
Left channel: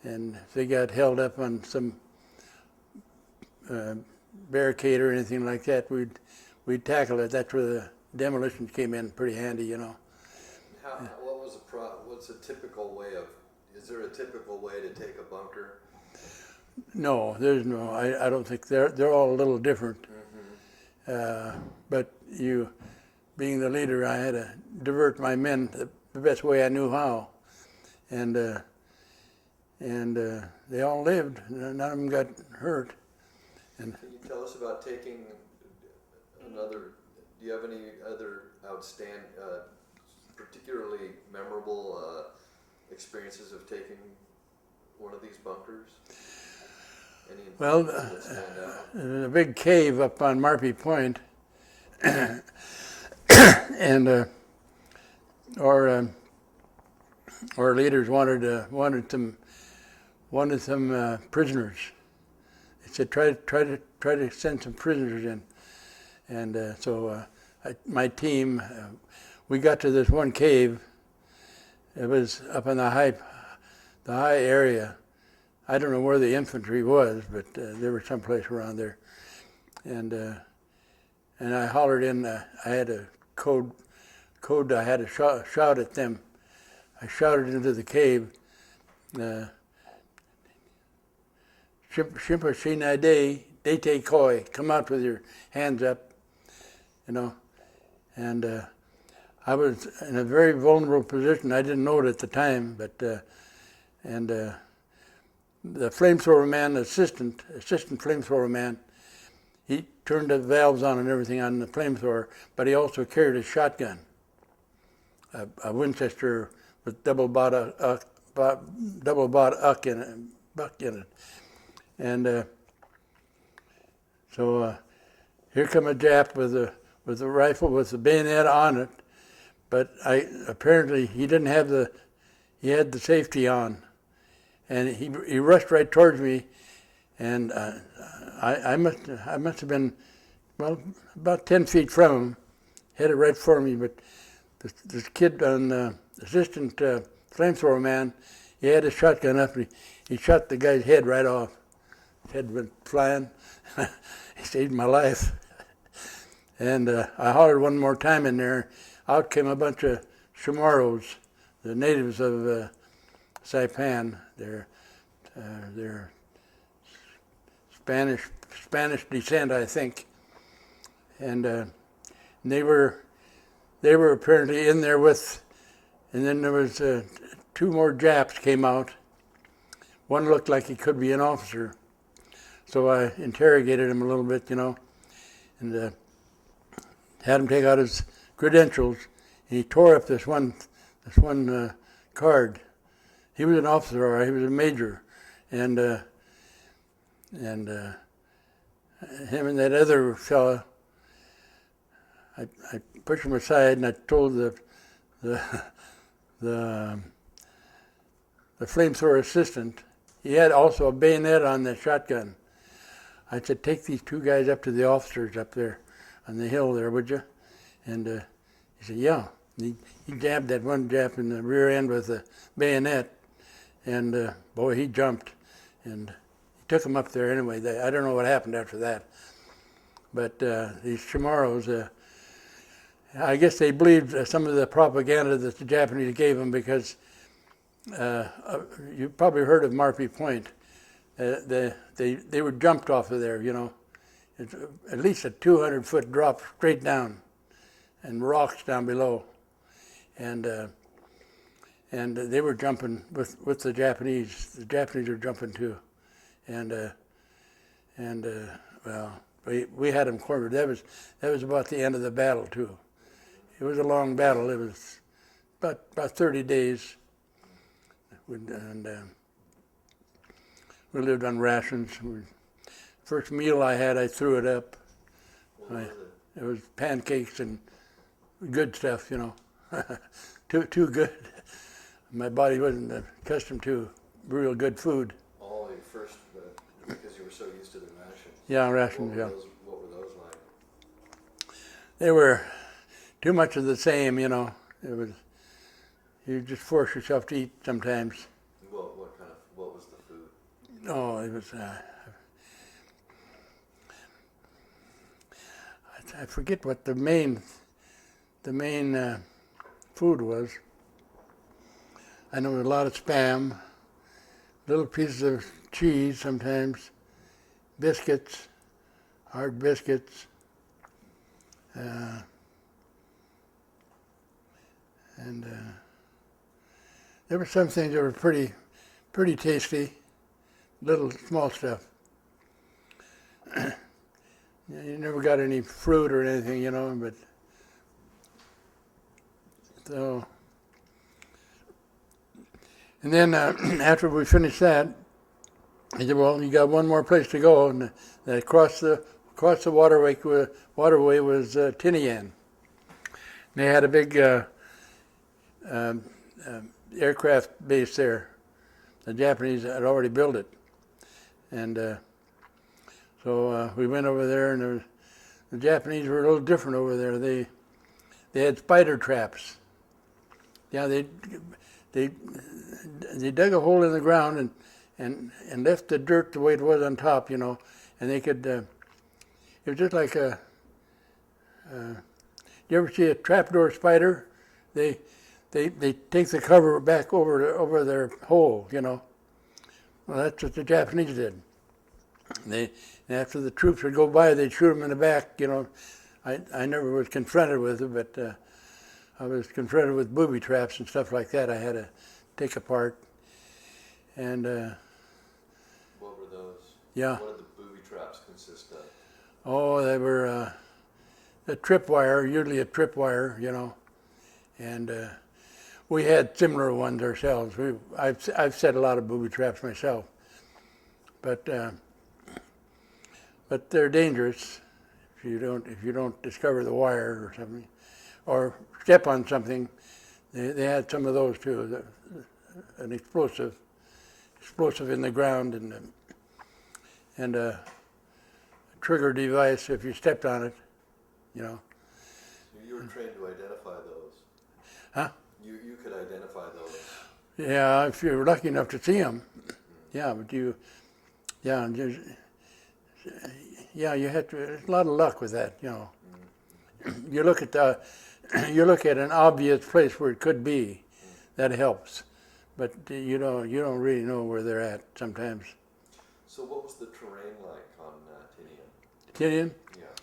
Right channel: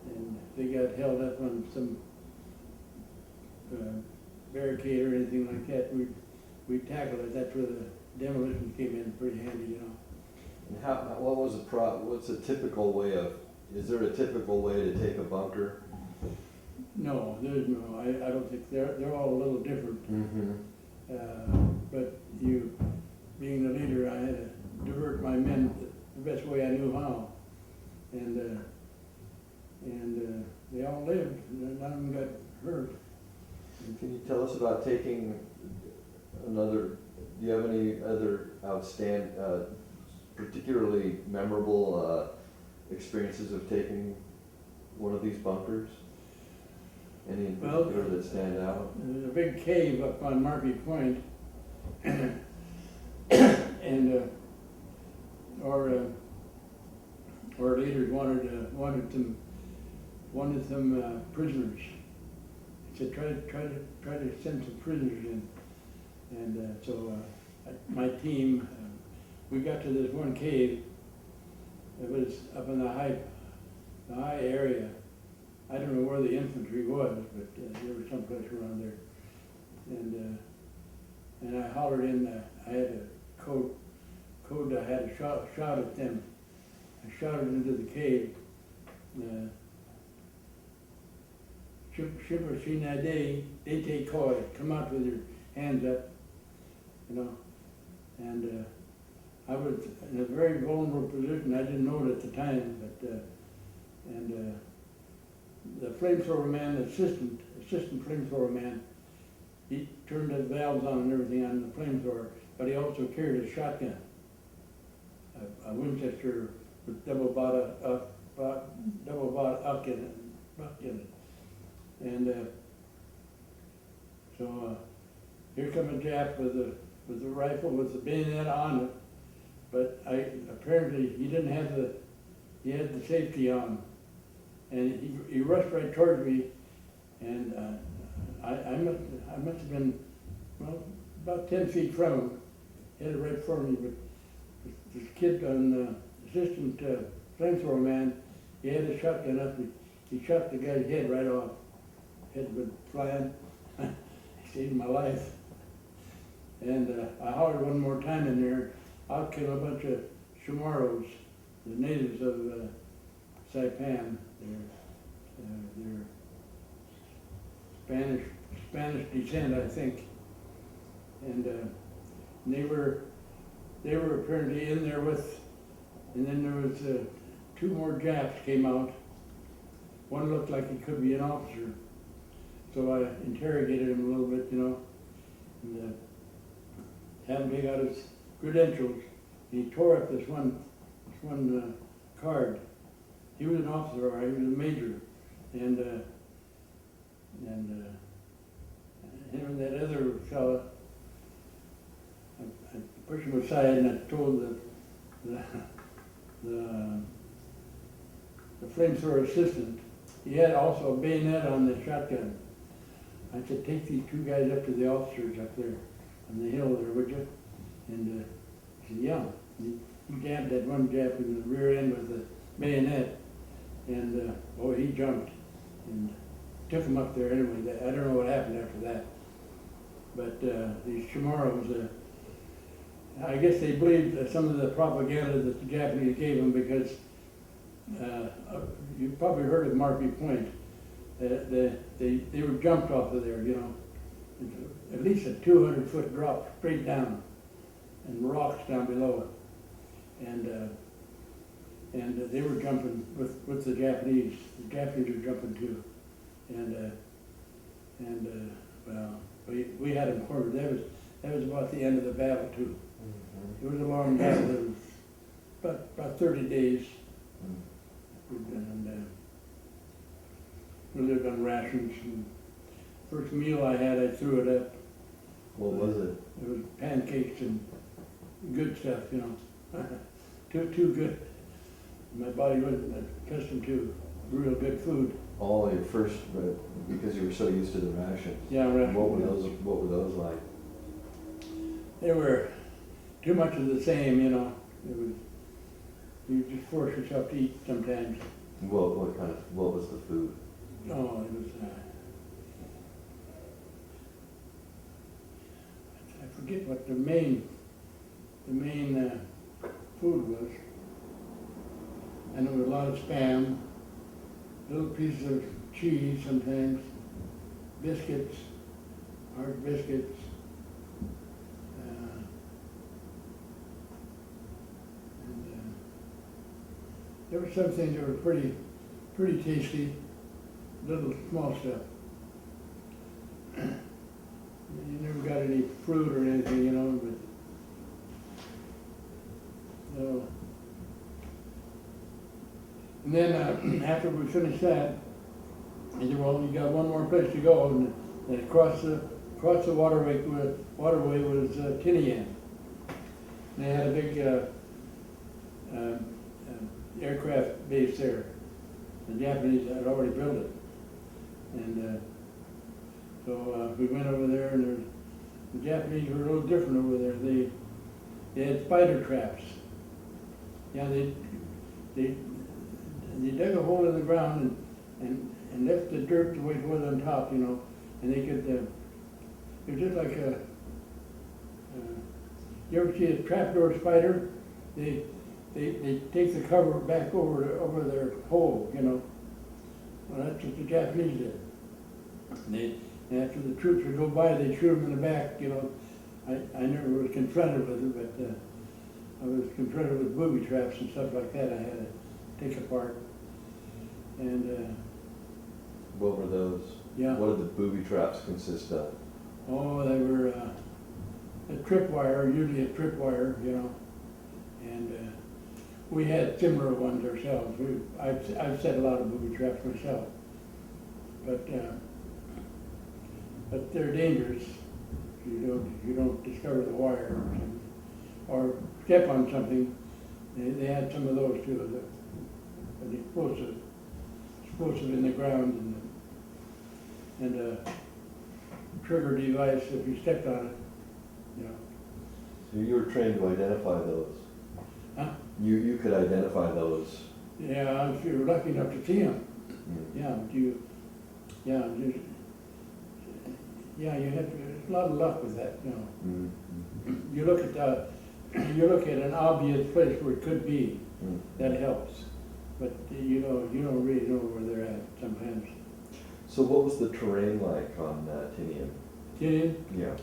And if they got held up on some barricade or anything like that, we'd tackle it. That's where the demolitions came in pretty handy, you know. What's a typical way is there a typical way to take a bunker? No, there's no. I don't think they're all a little different. Mm-hmm. But being the leader, I had to divert my men the best way I knew how, and they all lived. None of them got hurt. And can you tell us about taking another? Do you have any other outstanding, particularly memorable experiences of taking one of these bunkers? Any in Well, particular that stand out? There's a big cave up on Marpy Point, and our leaders wanted some prisoners. They said try to send some prisoners in, and so my team, we got to this one cave. It was up in the high area. I don't know where the infantry was, but they were someplace around there. And I hollered in. I had a code. I had to shout at them. I shouted into the cave. Shimpa Shina Day, Dete Koi. Come out with your hands up, you know. And I was in a very vulnerable position. I didn't know it at the time, but the flamethrower man, assistant flamethrower man, he turned the valves on and everything on the flamethrower, but he also carried a shotgun, a Winchester with double bought buck in it, and so here come a Jap with a rifle with the bayonet on it, but apparently he didn't have he had the safety on. And he rushed right towards me, and I must have been, well, about 10 feet from him, headed right for me. But this kid on assistant flamethrower man, he had his shotgun up, and he shot the guy's head right off. His head went flying. He saved my life. And I hollered one more time in there. Out came a bunch of Chamorros, the natives of Saipan. They're Spanish descent, I think, and they were apparently in there with, and then there was two more Japs came out. One looked like he could be an officer, so I interrogated him a little bit, you know, and had him take out his credentials. And he tore up this one card. He was an officer, or he was a major, and him and that other fella, I pushed him aside, and I told the flamethrower assistant, he had also a bayonet on the shotgun. I said, take these two guys up to the officers up there on the hill there, would you? And he said, yeah. He jabbed that one Jap in the rear end with a bayonet. and boy, he jumped and took him up there anyway. I don't know what happened after that. But these Chamorros, I guess they believed some of the propaganda that the Japanese gave them because you probably heard of Murphy Point. They were jumped off of there, you know. It's at least a 200-foot drop straight down, and rocks down below, and they were jumping with the Japanese. The Japanese were jumping too, and well, we had them cornered. That was about the end of the battle too. It was a long battle. It was about 30 days, and we lived on rations. First meal I had, I threw it up. What was it? It was pancakes and good stuff, you know. too good. My body wasn't accustomed to real good food. All your first, because you were so used to the rations. Yeah, rations. What were those like? They were too much of the same, you know. It was, you just force yourself to eat sometimes. What was the food? Oh, it was, I forget what the main food was. I know a lot of Spam, little pieces of cheese sometimes, biscuits, hard biscuits, and there were some things that were pretty tasty, little small stuff. You never got any fruit or anything, you know, but so. And then after we finished that, he said, well, you got one more place to go, and across the waterway was Tinian. They had a big aircraft base there. The Japanese had already built it, and so we went over there, and the Japanese were a little different over there. They had spider traps. Yeah, they dug a hole in the ground and left the dirt the way it was on top, you know, and they could. It was just like a. You ever see a trapdoor spider? They take the cover back over their hole, you know. Well, that's what the Japanese did. After the troops would go by, they'd shoot them in the back, you know. I never was confronted with it, but I was confronted with booby traps and stuff like that I had to take apart. And what were those? Yeah. What did the booby traps consist of? Oh, they were a tripwire, usually a tripwire, you know, and we had similar ones ourselves. I've set a lot of booby traps myself, but they're dangerous if you don't discover the wire or something, or step on something. They had some of those too, an explosive in the ground, and a trigger device if you stepped on it, you know. So you were trained to identify those. Huh? You could identify those. Yeah, if you're lucky enough to see them. Mm. Yeah, but you had a lot of luck with that, you know. Mm. You look at an obvious place where it could be. Mm. That helps, but you don't really know where they're at sometimes. So what was the terrain like on Tinian? Tinian, Yeah.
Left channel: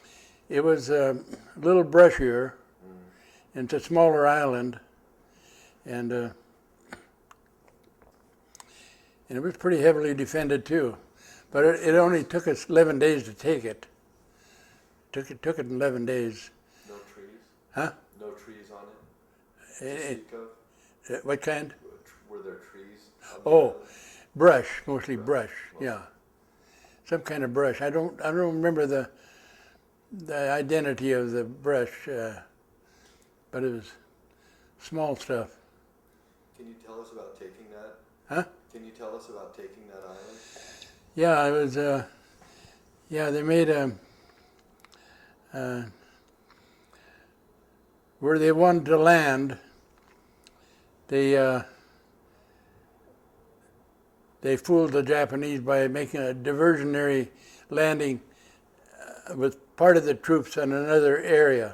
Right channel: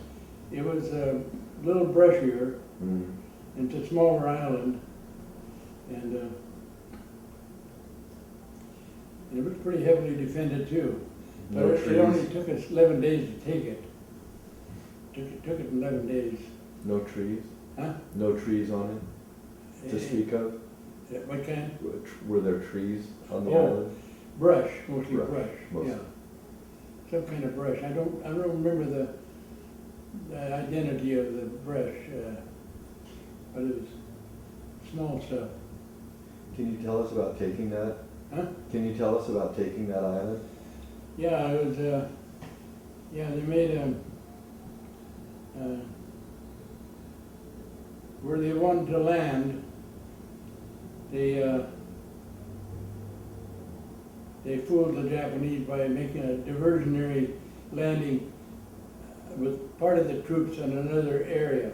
it was a little brushier, Mm. and it's a smaller island, and it was pretty heavily defended too. But No it only trees? took us 11 days to take it. Took it 11 days. No trees? Huh? No trees on it to speak of? What kind? Were there trees on the Oh. island? Brush, mostly brush. Mostly. Yeah, some kind of brush. I don't remember the identity of the brush, but it was small stuff. Can you tell us about taking that? Huh? Can you tell us about taking that island? Yeah, it was. They made where they wanted to land. They they fooled the Japanese by making a diversionary landing with part of the troops in another area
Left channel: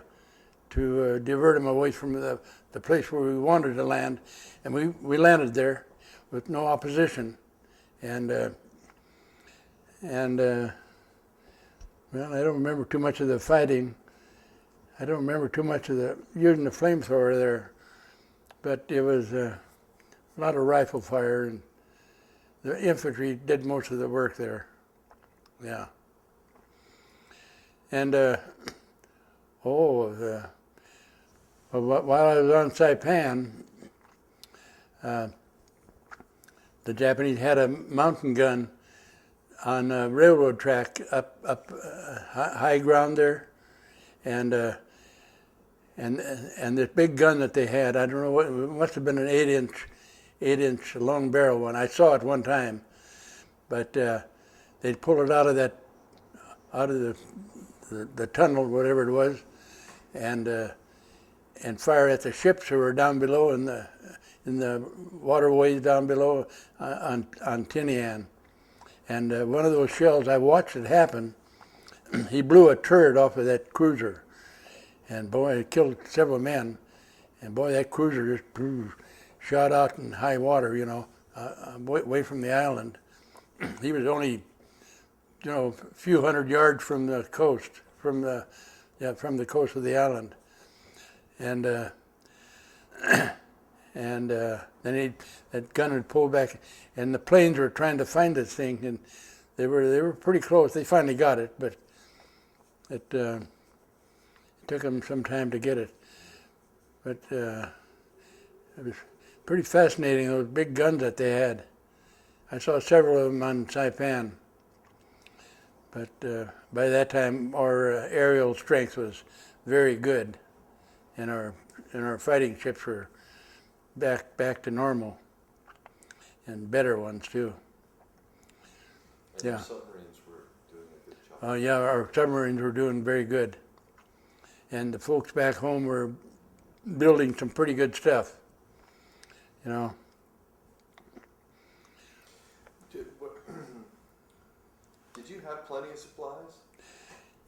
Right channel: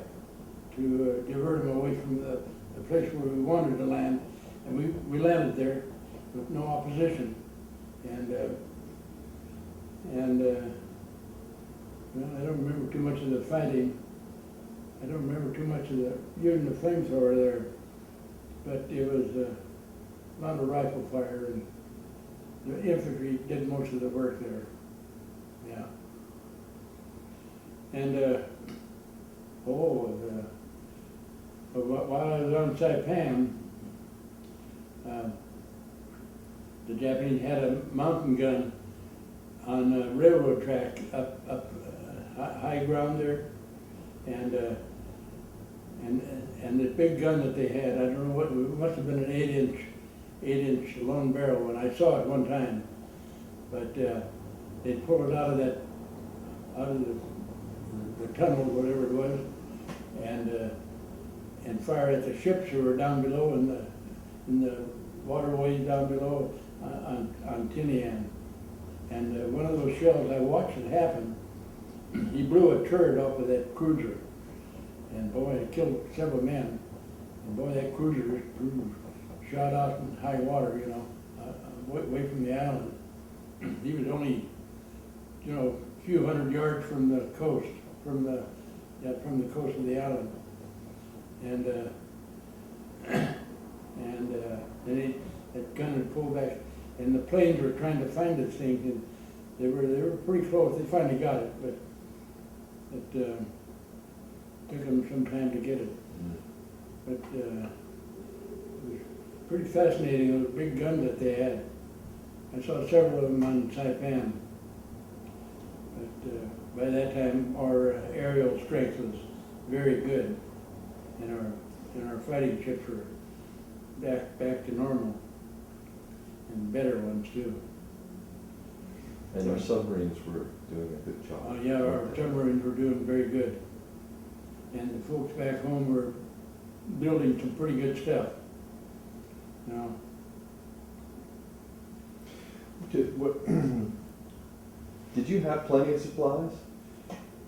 to divert them away from the place where we wanted to land. And we landed there with no opposition. And well, I don't remember too much of the fighting. I don't remember too much of using the flamethrower there, but it was a lot of rifle fire, and the infantry did most of the work there. Yeah. And while I was on Saipan, the Japanese had a mountain gun on a railroad track up high ground there, and this big gun that they had, I don't know what, it must have been an 8-inch long barrel one. I saw it one time, but they'd pull it out of the tunnel, whatever it was, and fire at the ships who were down below in the waterways down below on Tinian. And one of those shells, I watched it happen. He blew a turret off of that cruiser, and boy, it killed several men. And boy, that cruiser just shot out in high water, you know, away from the island. He was only, you know, a few hundred yards from the coast, from the coast of the island. And then that gun had pulled back, and the planes were trying to find this thing, and they were pretty close. They finally got it, but it took them some time to get it. But it was pretty fascinating, those big guns that they had. I saw several of them on Saipan, but by that time our aerial strength was very good, and our fighting ships were back to normal, and better ones too. And Yeah. our submarines were doing a good job. Oh yeah, our submarines were doing very good, and the folks back home were building some pretty good stuff, you know. Did you have plenty of supplies?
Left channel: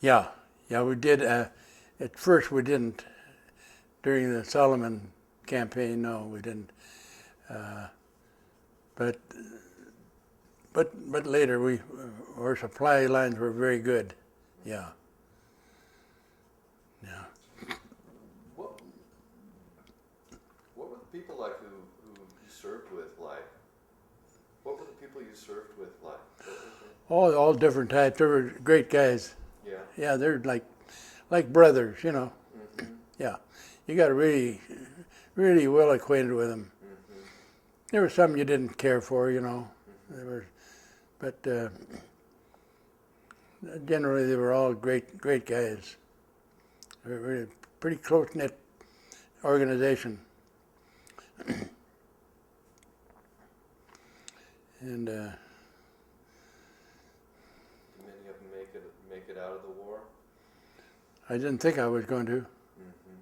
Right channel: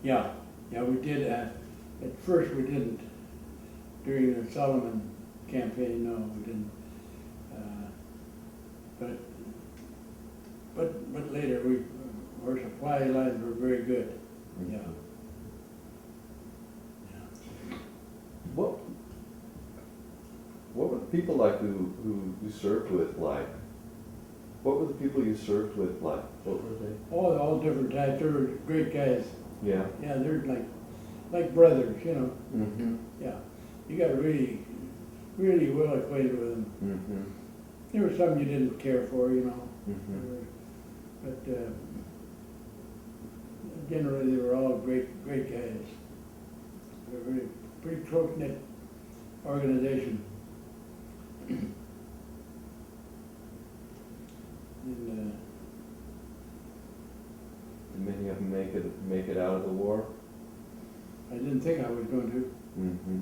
Yeah, we did. At first we didn't. During the Solomon campaign, no, we didn't. But later our supply lines were very good. Yeah. What were the people like who you served with like? What were the people you served with like? What were they? All different types. They were great guys. Yeah. Yeah, they're like brothers, you know. Mm-hmm. Yeah, you got to really well acquainted with them. Mm-hmm. There were some you didn't care for, you know. Mm-hmm. But generally they were all great guys. They were a pretty close-knit organization. And Did many of them make it out of the war? I didn't think I was going to. Mm-hmm.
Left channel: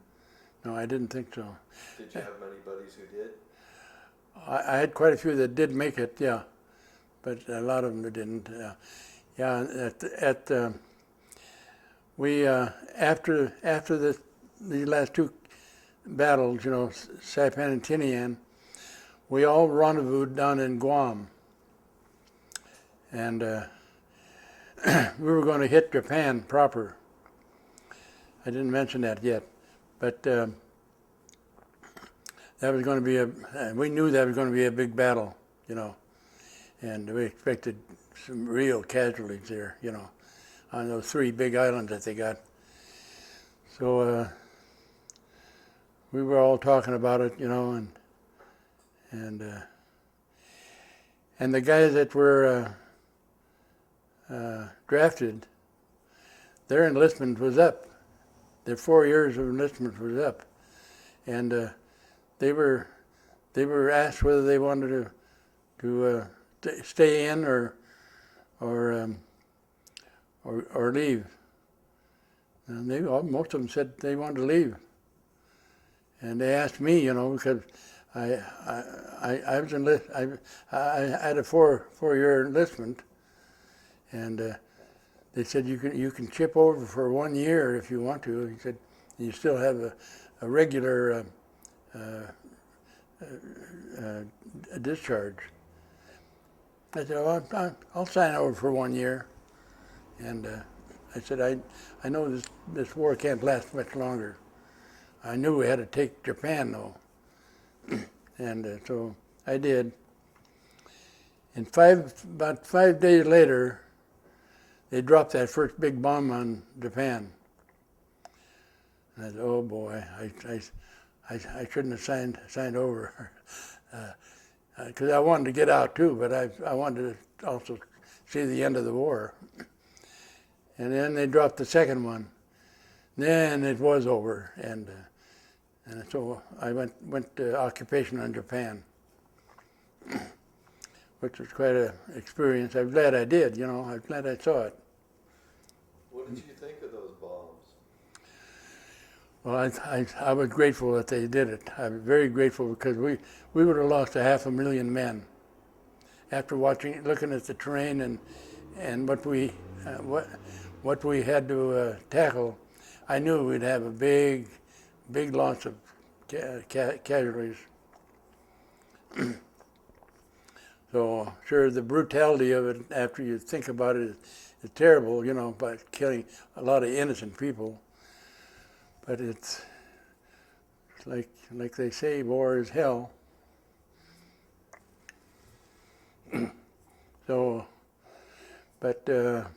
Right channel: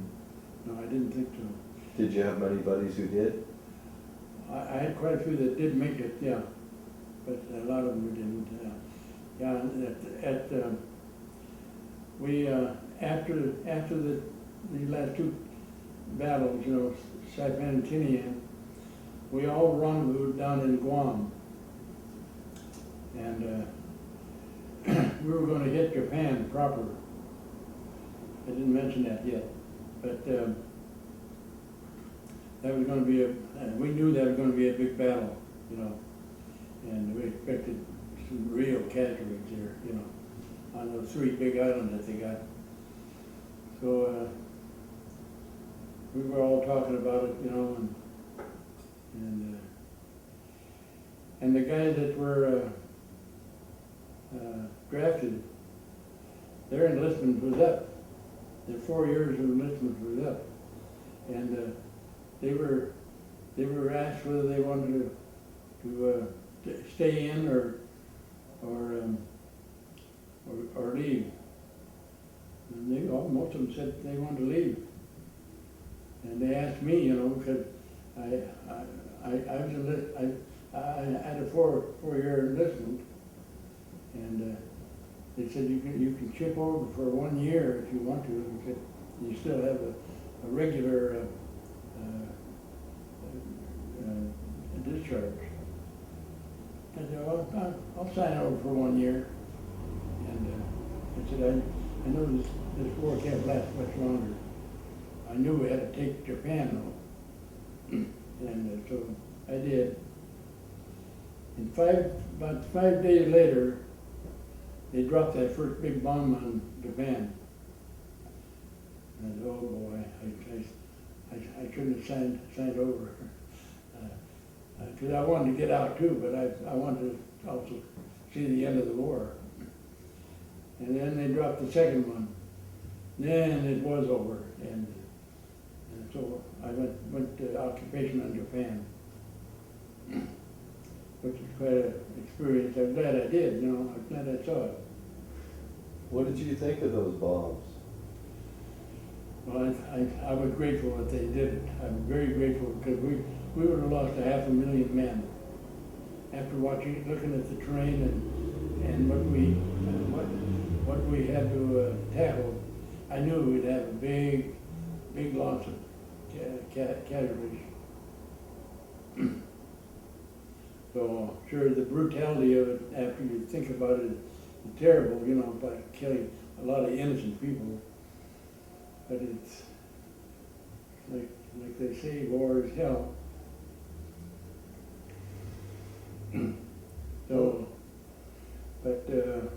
No, I didn't think so. Did you have many buddies who did? I had quite a few that did make it, yeah, but a lot of them didn't. Yeah, after the last two battles, you know, Saipan and Tinian, we all rendezvoused down in Guam, and we were going to hit Japan proper. I didn't mention that yet, but that was going to be we knew that was going to be a big battle, you know, and we expected some real casualties there, you know, on those 3 big islands that they got. So we were all talking about it, you know, and the guys that were drafted, their enlistment was up. Their 4 years of enlistment was up, and they were asked whether they wanted to stay in or leave. And most of them said they wanted to leave. And they asked me, you know, because I was I had a four-year enlistment, and they said you can chip over for 1 year if you want to. He said you still have a regular discharge. I said, well, I'll sign over for 1 year, and I said I know this war can't last much longer. I knew we had to take Japan though, and so I did. And about 5 days later, they dropped that first big bomb on Japan. And I said, oh boy, I shouldn't have signed over, because I wanted to get out too, but I wanted to also see the end of the war. And then they dropped the second one. Then it was over, and so I went to occupation on Japan, which was quite an experience. I'm glad I did, you know, I'm glad I saw it. What did you think of those bombs? Well, I was grateful that they did it. I'm very grateful, because we would have lost 500,000 men after looking at the terrain and what we had to tackle. I knew we'd have a big loss of casualties. So sure, the brutality of it, after you think about it, is terrible, you know, by killing a lot of innocent people. But it's like they say, war is hell. So, but the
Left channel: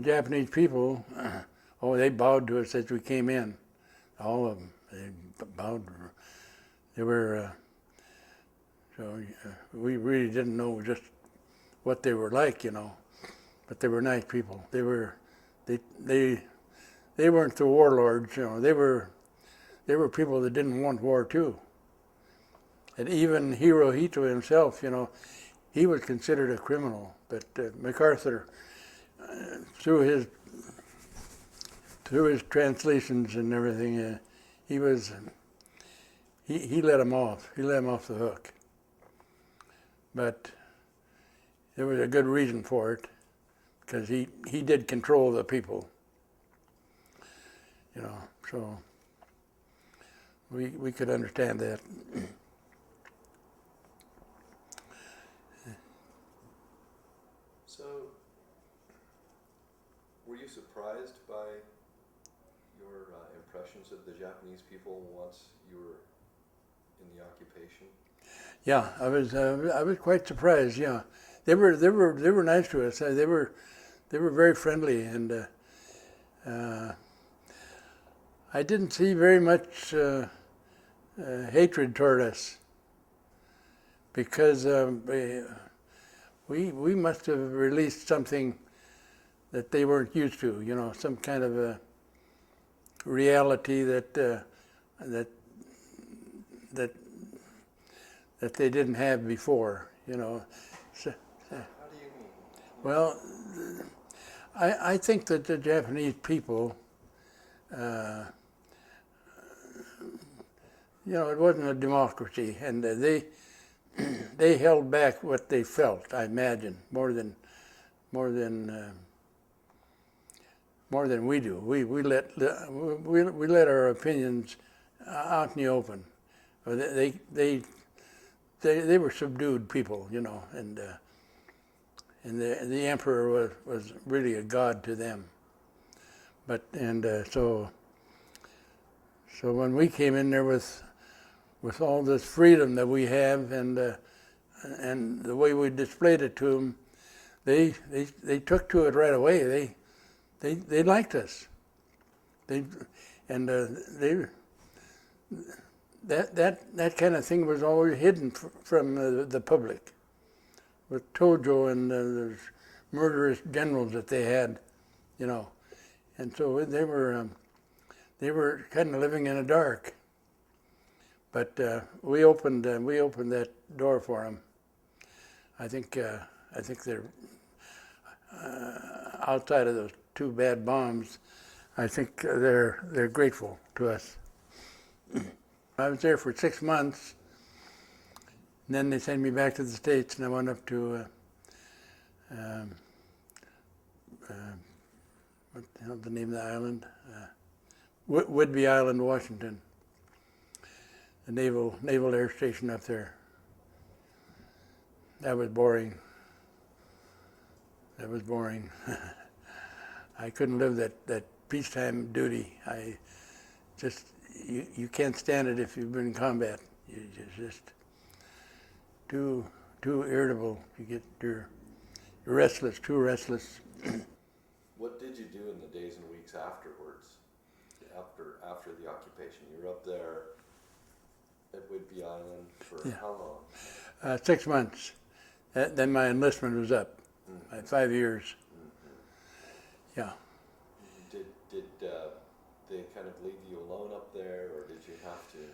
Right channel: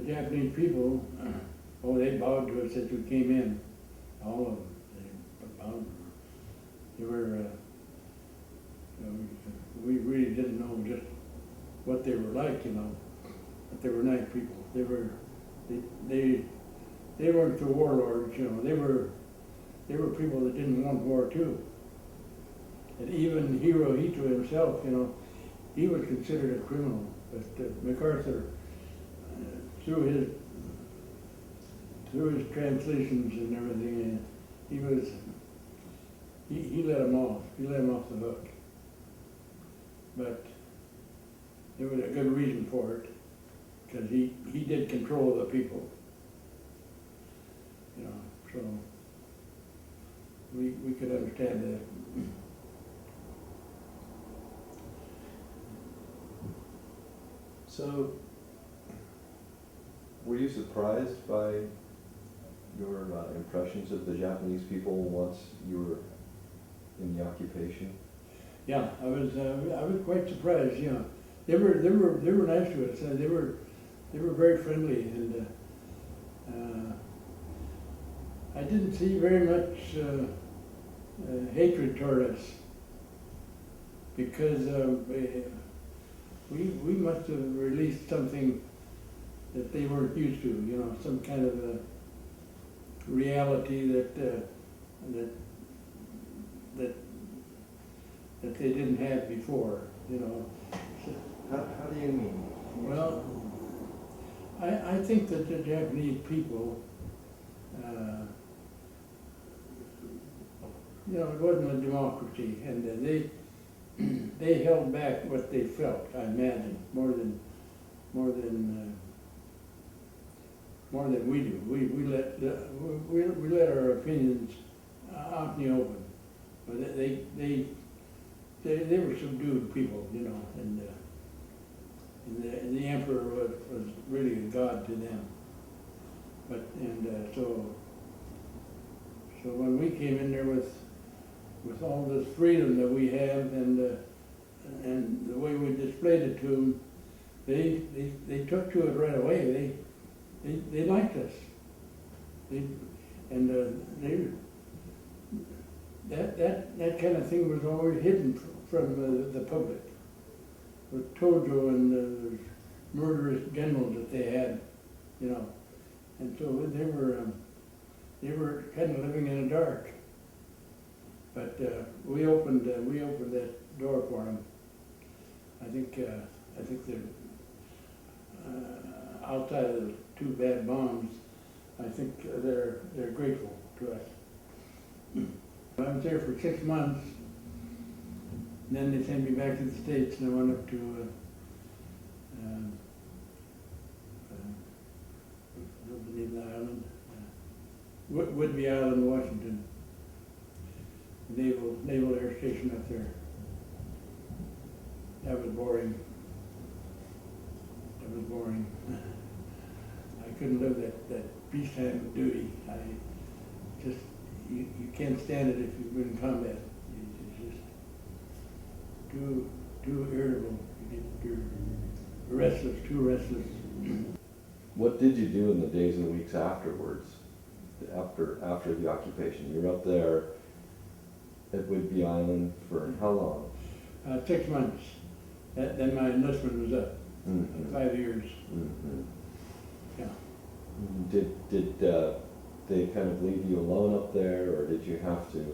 Japanese people, oh, they bowed to us as we came in. All of them, they bowed. They were, so we really didn't know just what they were like, you know, but they were nice people. They weren't the warlords, you know. They were people that didn't want war too. And even Hirohito himself, you know, he was considered a criminal, but MacArthur, through his translations and everything, he let him off. He let him off the hook. But there was a good reason for it, because he did control the people. You know, so we could understand that. So, were you surprised by your impressions of the Japanese people once you were in the occupation? Yeah, I was quite surprised. Yeah, they were nice to us. They were very friendly, and I didn't see very much hatred toward us, because we must have released something that they weren't used to. You know, some kind of a reality that they didn't have before. You know. So, how do you mean? Well, I think that the Japanese people, you know, it wasn't a democracy, and they held back what they felt. I imagine more than we do. We let our opinions out in the open. But they were subdued people, you know, and the emperor was really a god to them. But so when we came in there with all this freedom that we have, and the way we displayed it to them, they took to it right away. They liked us. That kind of thing was always hidden from the public, with Tojo and the murderous generals that they had, you know, and so they were kind of living in the dark. But we opened that door for them. I think they're outside of those 2 bad bombs. I think they're grateful to us. I was there for 6 months, And then they sent me back to the States, and I went up to, what the hell's the name of the island? Whidbey Island, Washington. The Naval Air Station up there. That was boring. That was boring. I couldn't live that peacetime duty. You can't stand it if you've been in combat. You're just too irritable. You're restless, too restless. What did you do in the days and weeks afterwards, after the occupation? You were up there at Whidbey Island for how long? 6 months. Then my enlistment was up. Mm-hmm. 5 years. Mm-hmm. Yeah. Did they kind of leave you alone up there, or did you have to?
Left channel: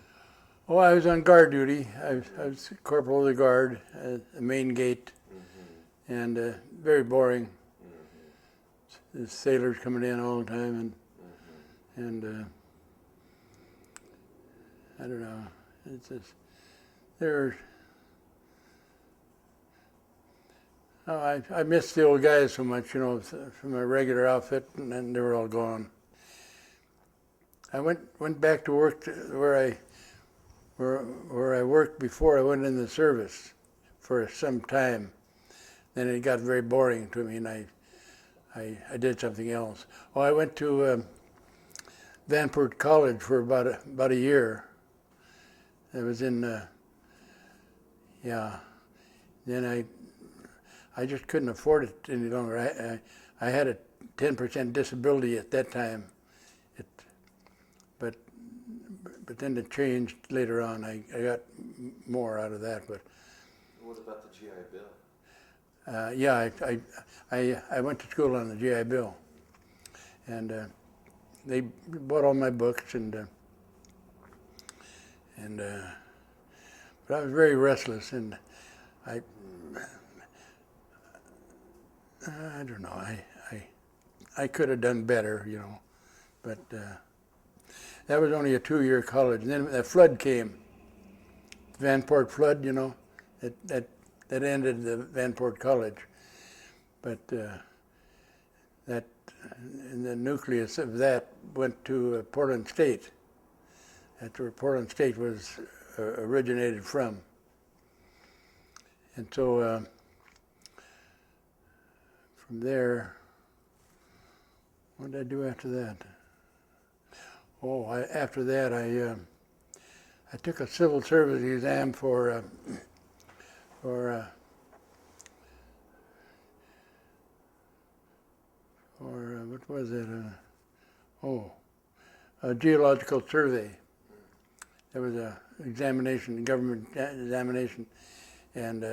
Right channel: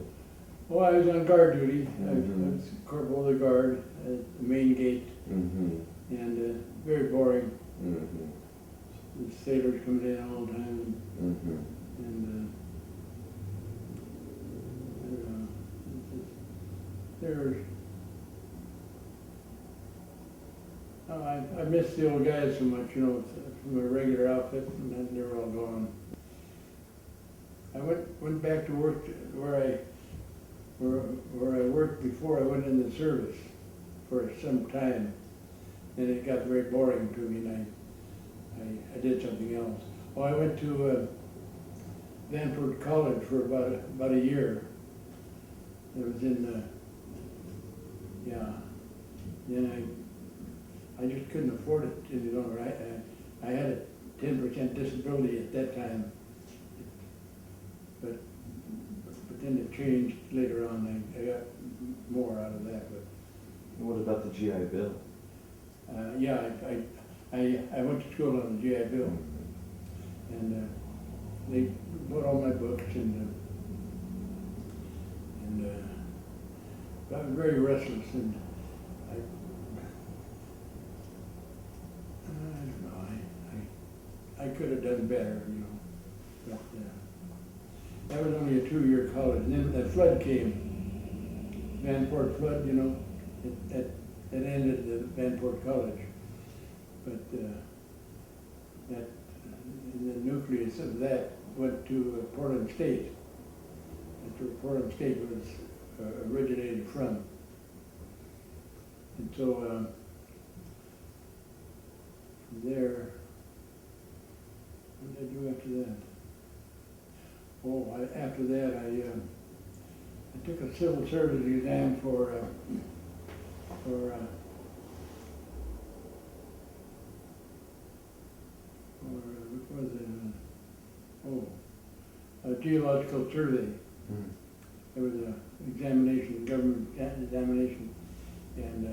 Oh, I was on guard duty. Mm-hmm. I was corporal of the guard at the main gate, Mm-hmm. and very boring. Mm-hmm. The sailors coming in all the time, Mm-hmm. and I don't know. It's just, they're. Oh, I miss the old guys so much, you know, from a regular outfit, and then they were all gone. I went back to work where I worked before I went in the service for some time. Then it got very boring to me, and I did something else. Oh, I went to Vanport College for about a year. I was in, yeah. Then I just couldn't afford it any longer. I had a 10% disability at that time, but then it changed later on. I got more out of that. But What about the GI Bill? yeah, I went to school on the GI Bill, and they bought all my books, but I was very restless, and I don't know. I could have done better, you know, but that was only a 2-year college. And then the flood came, Vanport flood, you know, that ended the Vanport College. But and the nucleus of that went to Portland State. That's where Portland State was originated from. And so from there, what did I do after that? Oh, after that I took a civil service exam for what was it? A geological survey. Mm. There was a examination, government examination, and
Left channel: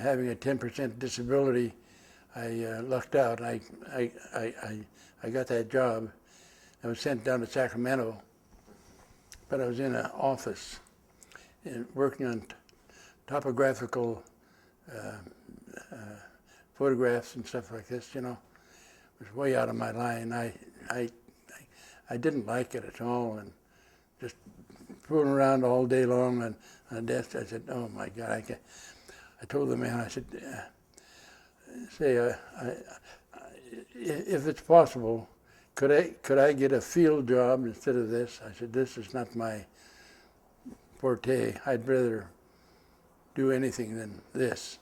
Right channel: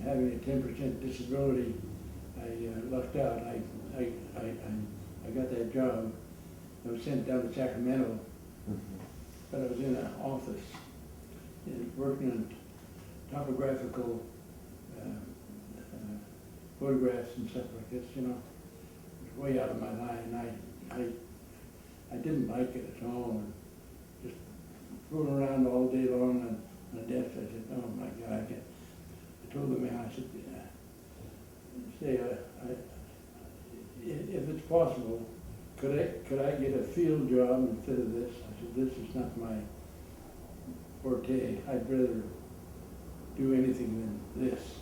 having a 10% disability, I lucked out. I got that job. I was sent down to Sacramento, Mm-hmm. but I was in an office working on topographical photographs and stuff like this, you know. It was way out of my line. I didn't like it at all, and just fooling around all day long on a desk. I said, oh my God, I can't. I told the man, I said, if it's possible, could I get a field job instead of this? I said, this is not my forte. I'd rather do anything than this.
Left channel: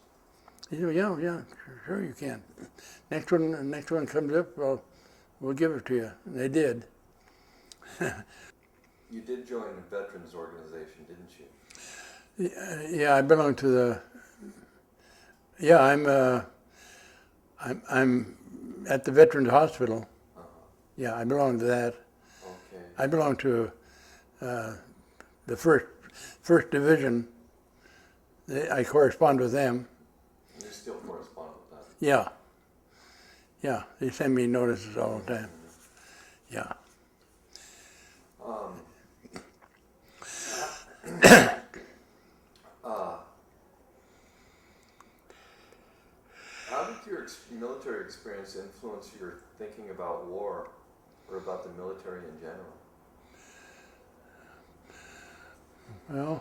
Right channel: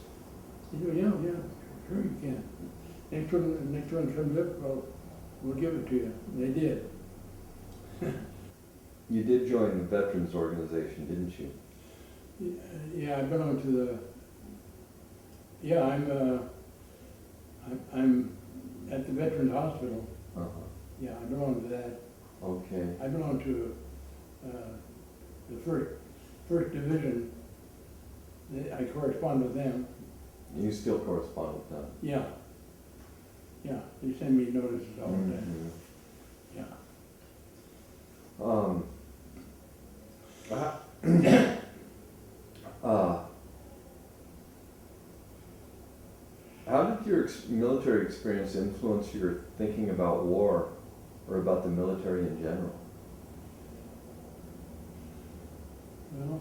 He said, yeah, sure you can. Next one comes up, we'll give it to you. And they did. You did join the Veterans Organization, didn't you? Yeah, I belong to the. Yeah, I'm at the Veterans Hospital. Uh-huh. Yeah, I belong to that. Okay. I belong to the first division. I correspond with them. You still correspond with them? Yeah, they send me notices all the time. Mm-hmm. Yeah. How did your military experience influence your thinking about war or about the military in general? Well,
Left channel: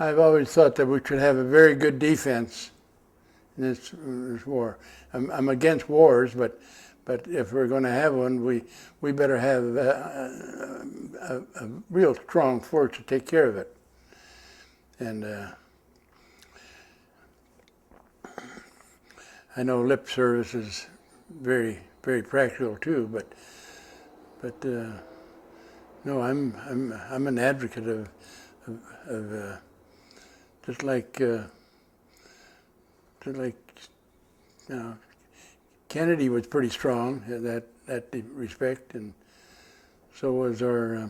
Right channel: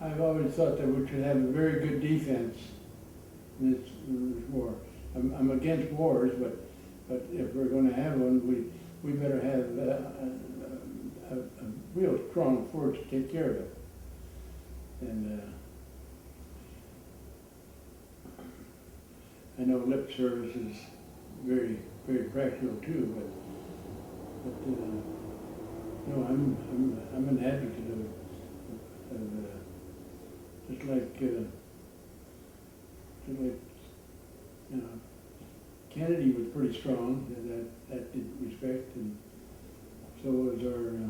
I've always thought that we should have a very good defense in this war. I'm against wars, but if we're going to have one, we better have a real strong force to take care of it. And I know lip service is very, very practical too, but no, I'm an advocate of just like you know, Kennedy was pretty strong in that respect, and so was our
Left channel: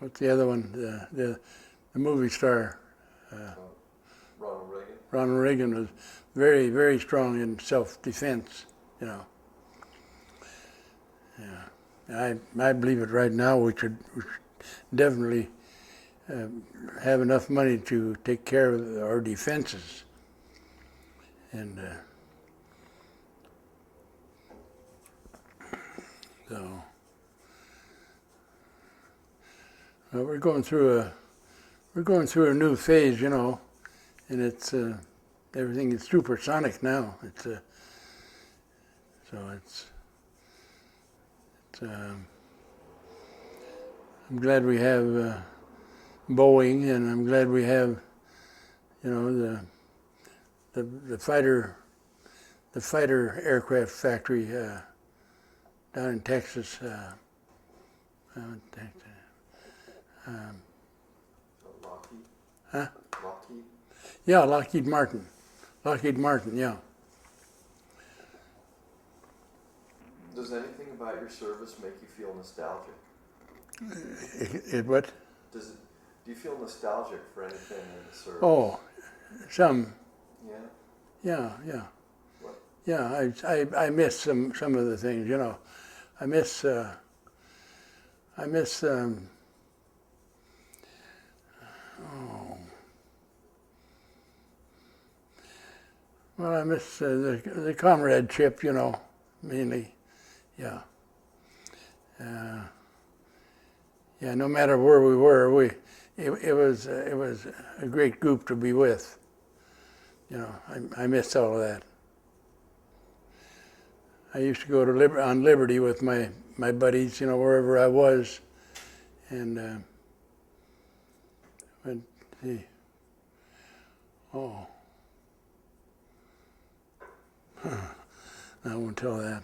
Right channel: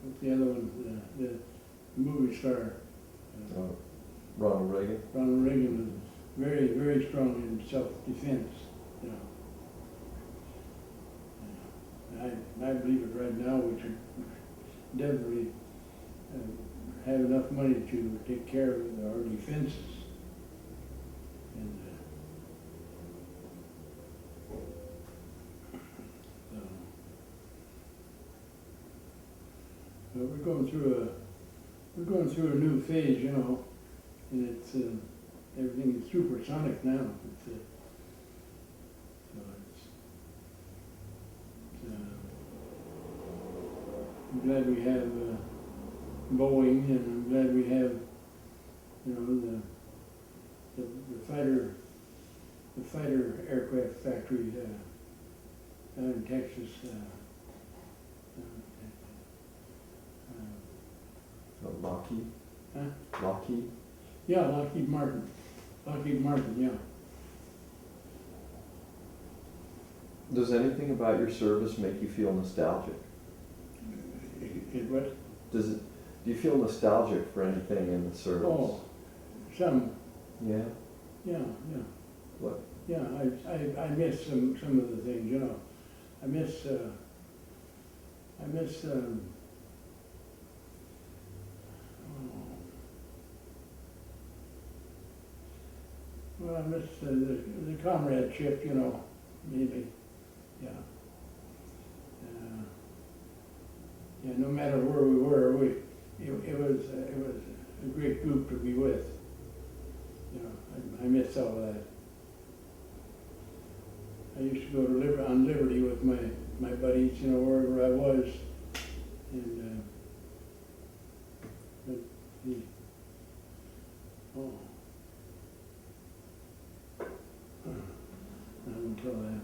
what's the other one? The movie star Ronald Reagan. Ronald Reagan was very, very strong in self-defense. You know. Yeah, I believe it right now. We should definitely have enough money to take care of our defenses. And so, well, we're going through a new phase, you know, and it's everything is supersonic now. So I'm glad we have Boeing, and I'm glad we have, you know, the fighter aircraft factory down in Texas. Lockheed? Huh? Lockheed? Yeah, Lockheed Martin, yeah. Does anything about your service make you feel nostalgic? What? Do you feel nostalgic for anything in the service? Oh, some. Yeah? Yeah. What? Yeah, I miss some of the things, you know. I miss the comradeship, you know, mainly, yeah. Yeah, no matter where we were, it was a great group to be with. You know, I miss all of that. I used to go to on Liberty with my buddies, you know, wherever I was, and I won't tell that.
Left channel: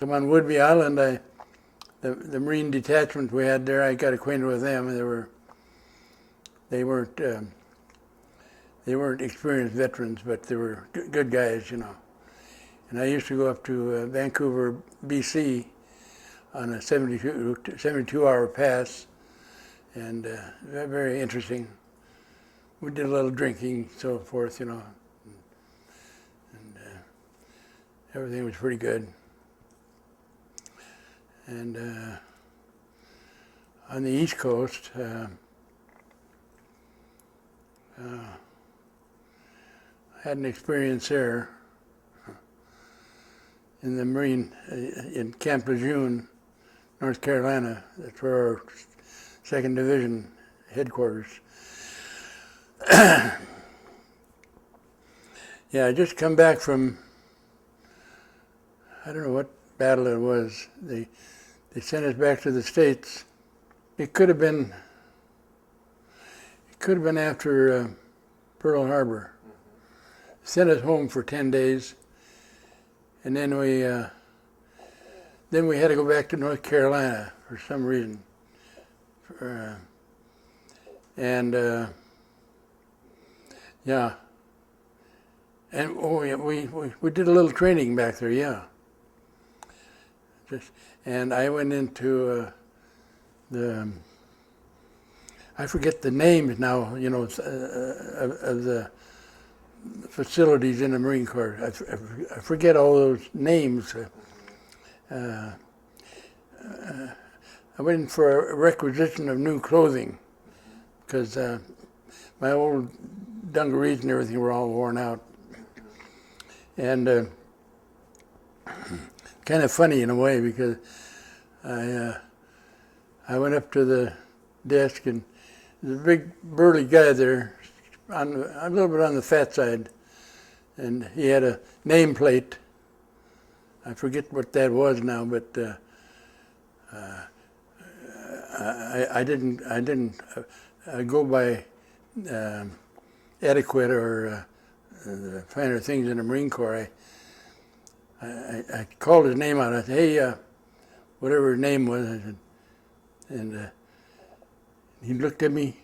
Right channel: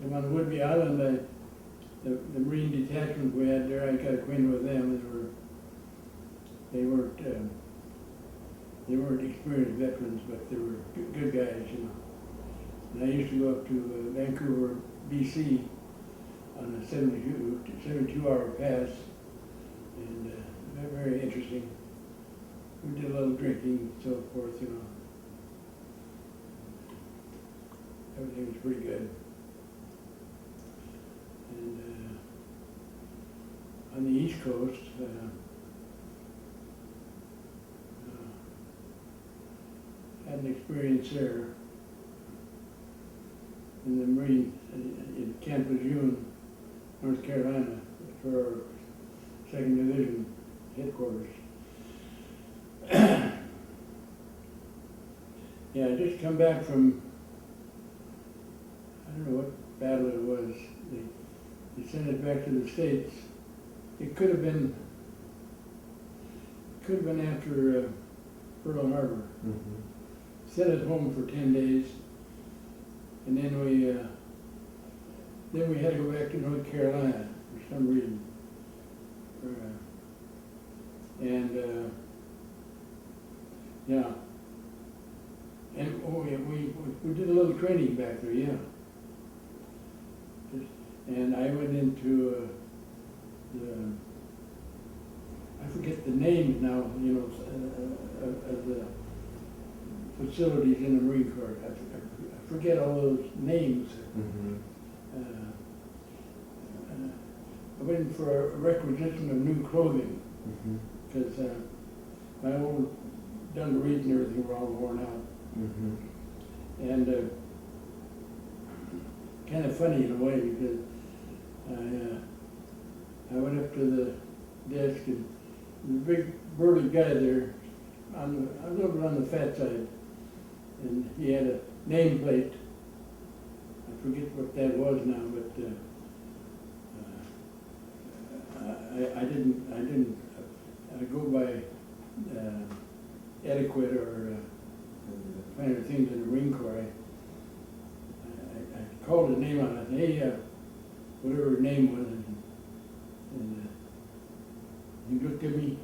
I'm on Whidbey Island. The Marine detachment we had there, I got acquainted with them. They weren't experienced veterans, but they were good guys, you know. And I used to go up to Vancouver, BC, on a 72-hour pass, and very interesting. We did a little drinking, so forth, you know. And everything was pretty good. And on the East Coast, I had an experience there in the Marine, in Camp Lejeune, North Carolina. That's where our 2nd Division headquarters. Yeah, I just come back from, I don't know what battle it was. They sent us back to the States. It could have been after Pearl Harbor. Mm-hmm. Sent us home for 10 days, and then we had to go back to North Carolina for some reason. Yeah. And we did a little training back there, yeah. And I went into I forget the names now, you know, of the facilities in the Marine Corps. I forget all those names. Mm-hmm. I went in for a requisition of new clothing because my old dungarees and everything were all worn out. Mm-hmm. And kind of funny in a way because I went up to the desk, and there's a big burly guy there, a little bit on the fat side, and he had a nameplate. I forget what that was now, but I didn't go by etiquette or the finer things in the Marine Corps. I called his name out. I said, "Hey, whatever his name was," and he looked at me.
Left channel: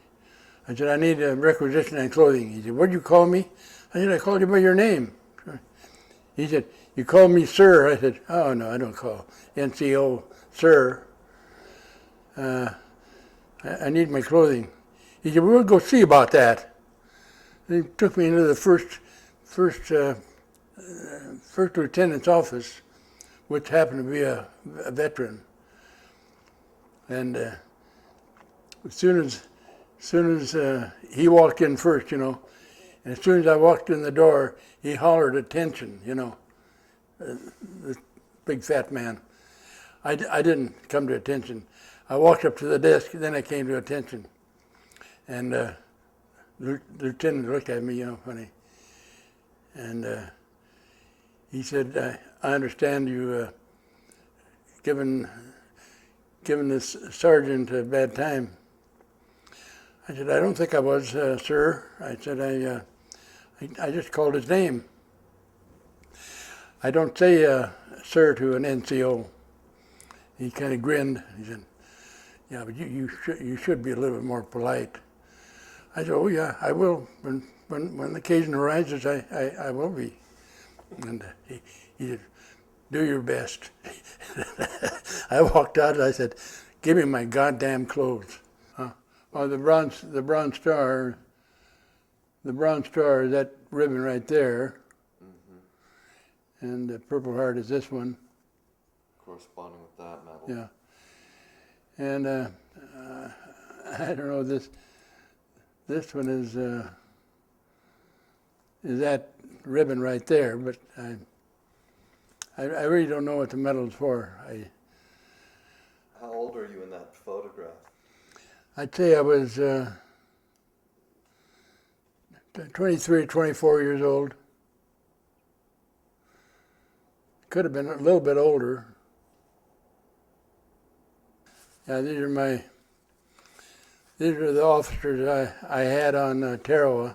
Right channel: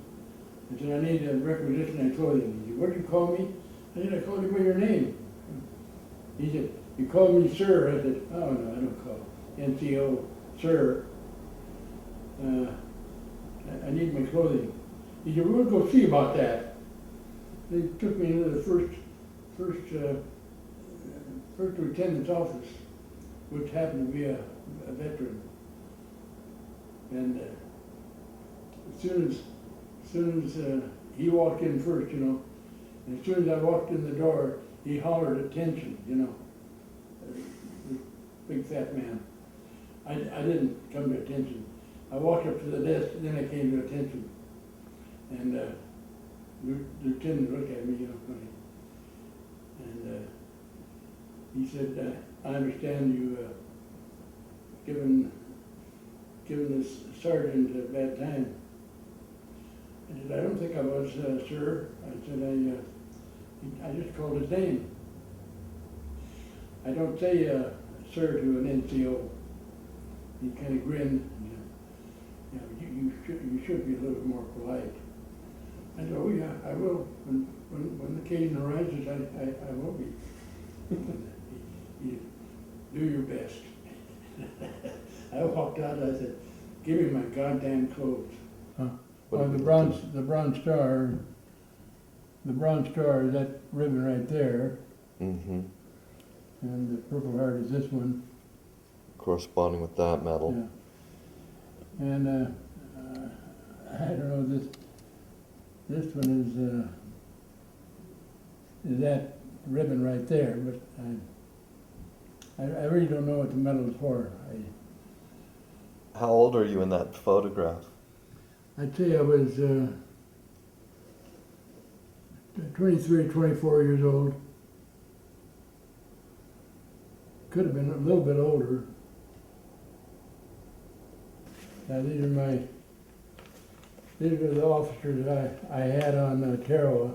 I said, "I need a requisition on clothing." He said, "What'd you call me?" I said, "I called you by your name." He said, "You called me sir." I said, "Oh, no, I don't call NCO sir. I need my clothing." He said, "We'll go see about that." He took me into the first lieutenant's office, which happened to be a veteran. And as soon as he walked in first, and as soon as I walked in the door, he hollered attention, this big fat man. I didn't come to attention. I walked up to the desk, then I came to attention. And the lieutenant looked at me, funny. And he said, "I understand you given this sergeant a bad time." I said, "I don't think I was, sir." I said, I just called his name. I don't say sir to an NCO. He kind of grinned. He said, "Yeah, but you should be a little bit more polite." I said, "Oh yeah, I will. When the occasion arises, I will be." And he said, "Do your best." I walked out and I said, "Give me my goddamn clothes." Well, the Bronze Star is that ribbon right there, Mm-hmm. and the Purple Heart is this one. Corresponding with that medal. Yeah. And I don't know, this one is that ribbon right there, but I really don't know what the medal is for. How old are you in that photograph? I'd say I was 23, 24 years old. Could have been a little bit older. Yeah, these are the officers I had on Tarawa.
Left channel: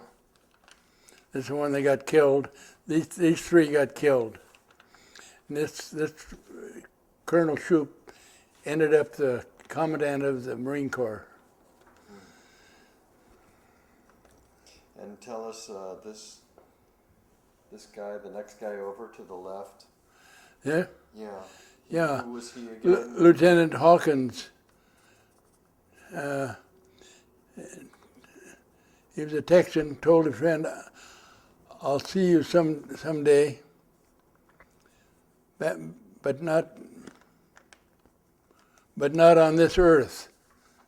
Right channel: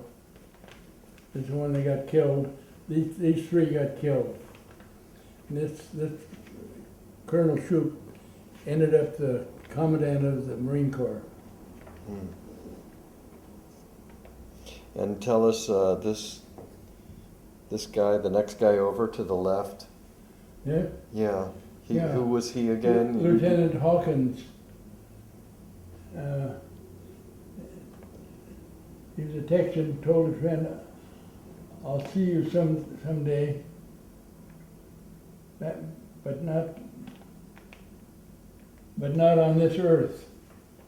This is the one that got killed. These three got killed. And this Colonel Shoup ended up the commandant of the Marine Corps. And tell us this guy, the next guy over to the left. Yeah. Yeah. Yeah. Who was he again? Lieutenant Hawkins. He was a Texan. Told a friend, "I'll see you someday, but not on this earth."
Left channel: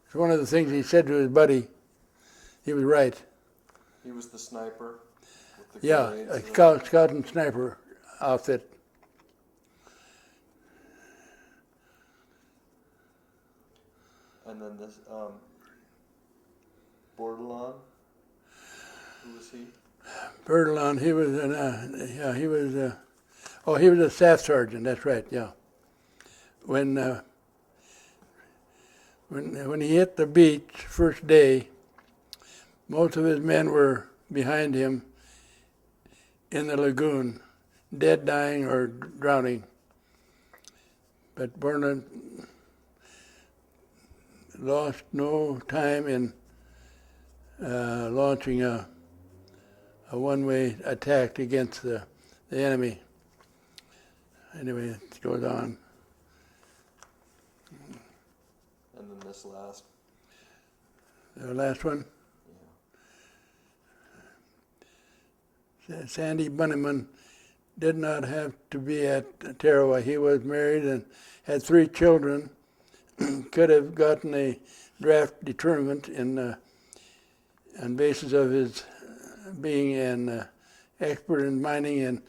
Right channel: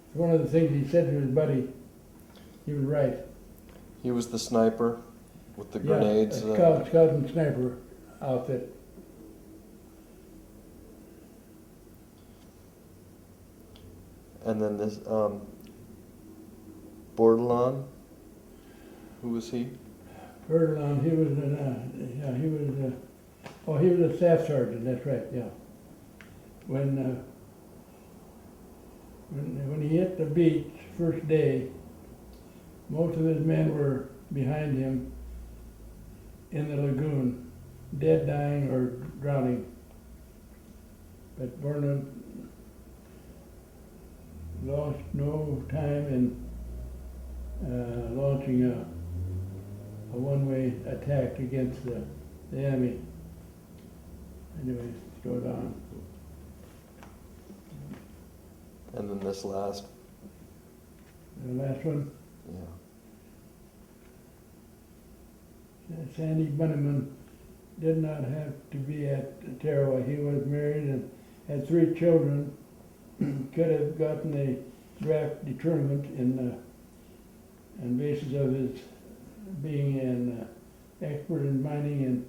It's one of the things he said to his buddy. He was right. He was the sniper with the Yeah, grenades. a scout and sniper outfit. And then this Bordelon. Who was he? Bertillon, he was he was a staff sergeant. That's right. Yeah. When he hit the beach first day, most of his men were behind him in the lagoon, dead, dying, or drowning. But Bertillon lost no time in launching a one-way attack against the enemy. Anyway, it goes on. And then this last. The last one, Yeah. Sandy Bunnyman did not have to be at Tarawa. He was married and had 3 children. Could have gotten a draft determined on basis of his being an expert in mining and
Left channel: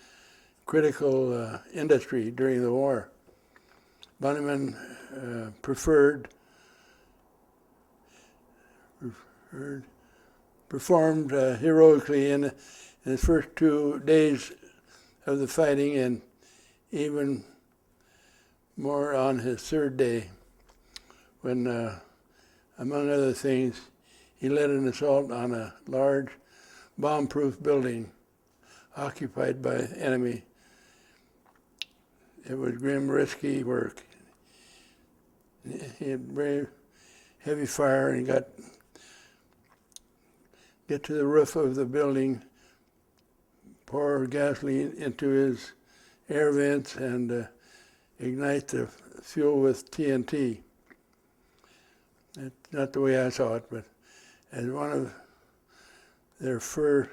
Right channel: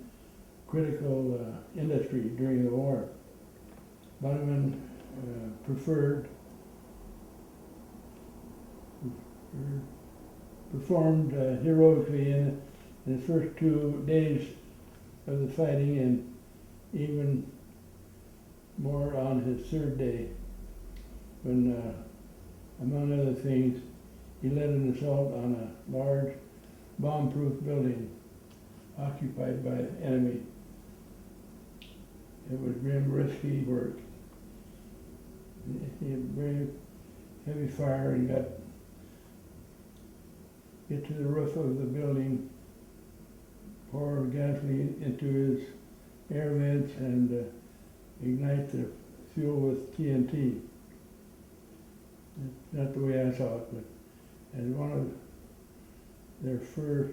critical industry during the war. Bunnyman preferred performed heroically in the first 2 days of the fighting, and even more on his 3rd day, when, among other things, he led an assault on a large bomb-proof building occupied by enemy. It was grim, risky work. He had brave, heavy fire, and get to the roof of the building, pour gasoline into his air vents, and ignite the fuel with TNT. That's not the way I saw it, but as one of their first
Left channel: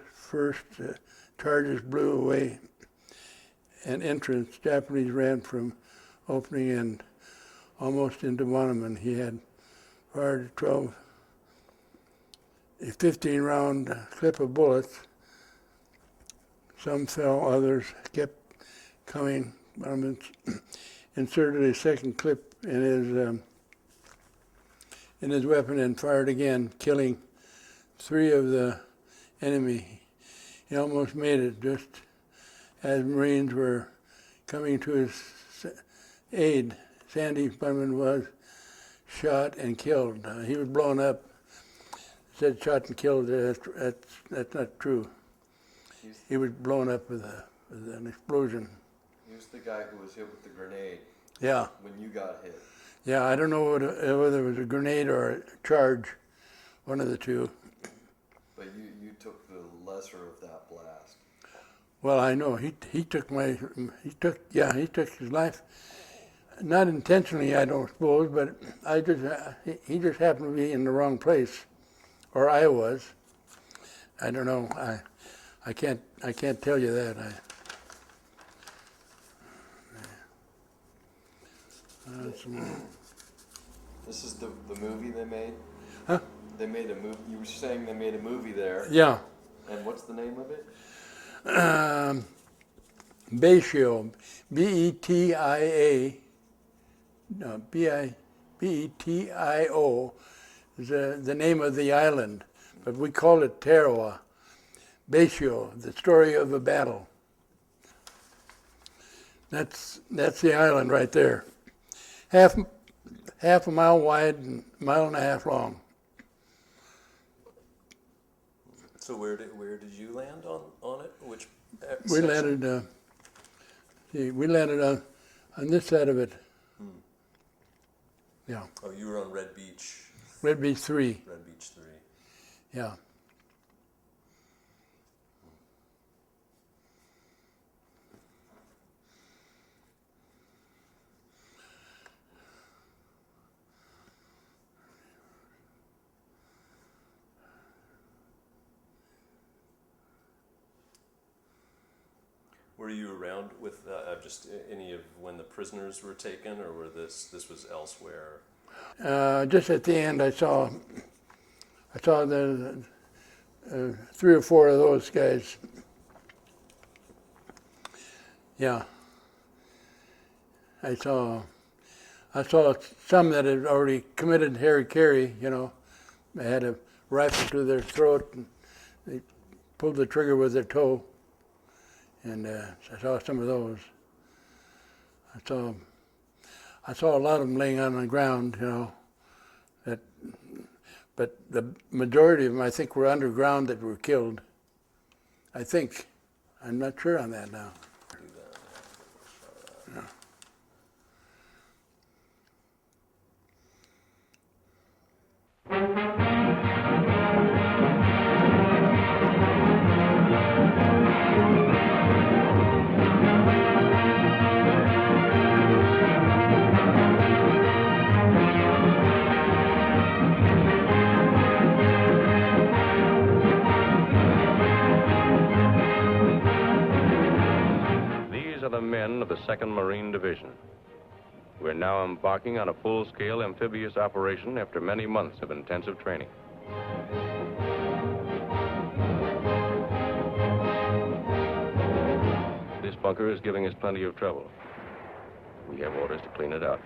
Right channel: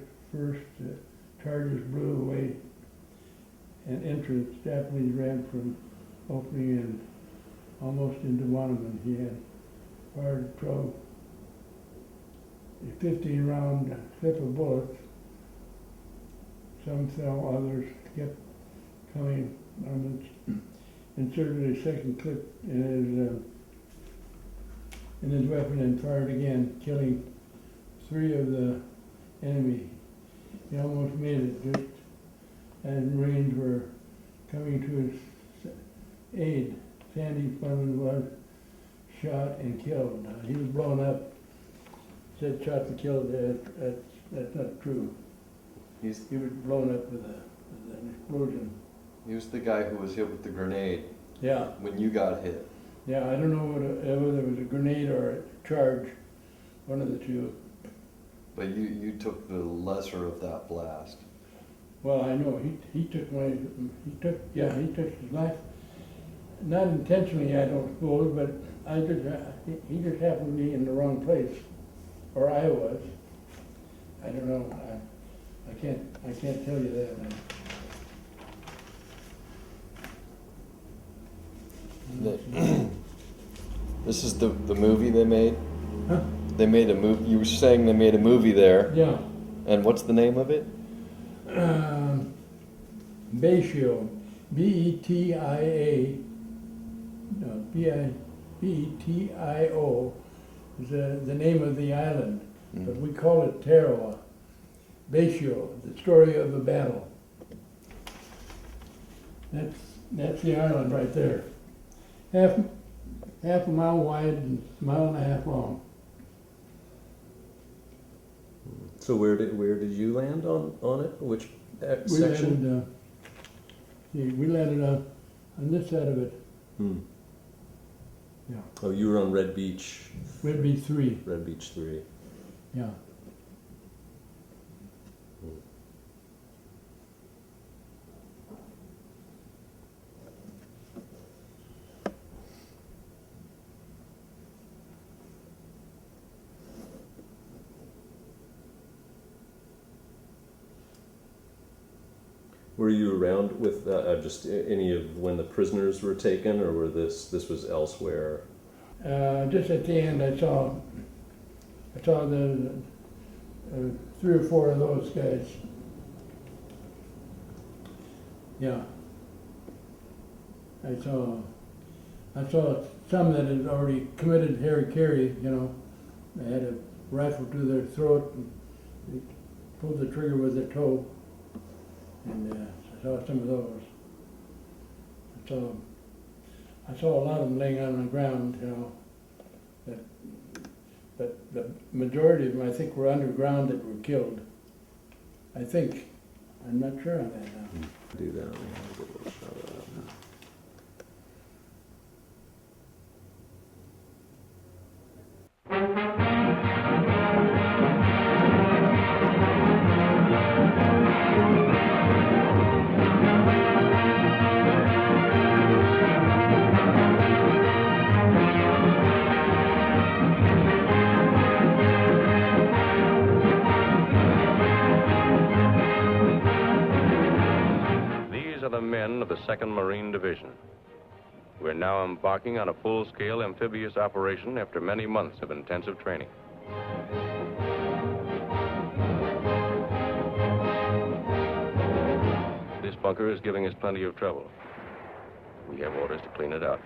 charges blew away an entrance, Japanese ran from opening and almost into one of them. He had fired a 15-round clip of bullets. Some fell, others kept coming. One of them inserted a second clip in his weapon and fired again, killing 3 of the enemy. He almost made it just as Marines were coming to his aid. Sandy Bunman was shot and killed. He was blown up. Said shot and killed. That's not true. He was blown up with an explosion. He was the guy who was hit with the grenade. Yeah. When you got hit. Yeah, I don't know whether it was a grenade or a charge, one of the two. But you took the lesser of that blast. Well, I know he took his life, not intentionally, I don't suppose, but he just happened to be in the wrong place, or I was. I don't know. I can't tell you that. This is the movie they made? Huh? They made a movie. You were saying they made a movie there. Yeah. And what's the name of it? Betio, B-E-T-I-A, no, B-E-T-I-O is the name of the island, but we call it Tarawa. Betio, the story of a battle. That's the island right there. Half a mile wide and a mile and a half long. So where did you land on it? Which section? We landed on this side of it. Yeah. Oh, you were on Red Beach. Red Beach 3. Red Beach 3. Yeah. Were you around with just any of when the prisoners were taken, or were this was elsewhere? Just at the end, I saw the 3 or 4 of those guys. Yeah. I saw some that had already committed hara-kiri. You know, they had a rifle to their throat, and they pulled the trigger with their toe. And I saw some of those. I saw a lot of them laying on the ground, you know. But the majority of them, I think, were underground that were killed. I think. I'm not sure on that now. Do that. Of the 2nd Marine Division. We're now embarking on a full-scale amphibious operation after many months of intensive training. This bunker is giving us plenty of trouble. We have orders to clean it out.